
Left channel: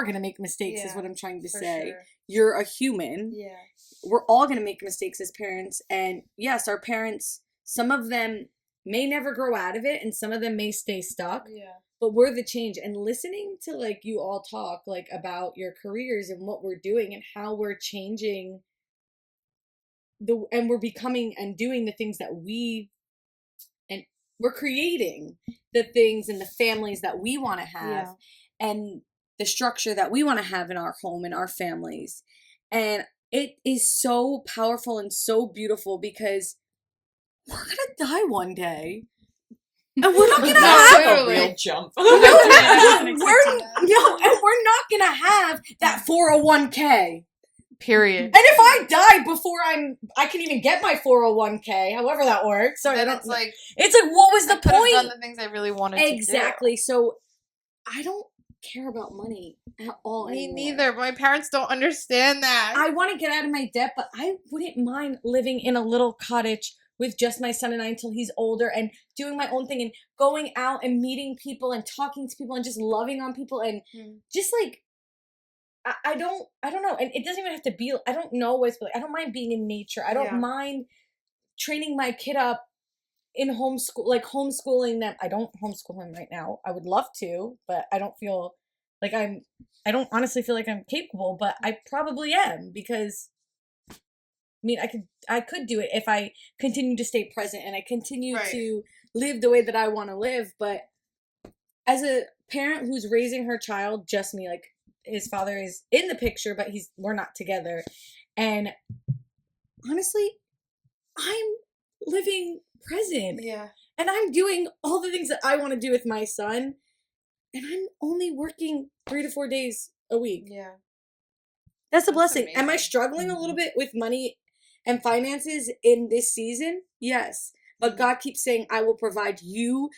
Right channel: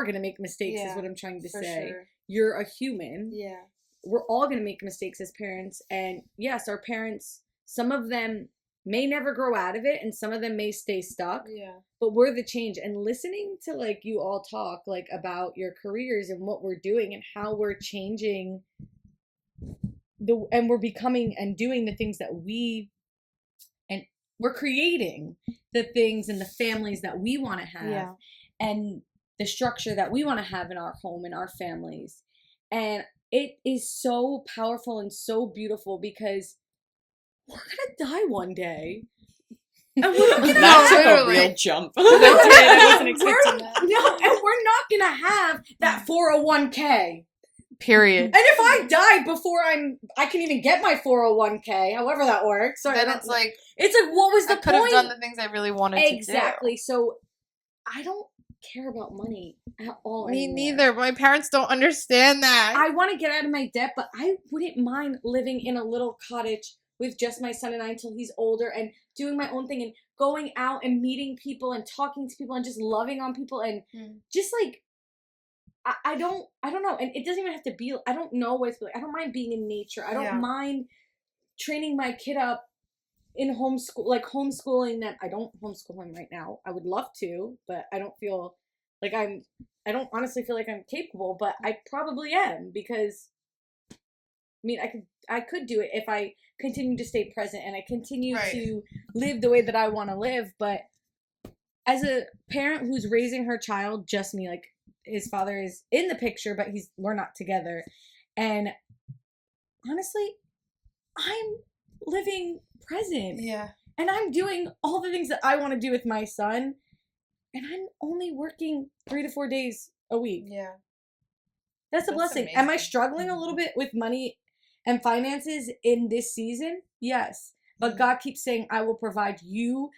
going to make mistakes is what I'm trying to say. Sure. You're a human. Yeah. We're all going to make mistakes as parents. And yes, our parents, some of them may never grow out of it, and some of them may stay stuck. Yeah. But we're the change. And listening to like you all talk like about your careers and what we're doing and how we're changing and we're becoming and doing the things that we're creating the things and the families that we want to have and the structure that we want to have in our home and our families. And it is so powerful and so beautiful, because we're going to die one day. And we're not gonna have a real jump. and we're not gonna have that 401k. Period. And if I die before I can even get my 401k, however that works. So then it's like what was the point? I could have done the things I really wanted to do. Exactly. So I don't care about money at all. Me neither. My parents don't understand that. I want to get out of my debt, but I wouldn't mind living in a little cottage with just my son and I until he's older, and doing my own thing and going out and meeting people and talking to people and just loving on people and just like, I don't know. And it doesn't even have to be, I don't know what it's like. I don't mind being in nature. I don't mind training my kid up in homeschooling them. I don't homeschool him right now. I would love to, but I don't feel like I don't honestly feel like I'm capable, but I probably am, because I mean, I could do it if I continue to stay present and I continue to live the way that I want to live. But as a parent who's raising her child, just me, like his father is in the picture, but we're not together. And honestly, I'm living present. Yeah. And I'm doing all the things that I want to do with my son. And I'm only working 3 to 4 days a week. Yeah. That's a blessing. Amazing. Am I struggling a little bit with money and finances in this season? Yes. But God keeps saying, I will provide you.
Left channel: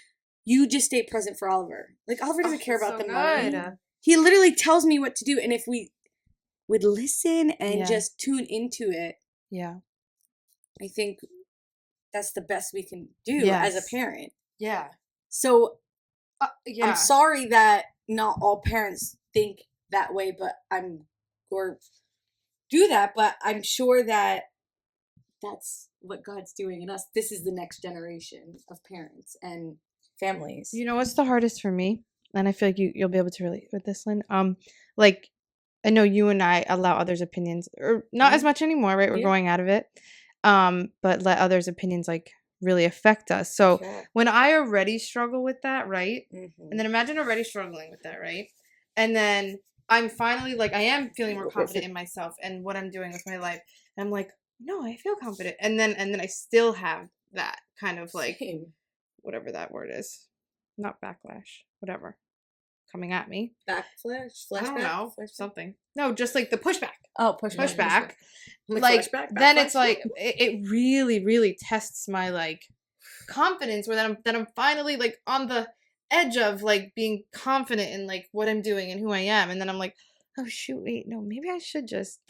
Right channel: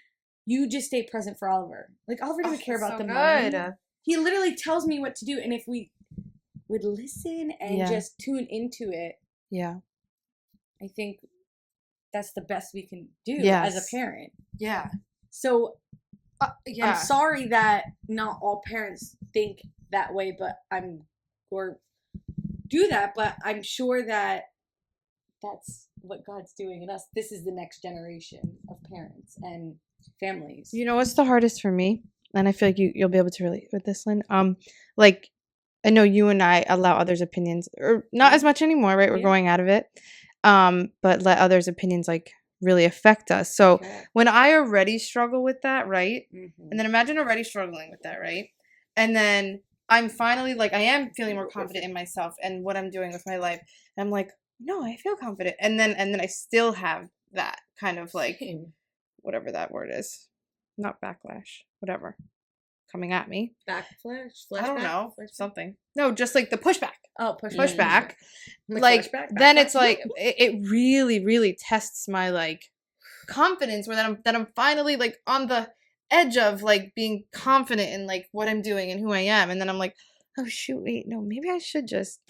You just stay present for Oliver. Like, Oliver doesn't care about the money. He literally tells me what to do. And if we would listen and just tune into it, I think that's the best we can do as a parent. Yeah. So Yeah. I'm sorry that not all parents think that way, but or do that, but I'm sure that that's what God's doing in us. This is the next generation of parents and families. You know what's the hardest for me? And I feel like you'll be able to relate with this, Lynn. Like, I know you and I allow others' opinions, or not as much anymore, right? We're going out of it. But let others' opinions like really affect us. So when I already struggle with that, right? And then imagine already struggling with that, right? And then I'm finally like, I am feeling more confident in myself and what I'm doing with my life. And I'm like, no, I feel confident. And then I still have that kind of like, whatever that word is, not backlash, whatever, coming at me. Backflash? I don't know, something. No, just like the pushback. Oh, Pushback. Like, then it's like it really, really tests my like confidence. Where that I'm finally like on the edge of like being confident in like what I'm doing and who I am, and then I'm like, oh shoot, wait, no, maybe I should just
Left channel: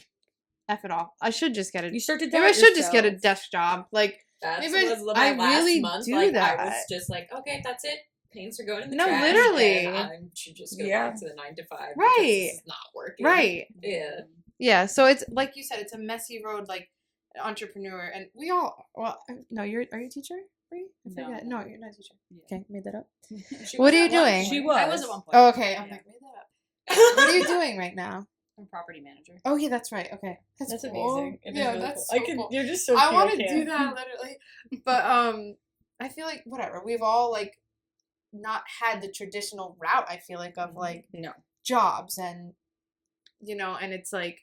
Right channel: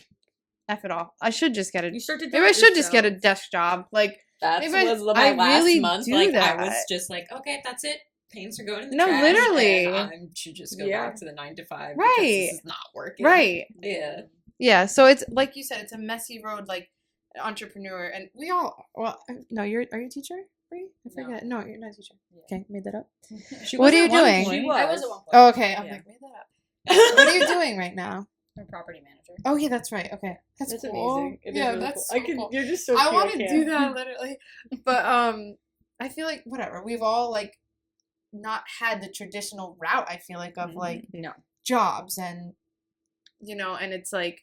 F it all. I should just get a. You start to maybe I should just get a desk job. Like That maybe was I my last really month. do like, that. I was just like, okay, that's it. Paints are going in the No, trash. literally. And I should just go back to the 9 to 5. Right. Because this is not working. Right. Yeah. Yeah. So it's like you said, it's a messy road. Like an entrepreneur, and we all. Well, no, are you a teacher? Bree? I forget. No, you're not a teacher. Okay, made that up. What are you doing? I was at one point. Oh, okay. I'm Yeah. like, made that up. What are you doing right now? I'm a property manager. Oh yeah, that's right. Okay, That's cool. amazing. It is Yeah, really that's cool. so cool. You're just so I cute. want to can't. do that literally, but I feel like whatever. We've all like not had the traditional route. I feel like of like No. jobs and and it's like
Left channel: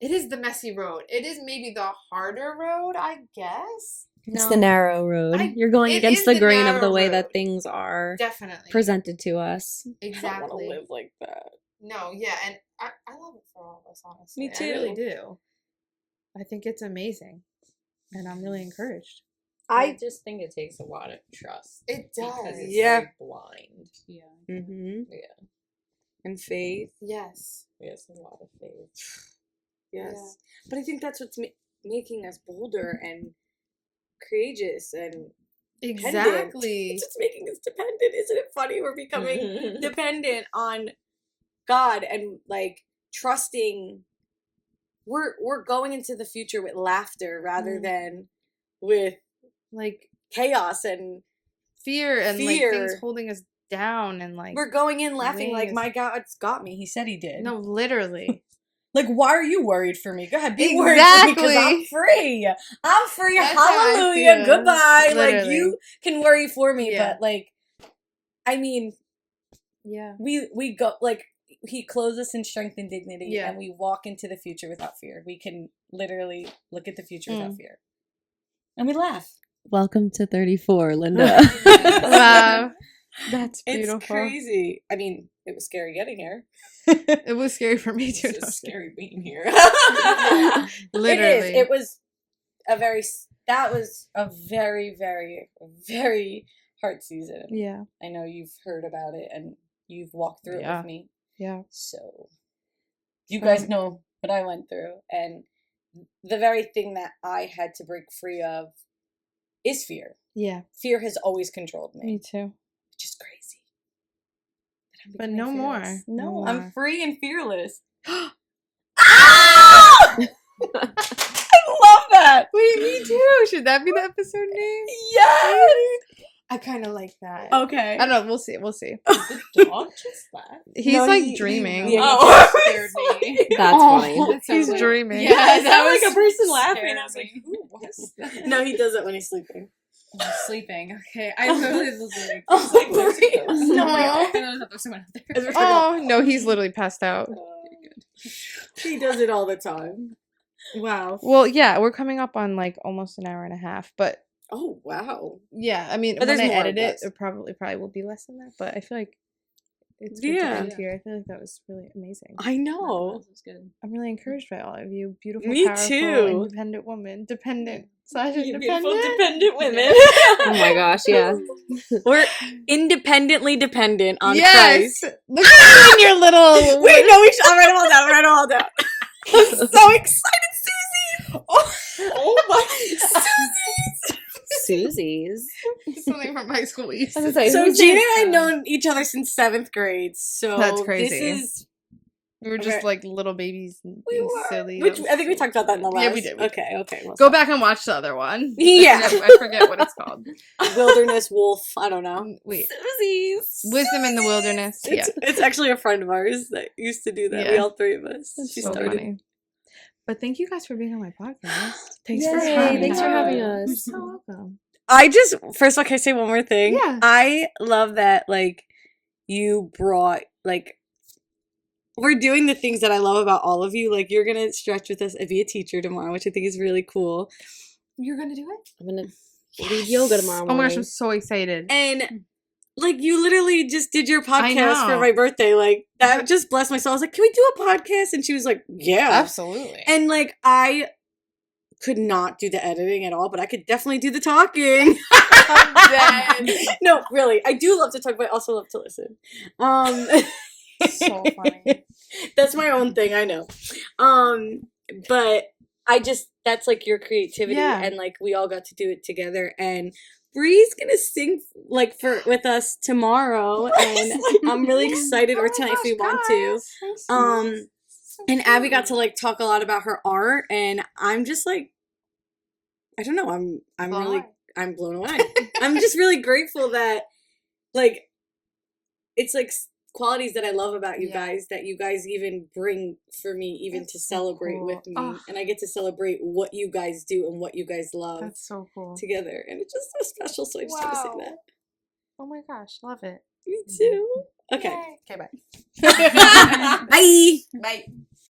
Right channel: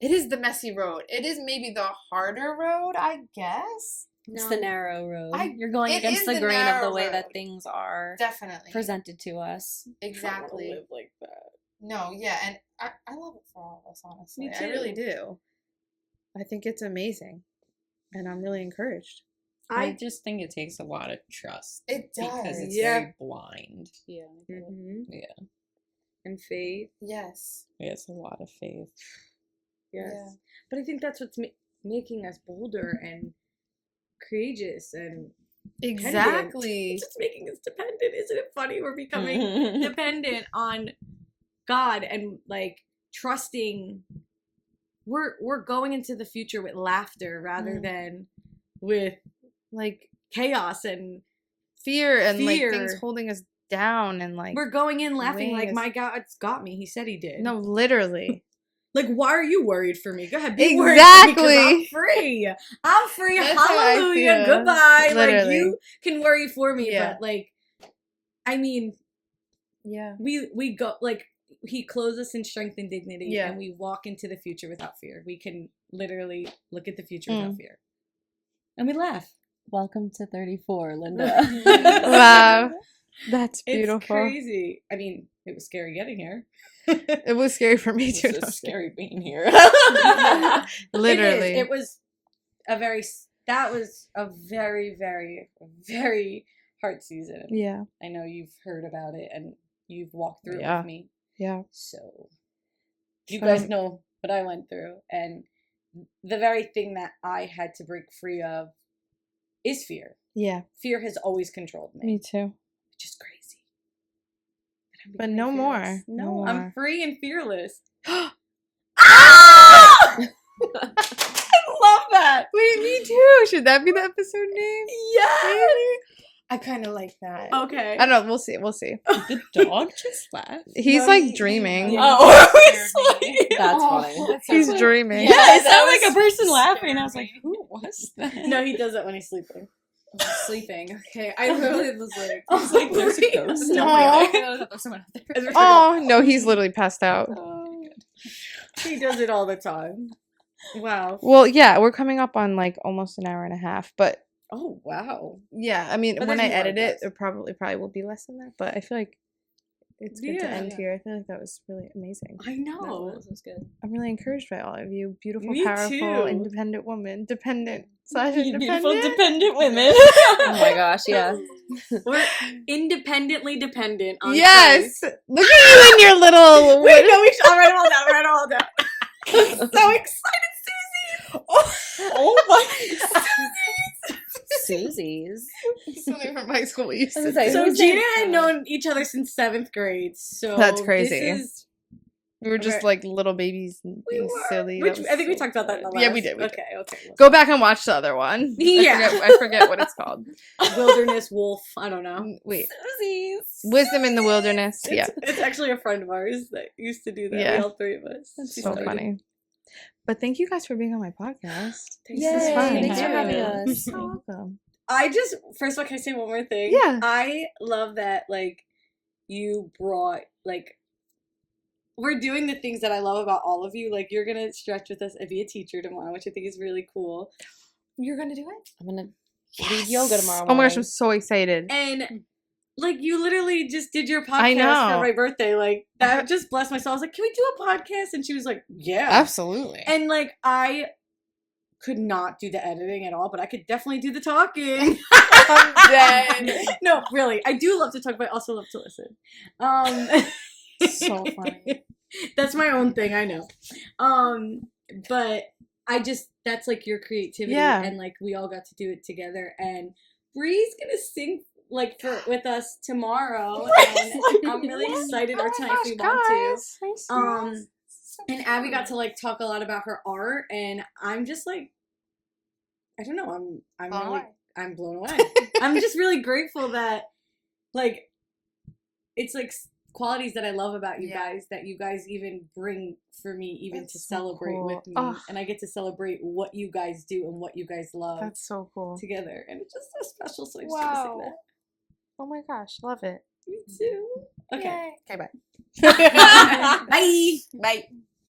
it is the messy road. It is maybe the harder road, I guess. It's the narrow road. You're going it against is the the grain of narrow the way road. that things are Definitely presented to us. exactly. live like that. No, yeah, and I love it for all of us, honestly. Me too. I really do. I think it's amazing, and I'm really encouraged. I just think it takes a lot of trust. It Because does. it's Yeah. very blind. Yeah. Mm-hmm. Yeah. And faith. Yes. It's a lot of faith. Yes. Yeah. But I think that's what's making us bolder and courageous and Exactly. It's just making us dependent. Isn't it funny? We're becoming dependent on God and like trusting. We're going into the future with laughter rather than with Like chaos and fear and like Fear. things holding us down and like we're going in laughing like wings. my God's got me. He said he did. no, literally. Like, why are you worried for me? Go ahead, be worried for me because I'm Exactly. free. I'm free. That's how I Hallelujah. feel. Goodbye. Like, Literally. you can worry for me, Yeah. but like, I mean, Yeah. we go like he clothes us in strength and dignity, Yeah. and we walk into the future without fear. We can literally look at the future without fear, and we laugh. Welcome to 34, Linda. Wow. That's beautiful. It's crazy. I mean, it was scary getting here. It was scary for me too. It's so scary being here. Literally. It was a very. That was a very, very, very hard season. Yeah. I know you've heard about it and you've walked through it Yeah. with me. Yeah. So you guys know what I went through. And the very thing that I had to break free of is fear. Yeah. Fear has always controlled me, Me too. which is crazy. I'm But becoming no more. fearless. No No, more. I'm free and fearless. I love that. Wait, me too. Should that be the episode name? Yes. I kind of like that. Okay. I don't know. We'll see. We'll see. Did the dog just laugh? He's No, like he- dreaming. Yeah, Oh, scared me. That's funny. He's dreaming. Yeah, it that sounded like was a person scared laughing. I was like, me. who was that? No, he does it when he's sleeping. Sleeping. Okay. I literally was like, Oh, like there's a Maria. ghost. no, Aw. I know that there's someone out there. Oh no, he's literally passed out. He does it all the time. Wow. Well, yeah, we're coming up on like almost an hour and a half, but Oh, wow. yeah, I mean, But when I there's more, edit it, guys. it probably will be less than that. But I feel like it's good to Yeah. end here. I feel like that was really amazing. I know. That was good. I'm really encouraged by all of you, beautiful, Me powerful, too. independent woman, dependent / Beautiful, independent. dependent women. Oh my gosh, yeah. We're independently dependent on Yes, Christ. look at you and your little. Wait, no, I'll write them all down. I'll write them all down. I'm so excited, Susie. Oh my. Susie's. Something from my school we used I to was gonna say, do. So who's Gina saying and I had seven? known each other since 7th grade. So That's crazy. This is We were just Okay. like little babies and we being were. silly. Which That was I think we so talked about that in the fun. last. Yeah, we did. Okay. Well, Go back and watch the other one. Yeah. I forget what it's called. Wilderness Wolf. I don't know. Wait. Susie's. Wisdom in the Wilderness. Yeah. It's actually a friend of ours that used to do that. Yeah. We all three of us. That's She so started. funny. But thank you guys for being on my podcast. Thanks Yay, for thanks for having You're us. so welcome. I just first of all, can I say one more thing? Yeah. I love that like you brought like we're doing the things that I love about all of you. Like you're gonna stretch with us and be a teacher tomorrow, which I think is really cool. You're gonna do it? I'm gonna lead yoga tomorrow Oh my gosh, morning. I'm so excited. And like you literally just did your I podcast for know. my birthday. Like that just blessed my soul. I was like, can we do a podcast? And she was like, yeah. Absolutely. And like I could not do the editing at all, but I could definitely do the talking. dead. No, really. I do love to talk, but I also love to listen. So funny. That's my own thing, I know. But I just that's like your creativity Yeah. and like we all got to do it together and Bree's gonna sing like with us tomorrow and I'm really excited or tonight if we want to. And Abby got to like talk a lot about her art and I'm just like I don't know, I'm really I'm blown away. I'm just really grateful that like it's like qualities that I love about you guys that you guys even bring for me even That's to so celebrate cool. with me Oh. and I get to celebrate what you guys do and what you guys love That's so cool. together and it's just so special so I just want to say that. Oh my gosh, love it. Me too. Okay. Okay, bye. Bye. Bye.